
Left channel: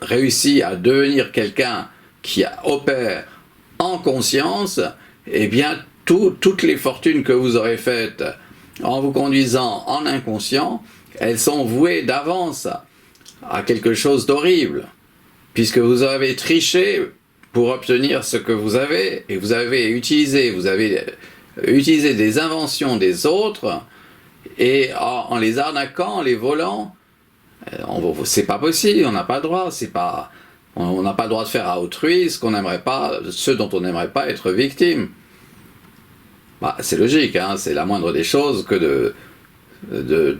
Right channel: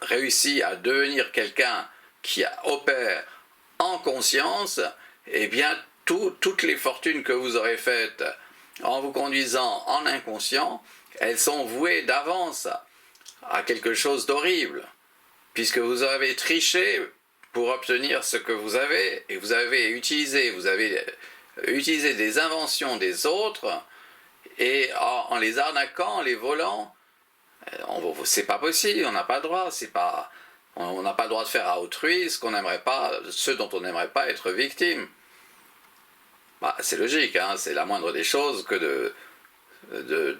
réussi à devenir quelqu'un qui opère en conscience, eh bien, toutes les fortunes que vous aurez faites en vous conduisant en inconscient, elles sont vouées d'avance à quelque chose d'horrible, puisque vous avez triché pour obtenir ce que vous avez, et vous avez utilisé des inventions des autres, et en les arnaquant, en les volant, c'est pas possible, on n'a pas le droit, on n'a pas le droit de faire à autrui ce dont on n'aimerait pas être victime. Bah, c'est logique, hein, c'est la moindre des choses que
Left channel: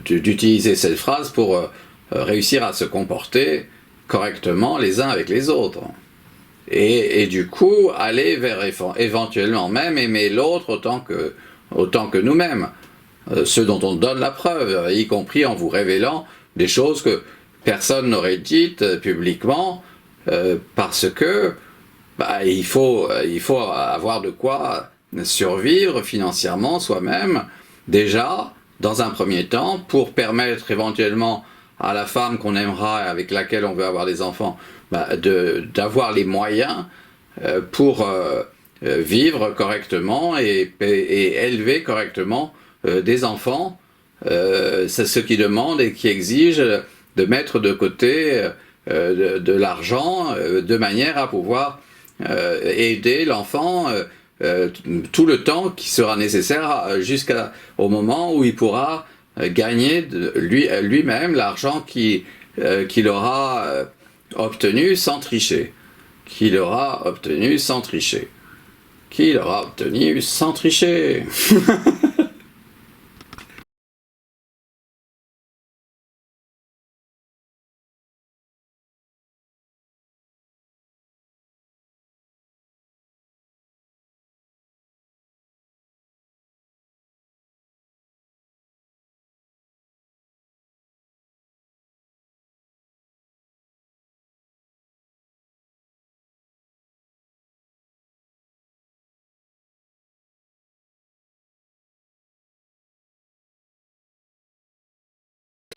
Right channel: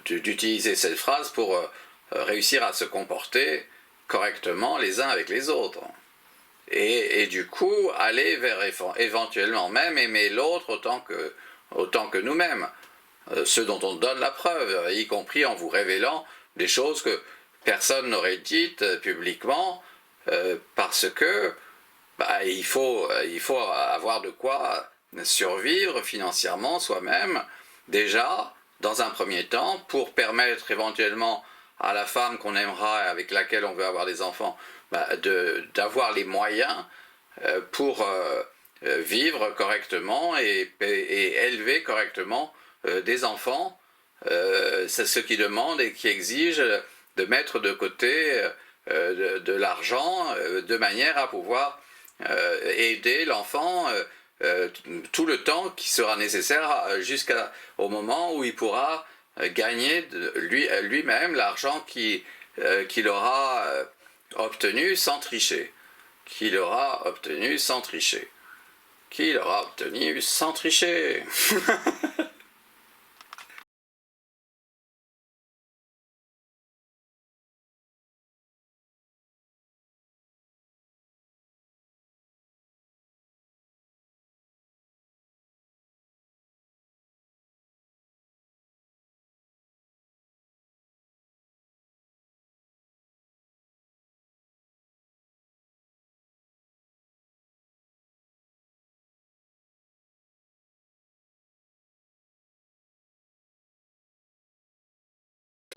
d'utiliser cette phrase pour réussir à se comporter correctement les uns avec les autres. Et du coup, aller vers éventuellement même aimer l'autre autant que nous-mêmes. Ceux dont on donne la preuve, y compris en vous révélant des choses que personne n'aurait dites publiquement, parce que il faut avoir de quoi survivre financièrement soi-même, déjà, dans un premier temps, pour permettre éventuellement à la femme qu'on aimera et avec laquelle on veut avoir des enfants, d'avoir les moyens pour vivre correctement et élever correctement des enfants. C'est ce qui demande et qui exige de mettre de côté de l'argent de manière à pouvoir aider l'enfant tout le temps qui sera nécessaire jusqu'au moment où il pourra gagner lui-même l'argent qu'il aura obtenu sans tricher. Qu'il aura obtenu sans tricher.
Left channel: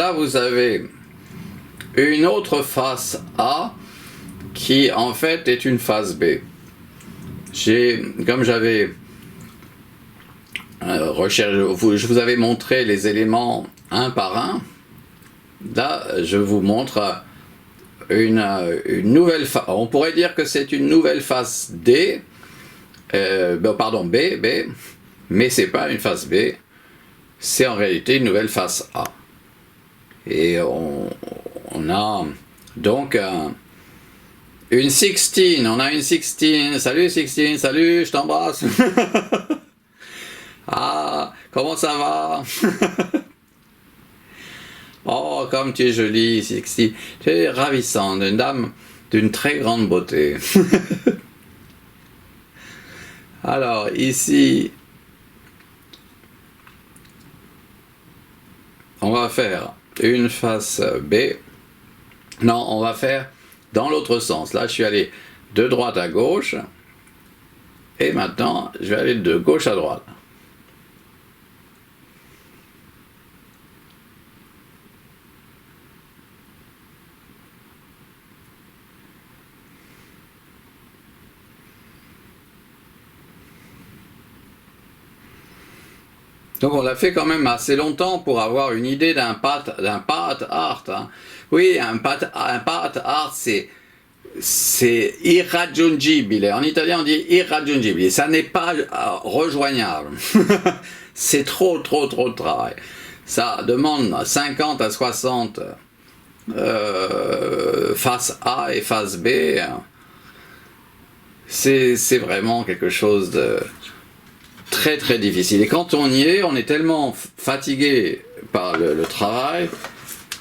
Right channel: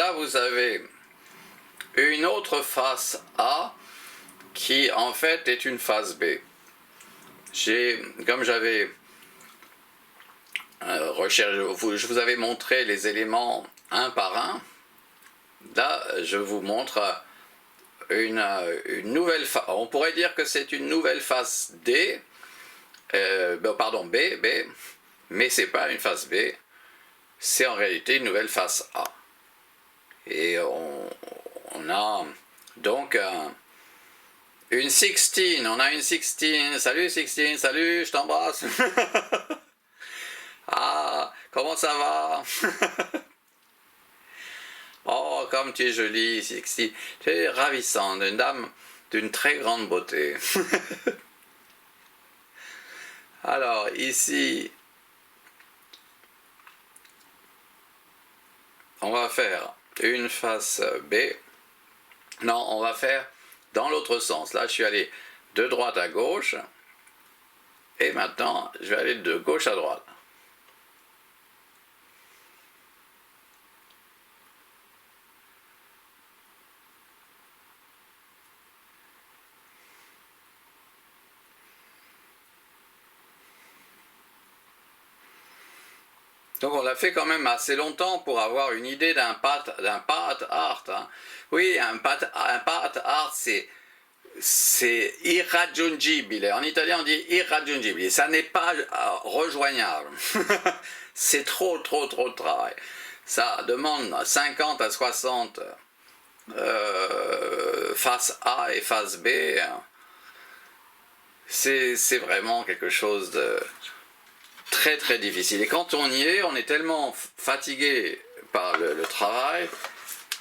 Là, vous avez une autre face A qui, en fait, est une face B. Comme j'avais recherché, je vous avais montré les éléments un par un. Là, je vous montre une nouvelle face. On pourrait dire que c'est une nouvelle face D, pardon, B, mais c'est pas une face B, c'est en réalité une nouvelle face A. Et on a donc une 16, on a une 16, salut 16, salut, je t'embrasse. Ah, comment ça va? Oh, comme tu es jolie, 16, tu es ravissante, une dame d'une très grande beauté. Alors, ici, on va faire une face B. Non, on va faire dans l'autre sens. Là, je suis allé de droite à gauche. Et maintenant, je vais aller de gauche à droite. Donc on l'a fait quand même assez longtemps pour avoir une idée d'un path art. Hein. Oui, un path art, c'est irraggiungibile. En italien, on dit irraggiungibile. Ça n'est pas rejoignable. C'est trop de travail. Ça demande 50 à 60 face A et face B. C'est vraiment quelque chose de très difficile. Et quand on y est, on est tellement fatigué par le travail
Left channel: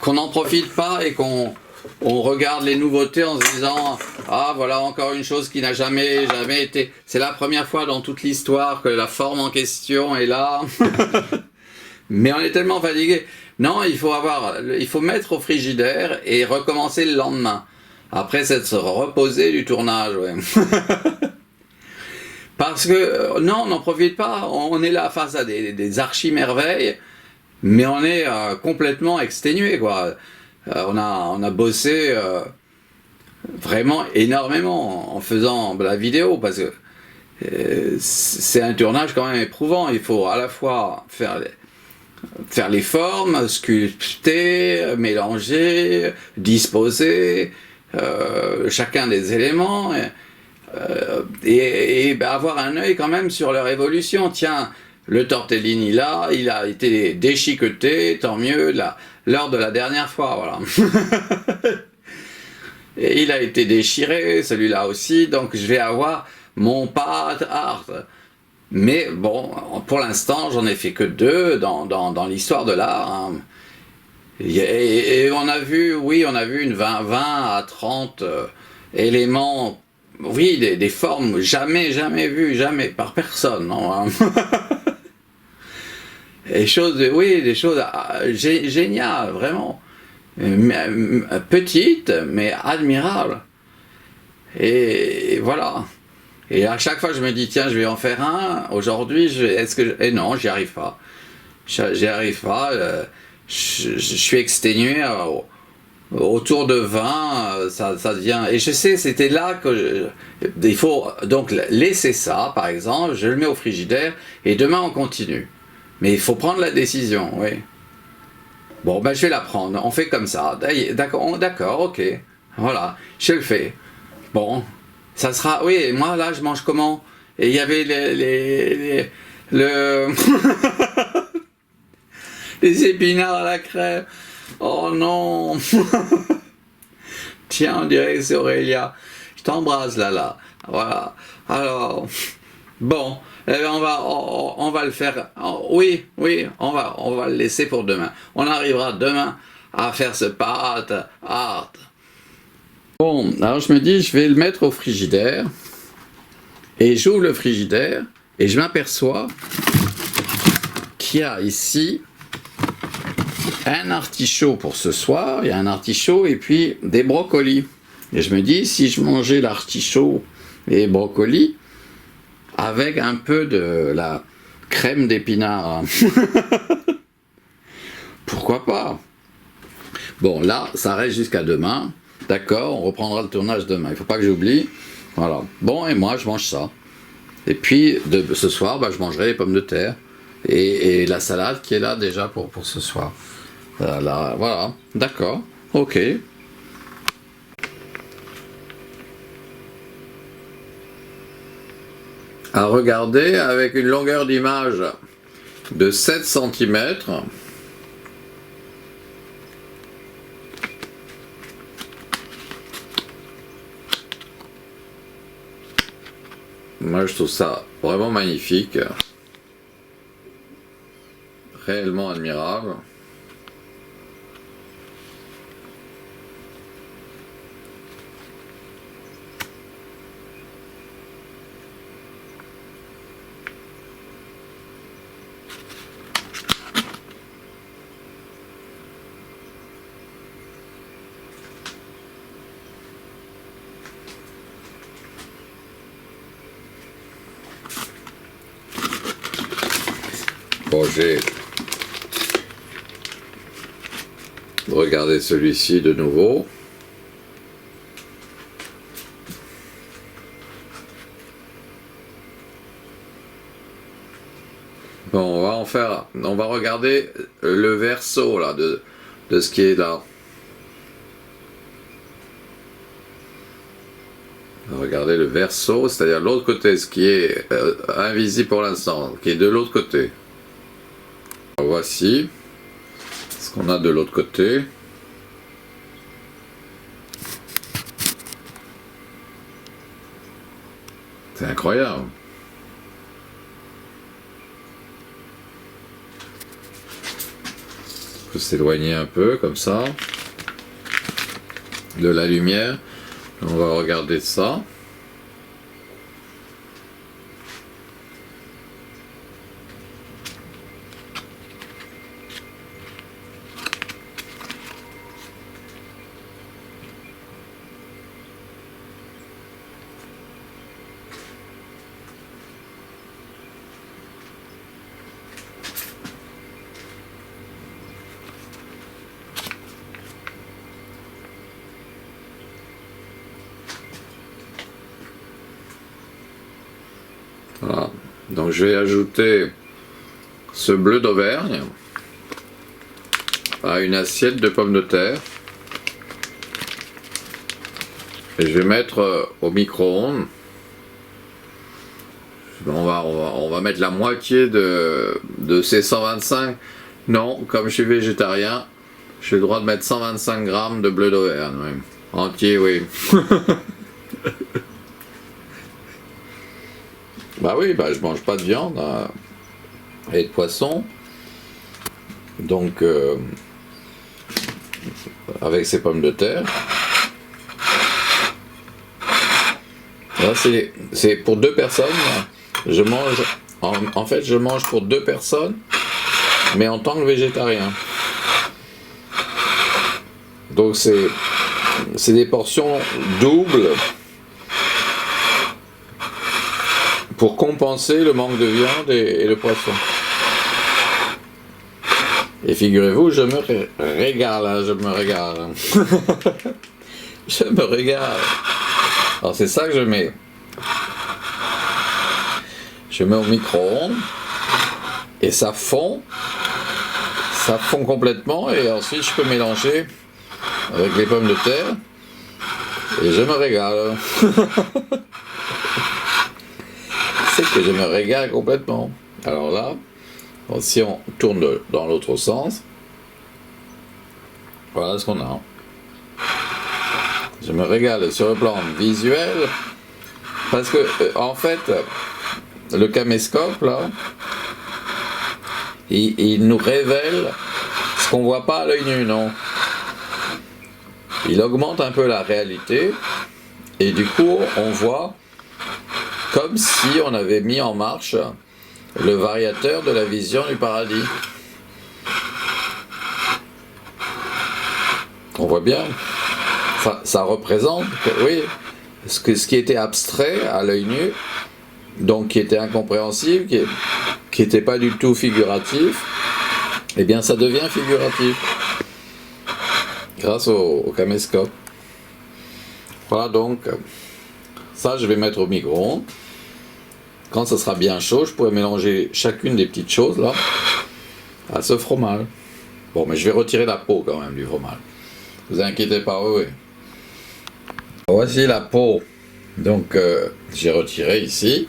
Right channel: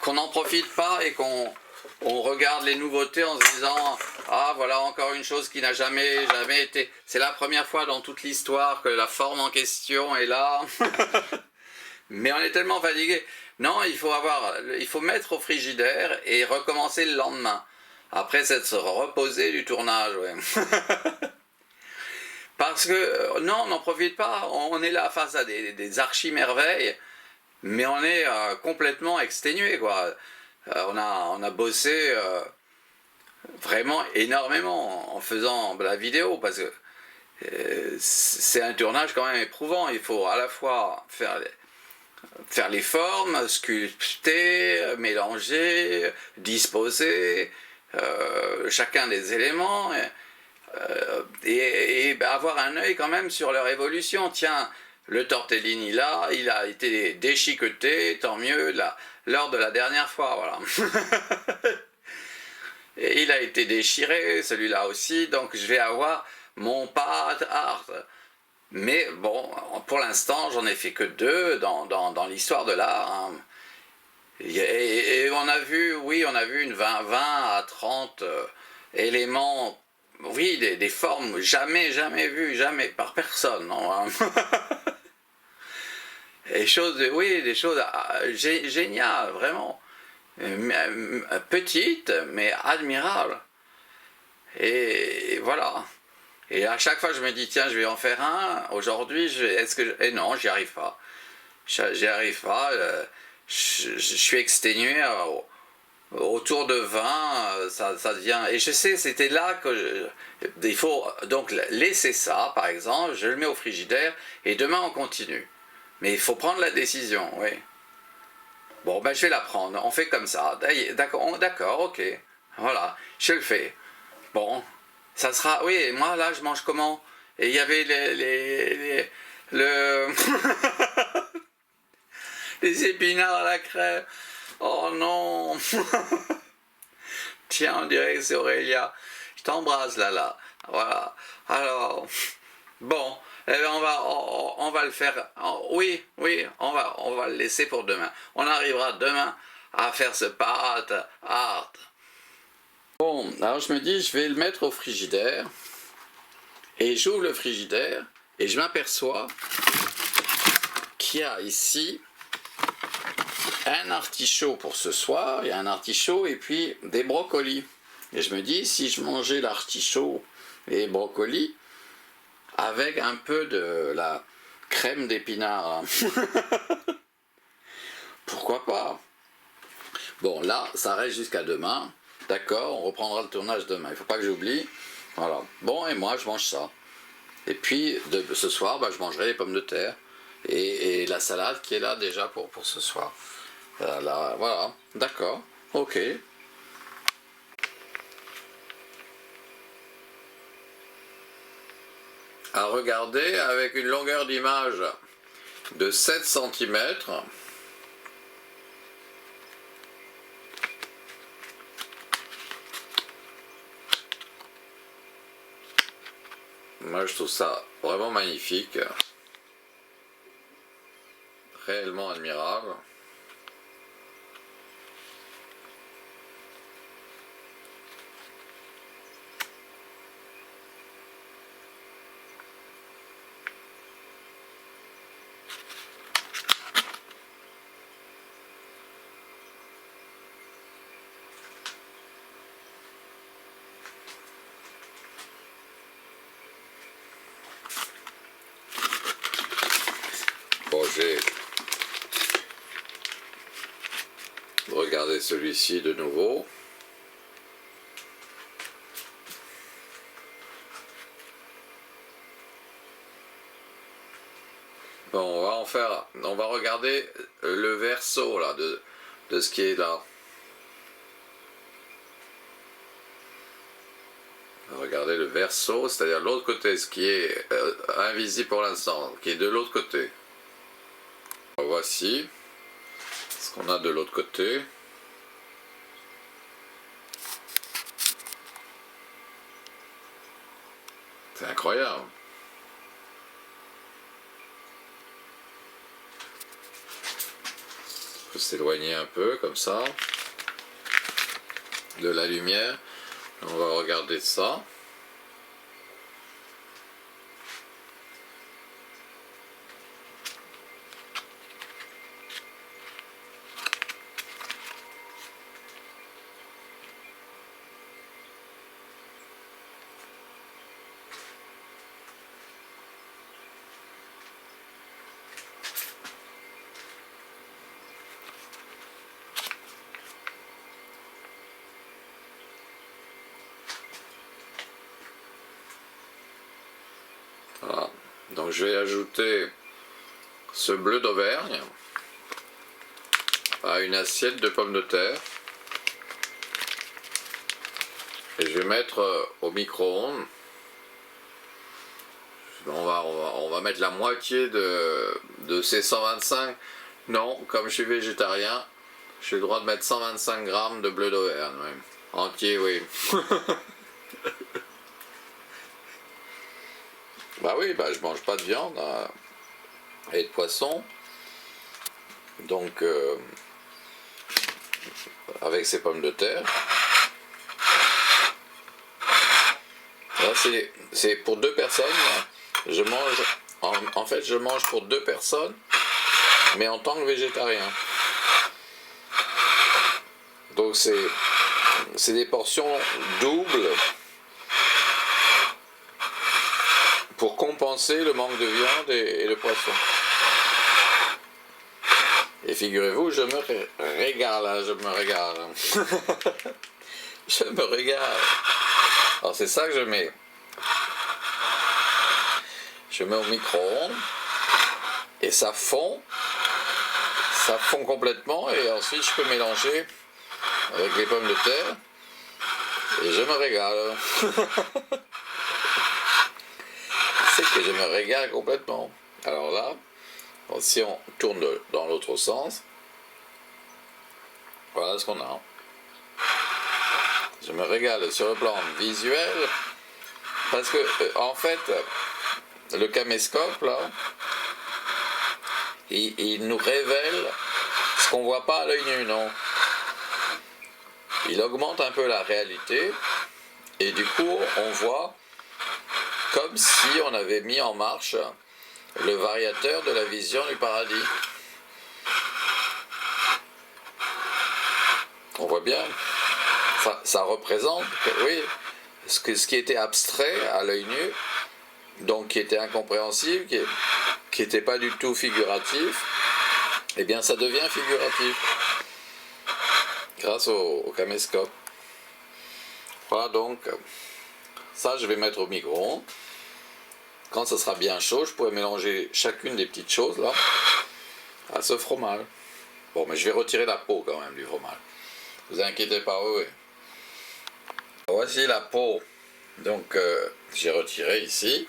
qu'on n'en profite pas et qu'on regarde les nouveautés en se disant ah voilà encore une chose qui n'a jamais été. C'est la première fois dans toute l'histoire que la forme en question est là. Mais on est tellement fatigué. Non, il faut mettre au frigidaire et recommencer le lendemain. Après s'être reposé du tournage. Ouais. Parce que, non, on n'en profite pas, on est là face à des archi-merveilles, mais on est complètement exténué, quoi. On a bossé vraiment énormément en faisant la vidéo, parce que c'est un tournage quand même éprouvant. Il faut à la fois faire les formes, sculpter, mélanger, disposer chacun des éléments... et avoir un œil quand même sur leur évolution. Tiens, le tortellini là, il a été déchiqueté, tant mieux, lors de la dernière fois, voilà. Et il a été déchiré, celui-là aussi, donc je vais avoir mon path art. Mais bon, pour l'instant, j'en ai fait que 2 dans l'histoire de l'art. Hein. Et on a vu, oui, on a vu une 20 à 30 éléments. Oui, des formes jamais vues, jamais, par personne. Non, hein. Et des choses géniales, vraiment. Petites, mais admirables. Et voilà. Et à chaque fois, je me dis, tiens, je vais en faire un. Aujourd'hui, et non, j'y arrive pas. J'y arrive pas. Je suis exténué. Autour de 20, ça devient... Et je sais, c'était là que... Il faut donc laisser ça, par exemple, je le mets au frigidaire, et demain on continue. Mais il faut prendre la décision, oui. Bon, ben je vais la prendre, on fait comme ça. D'accord, ok. Voilà, je le fais. Bon, ça sera... Oui, moi là, je mange comment? Et il y avait les épinards à la crème. Oh non. Tiens, on dirait que c'est Aurélia. Je t'embrasse, Lala. Voilà. Alors, bon, eh bien, on va le faire. Oui, on va le laisser pour demain. On arrivera demain à faire ce path art. Bon, alors je me dis, je vais le mettre au frigidaire. Et j'ouvre le frigidaire et je m'aperçois qu'il y a ici un artichaut pour ce soir, il y a un artichaut et puis des brocolis. Et je me dis, si je mangeais l'artichaut et les brocolis avec un peu de la crème d'épinards, pourquoi pas? Bon, là, ça reste jusqu'à demain. D'accord, on reprendra le tournage demain. Il ne faut pas que j'oublie. Voilà. Bon, et moi, je mange ça. Et puis, ce soir, bah, je mangerai les pommes de terre. Et la salade qui est là déjà pour ce soir. Voilà. D'accord. Ok. À regarder avec une longueur d'image de 7 cm. Moi, je trouve ça vraiment magnifique. Réellement admirable. Bon, j'ai regardé celui-ci de nouveau. Bon, on va regarder le verso là de ce qui est là. On va regarder le verso, c'est-à-dire l'autre côté, ce qui est invisible pour l'instant, qui est de l'autre côté. Voici ce qu'on a de l'autre côté. C'est incroyable. On peut s'éloigner un peu comme ça de la lumière. On va regarder ça. Voilà. Donc je vais ajouter ce bleu d'Auvergne à une assiette de pommes de terre et je vais mettre au micro-ondes. On va mettre la moitié de ces 125. Non, comme je suis végétarien, j'ai le droit de mettre 125 grammes de bleu d'Auvergne. Même. Entier, oui. Bah oui, bah je mange pas de viande et de poisson. Donc, avec ces pommes de terre. Là, c'est pour 2 personnes. Je mange, en fait, je mange pour 2 personnes, mais en tant que végétarien. Donc, c'est des portions doubles pour compenser le manque de viande et le poisson. Et figurez-vous, je me régale, hein, je me régale. Je me régale. Alors c'est ça que je mets. Je mets au micro-ondes et ça fond complètement et ensuite je peux mélanger avec les pommes de terre et je me régale. C'est que je me régale complètement. Alors là, si on tourne dans l'autre sens, voilà ce qu'on a. Je me régale sur le plan visuel parce que en fait le caméscope là il nous révèle ce qu'on voit pas à l'œil nu, non. Il augmente un peu la réalité et du coup on voit comme si on avait mis en marche le variateur de la vision du paradis. On voit bien. Ça représente, oui, ce qui était abstrait à l'œil nu, donc qui était incompréhensible, qui n'était pas du tout figuratif, eh bien ça devient figuratif. grâce au caméscope. Voilà, donc ça je vais mettre au micro-ondes. Quand ça sera bien chaud, je pourrai mélanger chacune des petites choses là à ce fromage. Bon, mais je vais retirer la peau quand même du fromage. Vous inquiétez pas, oui. Voici la peau. Donc j'ai retiré ici.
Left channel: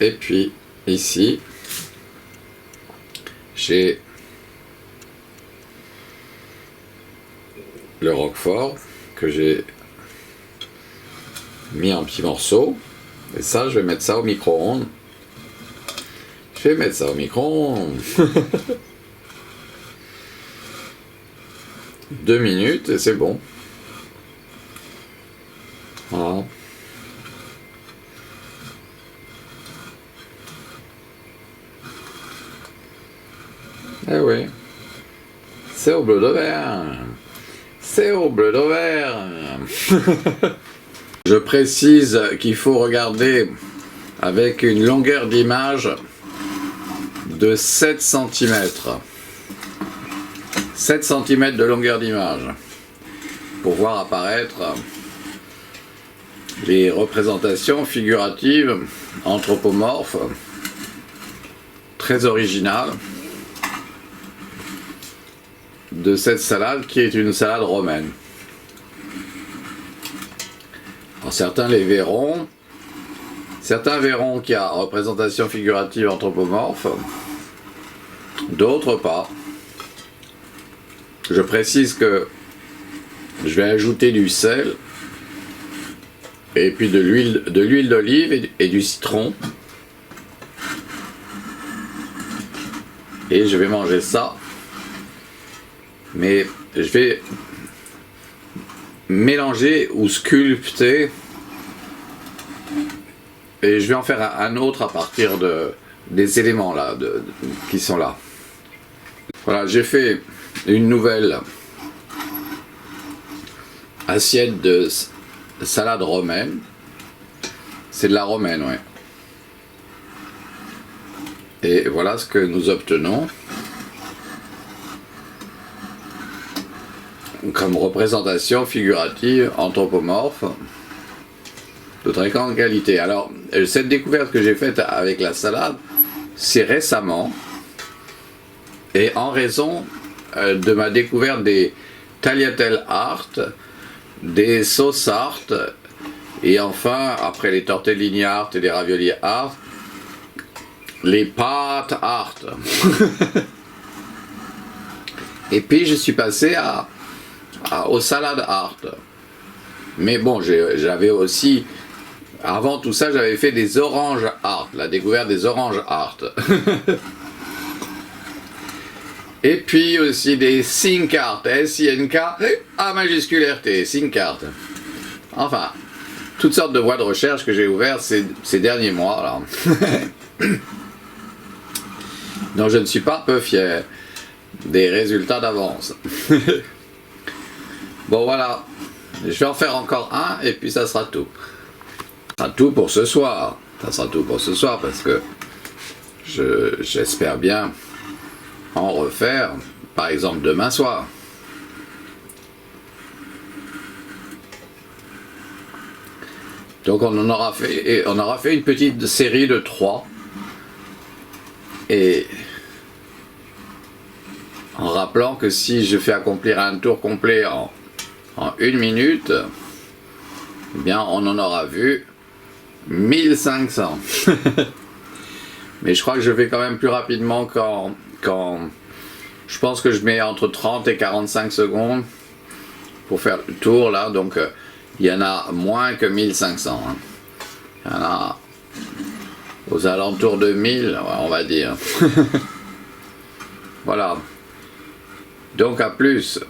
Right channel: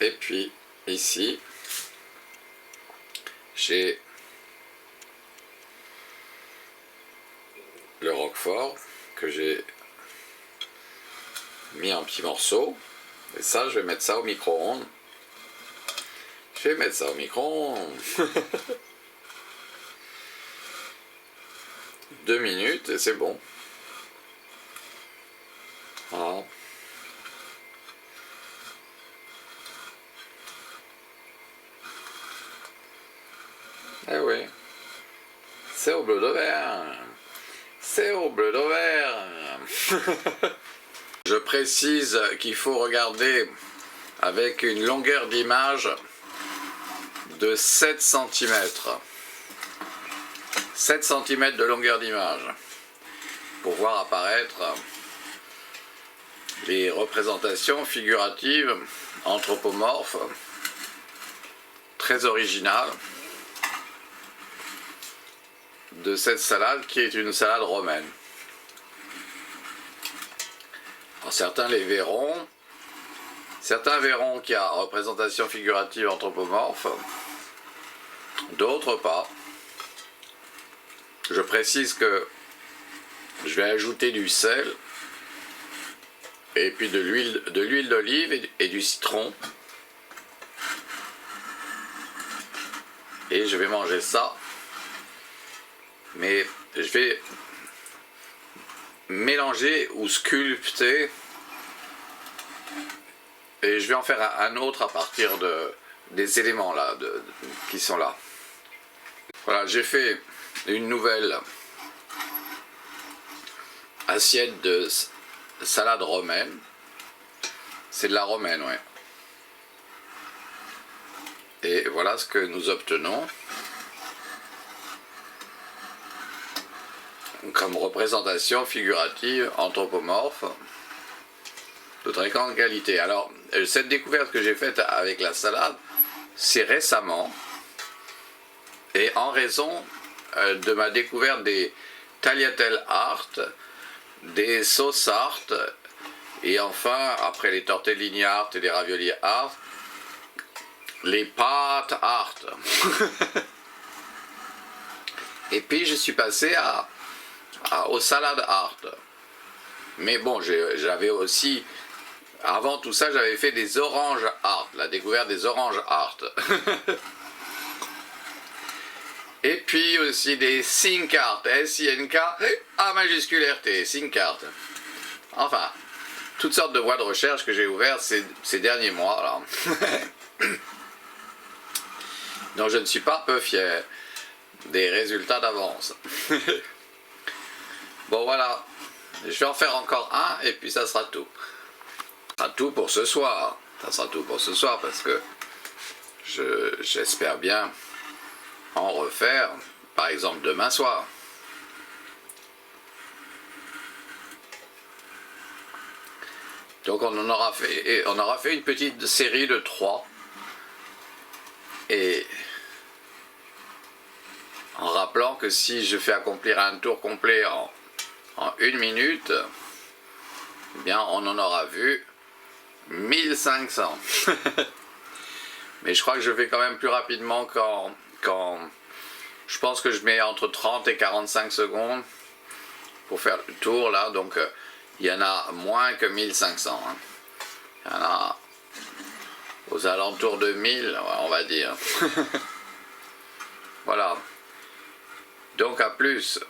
Et puis ici, j'ai le roquefort que j'ai mis en petits morceaux. Et ça, je vais mettre ça au micro-ondes. Je vais mettre ça au micro-ondes. 2 minutes et c'est bon. Voilà. Eh oui. C'est au bleu d'Auvergne. C'est au bleu d'Auvergne. Je précise qu'il faut regarder avec une longueur d'image de 7 cm. 7 cm de longueur d'image pour voir apparaître les représentations figuratives anthropomorphes très originales de cette salade qui est une salade romaine. Alors, certains verront qu'il y a représentation figurative anthropomorphe, d'autres pas. Je précise que je vais ajouter du sel et puis de l'huile d'olive et du citron. Et je vais manger ça. Mais je vais mélanger ou sculpter et je vais en faire un autre à partir des éléments là qui sont là. Voilà, j'ai fait une nouvelle assiette de salade romaine. C'est de la romaine, ouais. Et voilà ce que nous obtenons comme représentation figurative anthropomorphe de très grande qualité. Alors, cette découverte que j'ai faite avec la salade, c'est récemment, et en raison de ma découverte des tagliatelle art, des sauces art, et enfin, après les tortellini art et les ravioli art, les pâtes art. Et puis je suis passé aux salades art. Mais bon, j'avais aussi, avant tout ça, j'avais fait des oranges art, la découverte des oranges art. Et puis aussi des Think art, S-I-N-K, A majuscule R-T, Think art. Enfin, toutes sortes de voies de recherche que j'ai ouvertes ces derniers mois. Là. Donc je ne suis pas peu fier des résultats d'avance. Bon voilà, je vais en faire encore un et puis ça sera tout. Ça sera tout pour ce soir. Ça sera tout pour ce soir parce que j'espère bien en refaire, par exemple demain soir. Donc on aura fait une petite série de 3. Et en rappelant que si je fais accomplir un tour complet en 1 minute, eh bien on en aura vu 1500. Mais je crois que je vais quand même plus rapidement quand je pense que je mets entre 30 et 45 secondes pour faire le tour là, donc il y en a moins que 1500. Hein. Il y en a aux alentours de 1000, on va dire. Voilà. Donc à plus.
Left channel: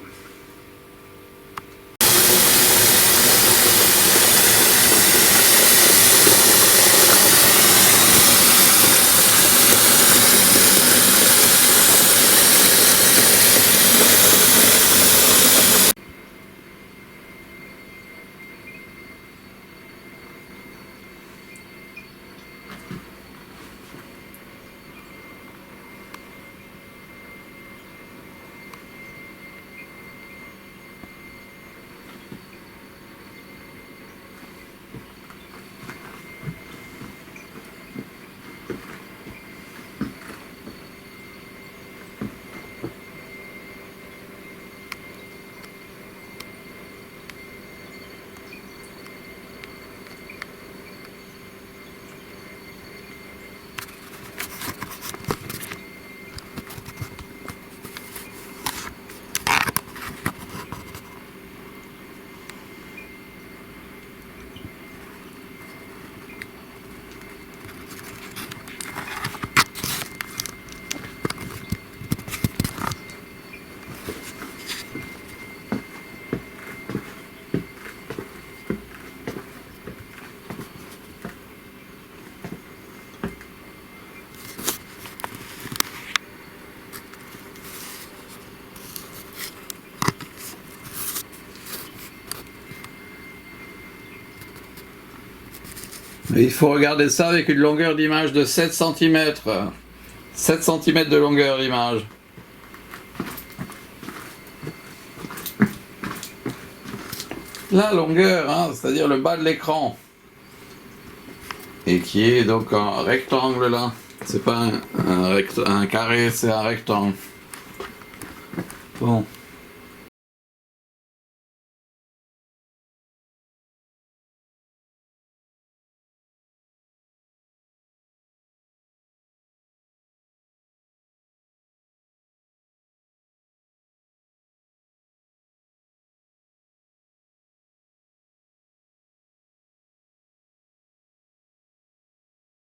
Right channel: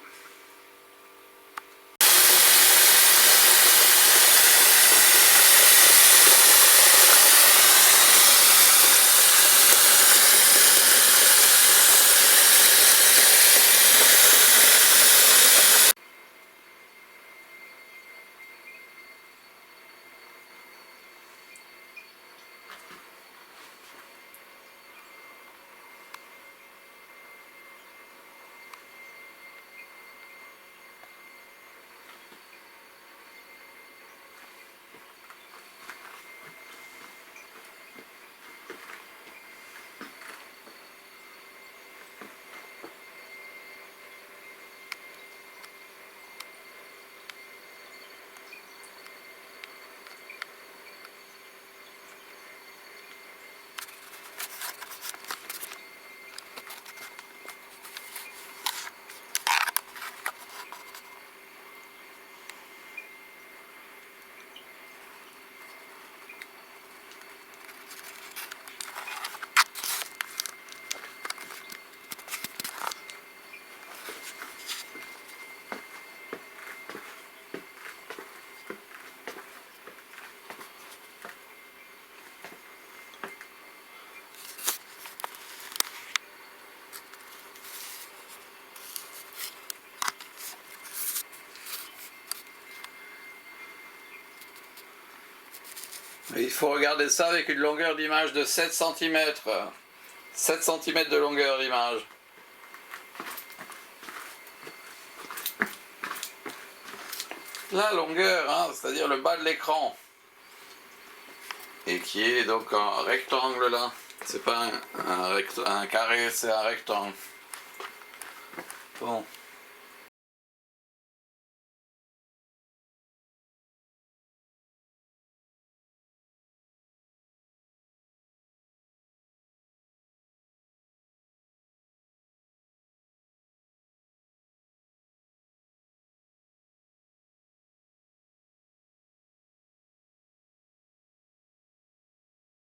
Et il faut regarder ça avec une longueur d'image de 7 cm. 7 cm de longueur d'image. La longueur, hein, c'est-à-dire le bas de l'écran. Et qui est donc un rectangle là. C'est pas un carré, c'est un rectangle. Bon.